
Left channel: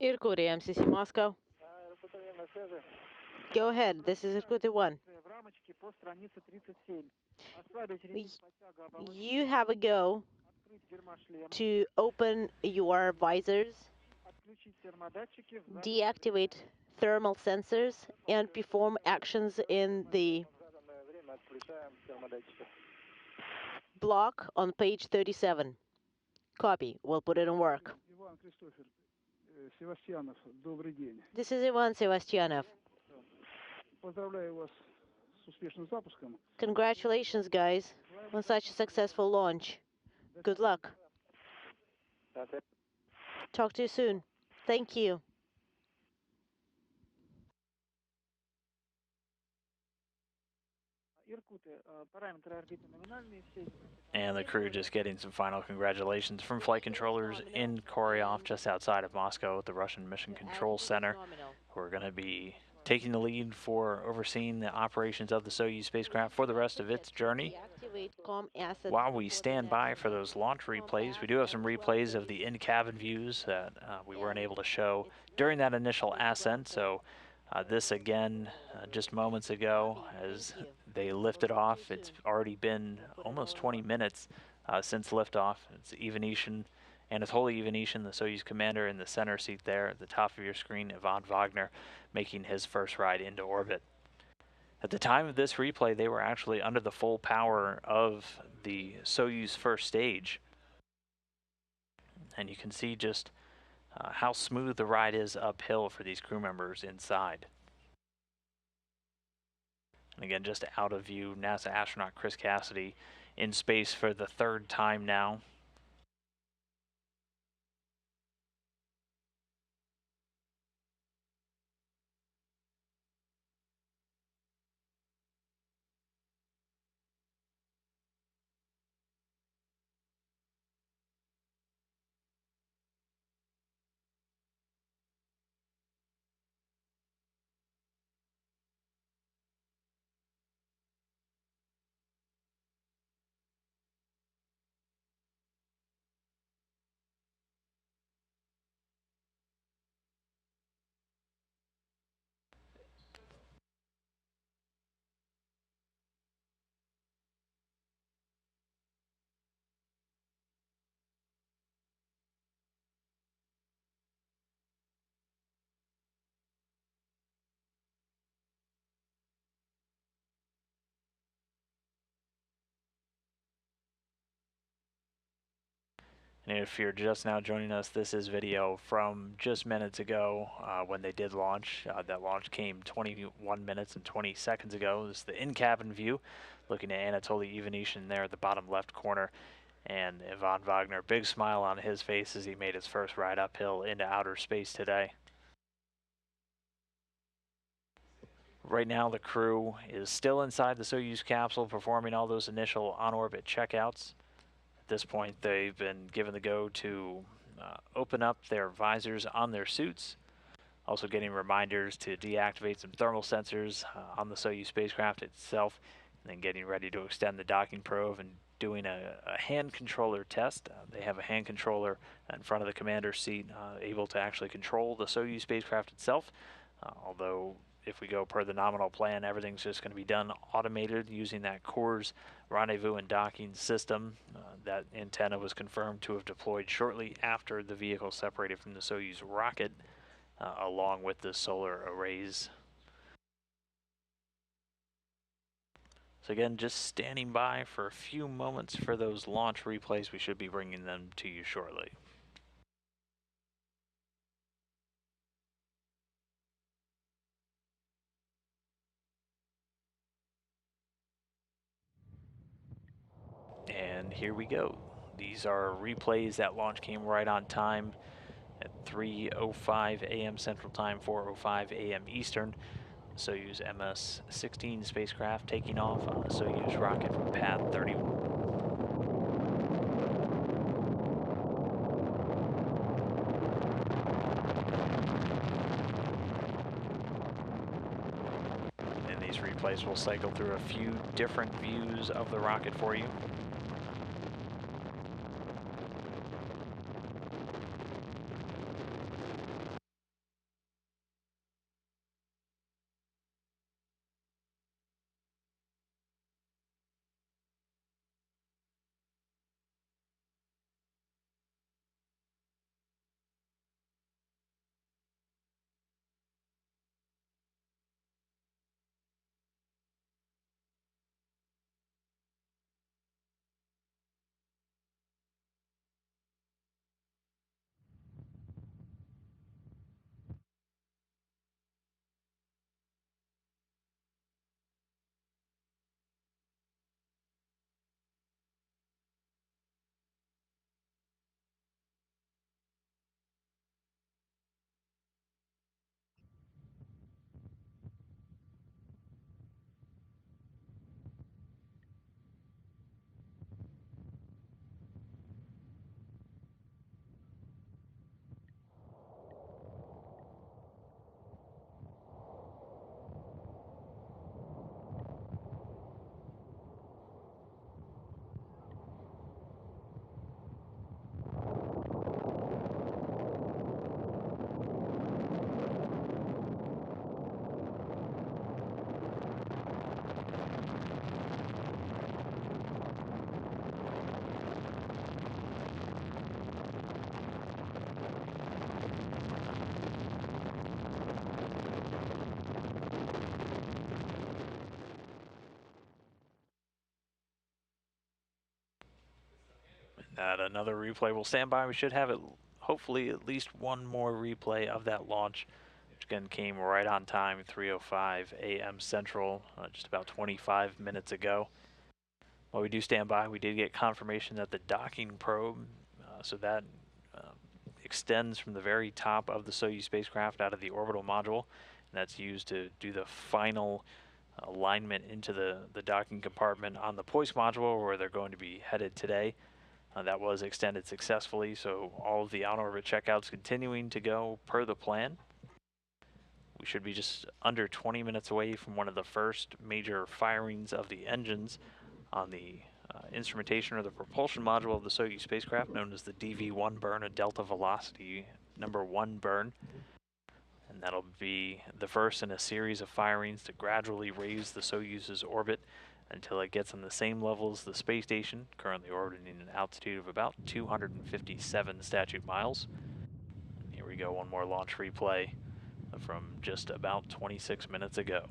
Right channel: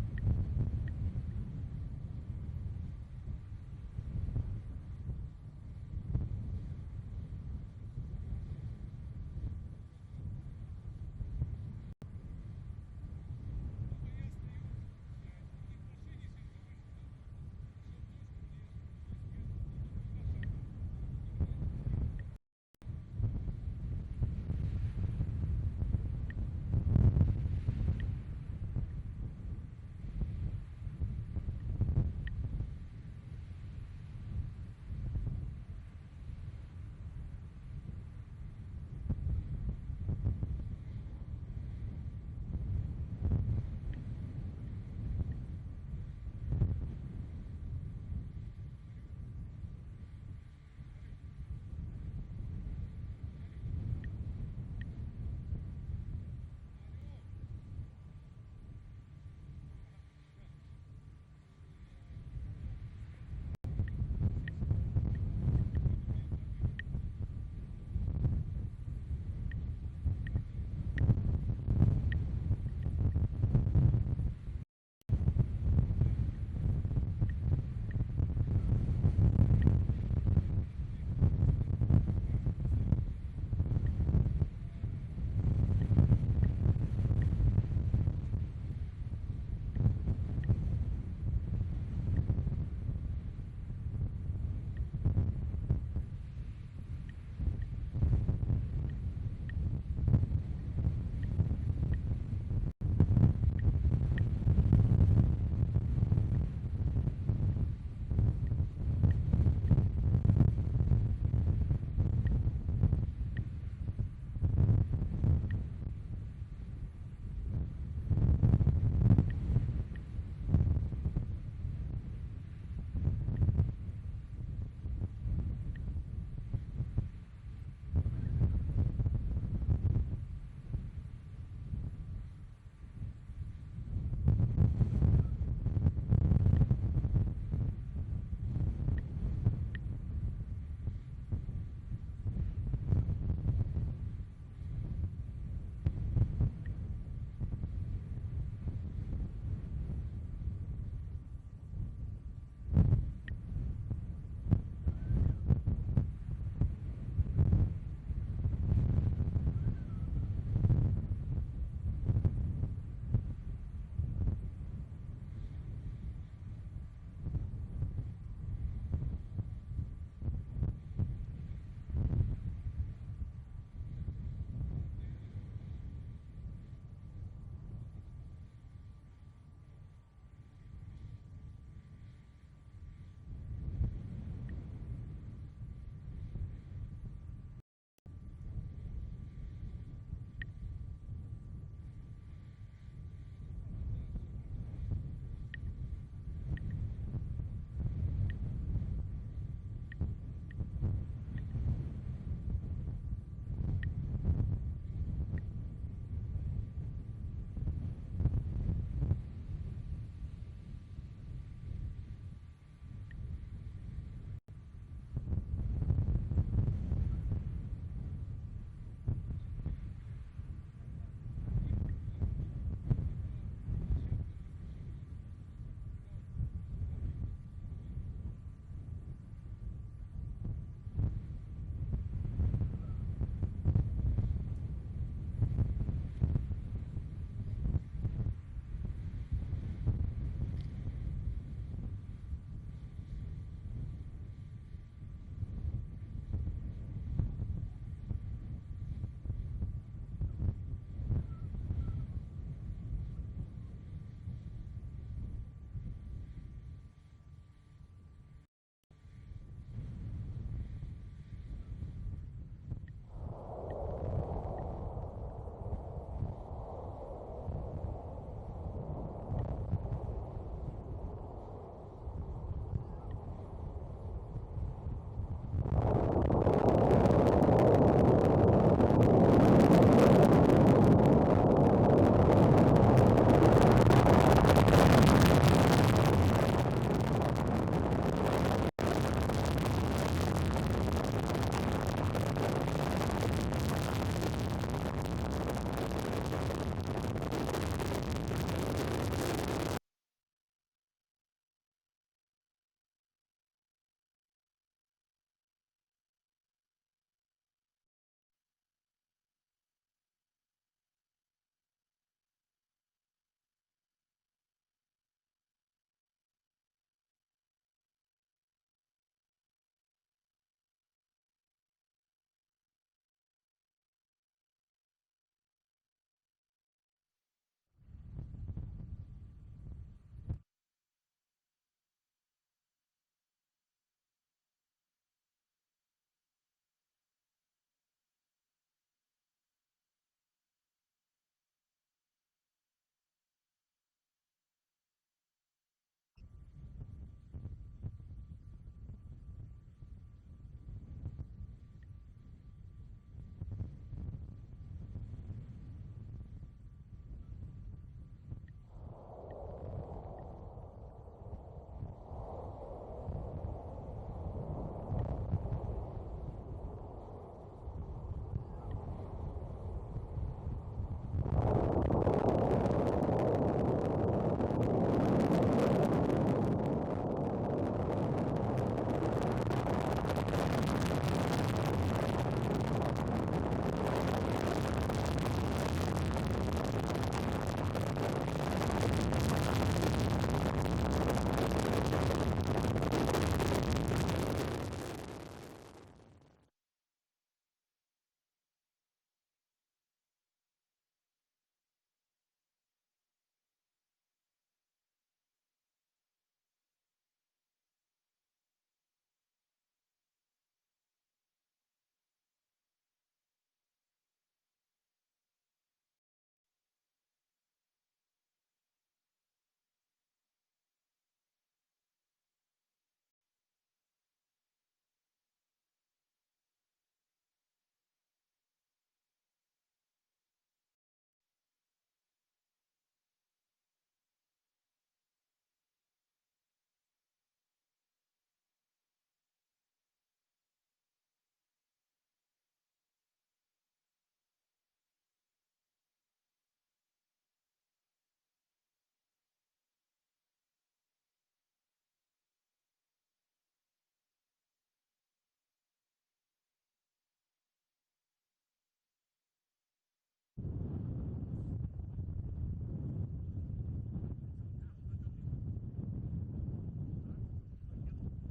Irkut, MCC Moscow. Go ahead, this is Irkut 1. You have a go to open your visors, deactivate thermal sensors, and perform actions in the block on page 37. Copy. We'll put it in work. Севастьянов, добрый день. This is Ivan Sevastianov. Поздравляю вас с успешным запуском. Congratulations, guys, on such a successful launch. Good luck. Talk to you soon. Thank you. And the crew just getting some final congratulations from flight controllers in Koryov, just outside of Moscow at the Russian Mission Control Center. We're going to be taking the lead for overseeing the operations of the Soyuz spacecraft for the rest of its journey. While we stand by for those launch replays, we do have some replays of the in-cabin views that we weren't able to show during that initial ascent. So this again, just moments ago, as they lifted off. It's already been almost 20 minutes since liftoff. It's Ivanishin, Anatoly Ivanishin, the Soyuz commander, in the center seat there at the top of your screen, Ivan Vagner, making his first ride into orbit. At the time of this replay, they were actually under the full power of the Soyuz first stage. And you can see just how smooth the ride is uphill for these crew members inside. Again, just out of view, NASA astronaut Chris Cassidy in space for the 3rd time now. And if you're just now joining us, this is video from just minutes ago when they did launch. That launch came 21 minutes and 20 seconds ago. This is the in-cabin view, looking at Anatoly Ivanishin there at the bottom left corner. And Ivan Vagner, big smile on his face as he made his first ride uphill into outer space today. Right now, the crew is still inside the Soyuz capsule performing all those initial on-orbit checkouts. At this point, they've been given the go to open up their visors on their suits, also getting reminders to deactivate some thermal sensors on the Soyuz spacecraft itself, and then getting ready to extend the docking probe and doing a hand controller test. They have a hand controller in front of the commander's seat, able to actually control the Soyuz spacecraft itself, although if we go per the nominal plan, everything's just going to be done automated using that CORS rendezvous and docking system. That antenna was confirmed to have deployed shortly after the vehicle separated from the Soyuz rocket, along with the solar arrays. So again, just standing by for a few moments for those launch replays. We should be bringing them to you shortly. And here we go. These are replays. That launch came right on time at 3:05 a.m. Central Time, 4:05 a.m. Eastern. Soyuz MS-16 spacecraft taking off on the Soyuz rocket from pad 31. And these replays will cycle through a few different views of the rocket for you. Another replay will stand by. We should have it, hopefully at least one more replay of that launch, which again came right on time, 3:05 a.m. Central, just about 25 minutes ago. While we do stand by, we did get confirmation that the docking probe, so that extends from the very top of the Soyuz spacecraft out of the orbital module, and that's used to do the final alignment into the docking compartment on the Poist module where they're going to be headed today. That was extended successfully, so all of the on-orbit checkouts continuing to go per the plan. We should be just under 20 minutes away from one of the first major firings of the engines on the instrumentation or the propulsion module of the Soyuz spacecraft, known as the DV-1 burn, a delta velocity #1 burn. And that'll be the first in a series of firings to gradually raise the Soyuz's orbit until it gets on the same level as the space station, currently orbiting an altitude of about 257 statute miles. Here we go, one more launch replay from just about 26 minutes ago.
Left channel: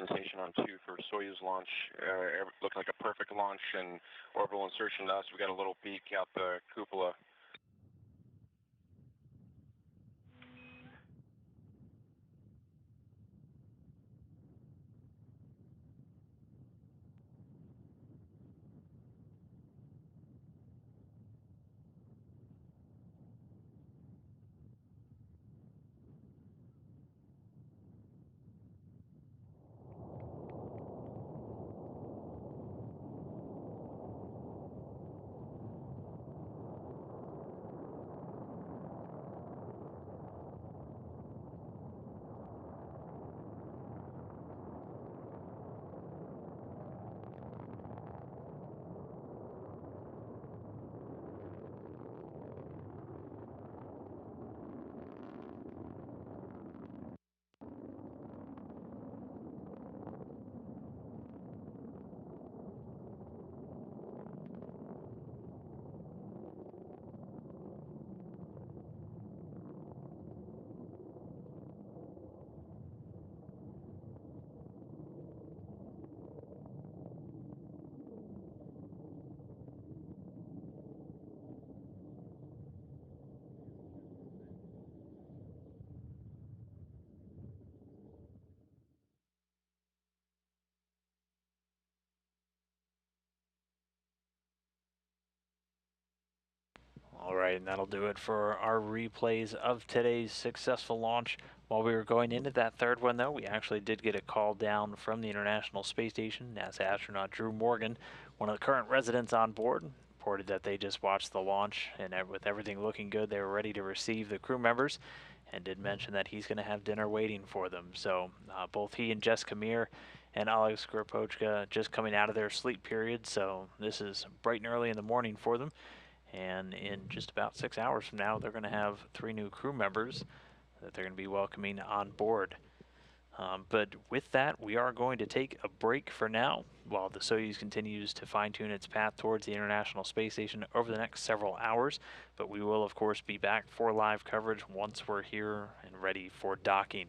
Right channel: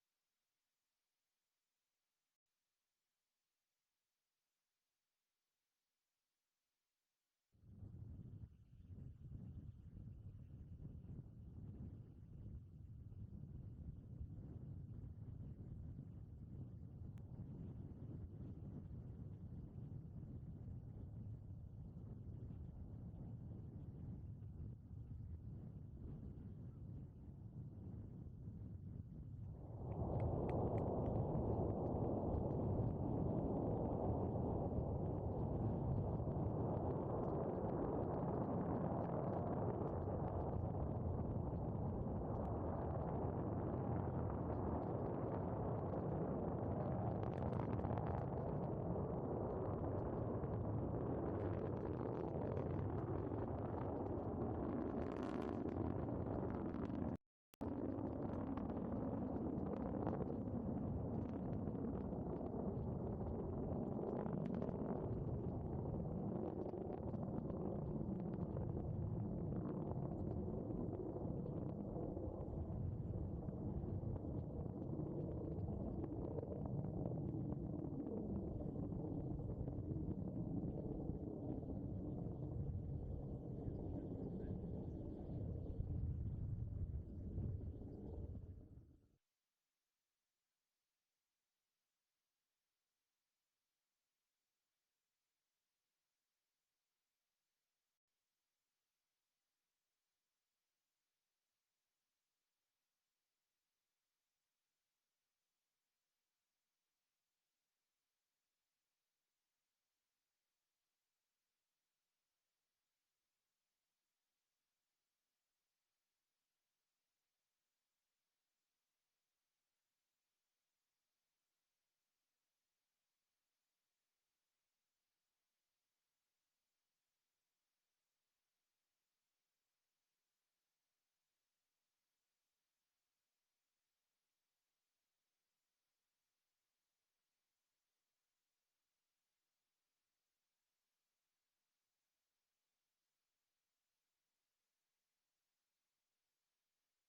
sensation on 2 for Soyuz launch. Looked like a perfect launch and orbital insertion to us. We got a little peek out the cupola. All right, and that'll do it for our replays of today's successful launch. While we were going into that third one, though, we actually did get a call down from the International Space Station. NASA astronaut Drew Morgan, one of the current residents on board, reported that they just watched the launch, and with everything looking good, they were ready to receive the crew members, and did mention that he's going to have dinner waiting for them. So both he and Jessica Meir and Alex Gorpochka just coming out of their sleep period, so this is bright and early in the morning for them. And in just about 6 hours from now, they're going to have 3 new crew members that they're going to be welcoming on board. But with that, we are going to take a break for now while the Soyuz continues to fine-tune its path towards the International Space Station over the next several hours. But we will, of course, be back for live coverage once we're here and ready for docking.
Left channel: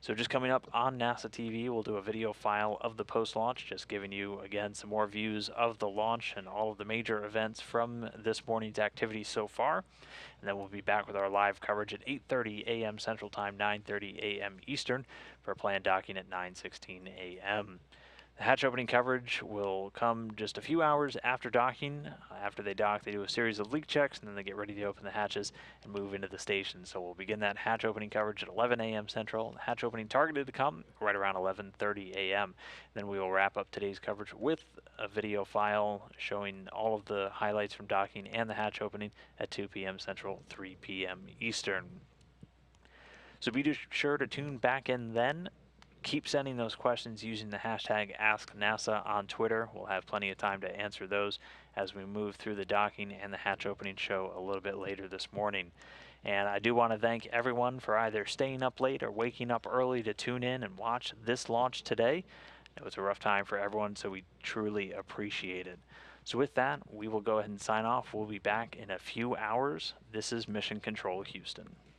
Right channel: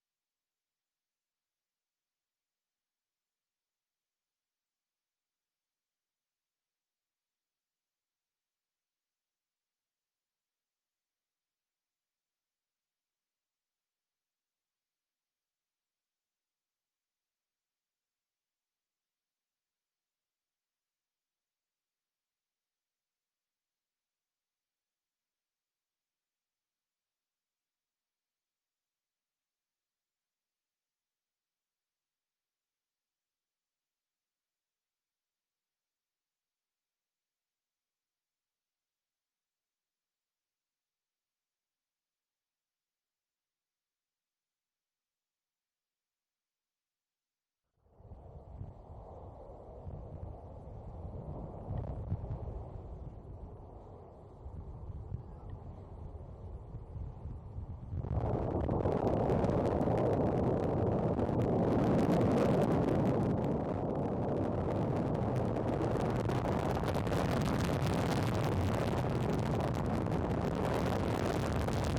So just coming up on NASA TV, we'll do a video file of the post-launch, just giving you, again, some more views of the launch and all of the major events from this morning's activities so far. And then we'll be back with our live coverage at 8:30 a.m. Central Time, 9:30 a.m. Eastern, for planned docking at 9:16 a.m. The hatch opening coverage will come just a few hours after docking. After they dock, they do a series of leak checks, and then they get ready to open the hatches and move into the station. So we'll begin that hatch opening coverage at 11 a.m. Central. The hatch opening targeted to come right around 11:30 a.m. Then we will wrap up today's coverage with a video file showing all of the highlights from docking and the hatch opening at 2 p.m. Central, 3 p.m. Eastern. So be sure to tune back in then. Keep sending those questions using the hashtag AskNASA on Twitter. We'll have plenty of time to answer those as we move through the docking and the hatch opening show a little bit later this morning. And I do want to thank everyone for either staying up late or waking up early to tune in and watch this launch today. It was a rough time for everyone, so we truly appreciate it. So with that, we will go ahead and sign off. We'll be back in a few hours. This is Mission Control Houston.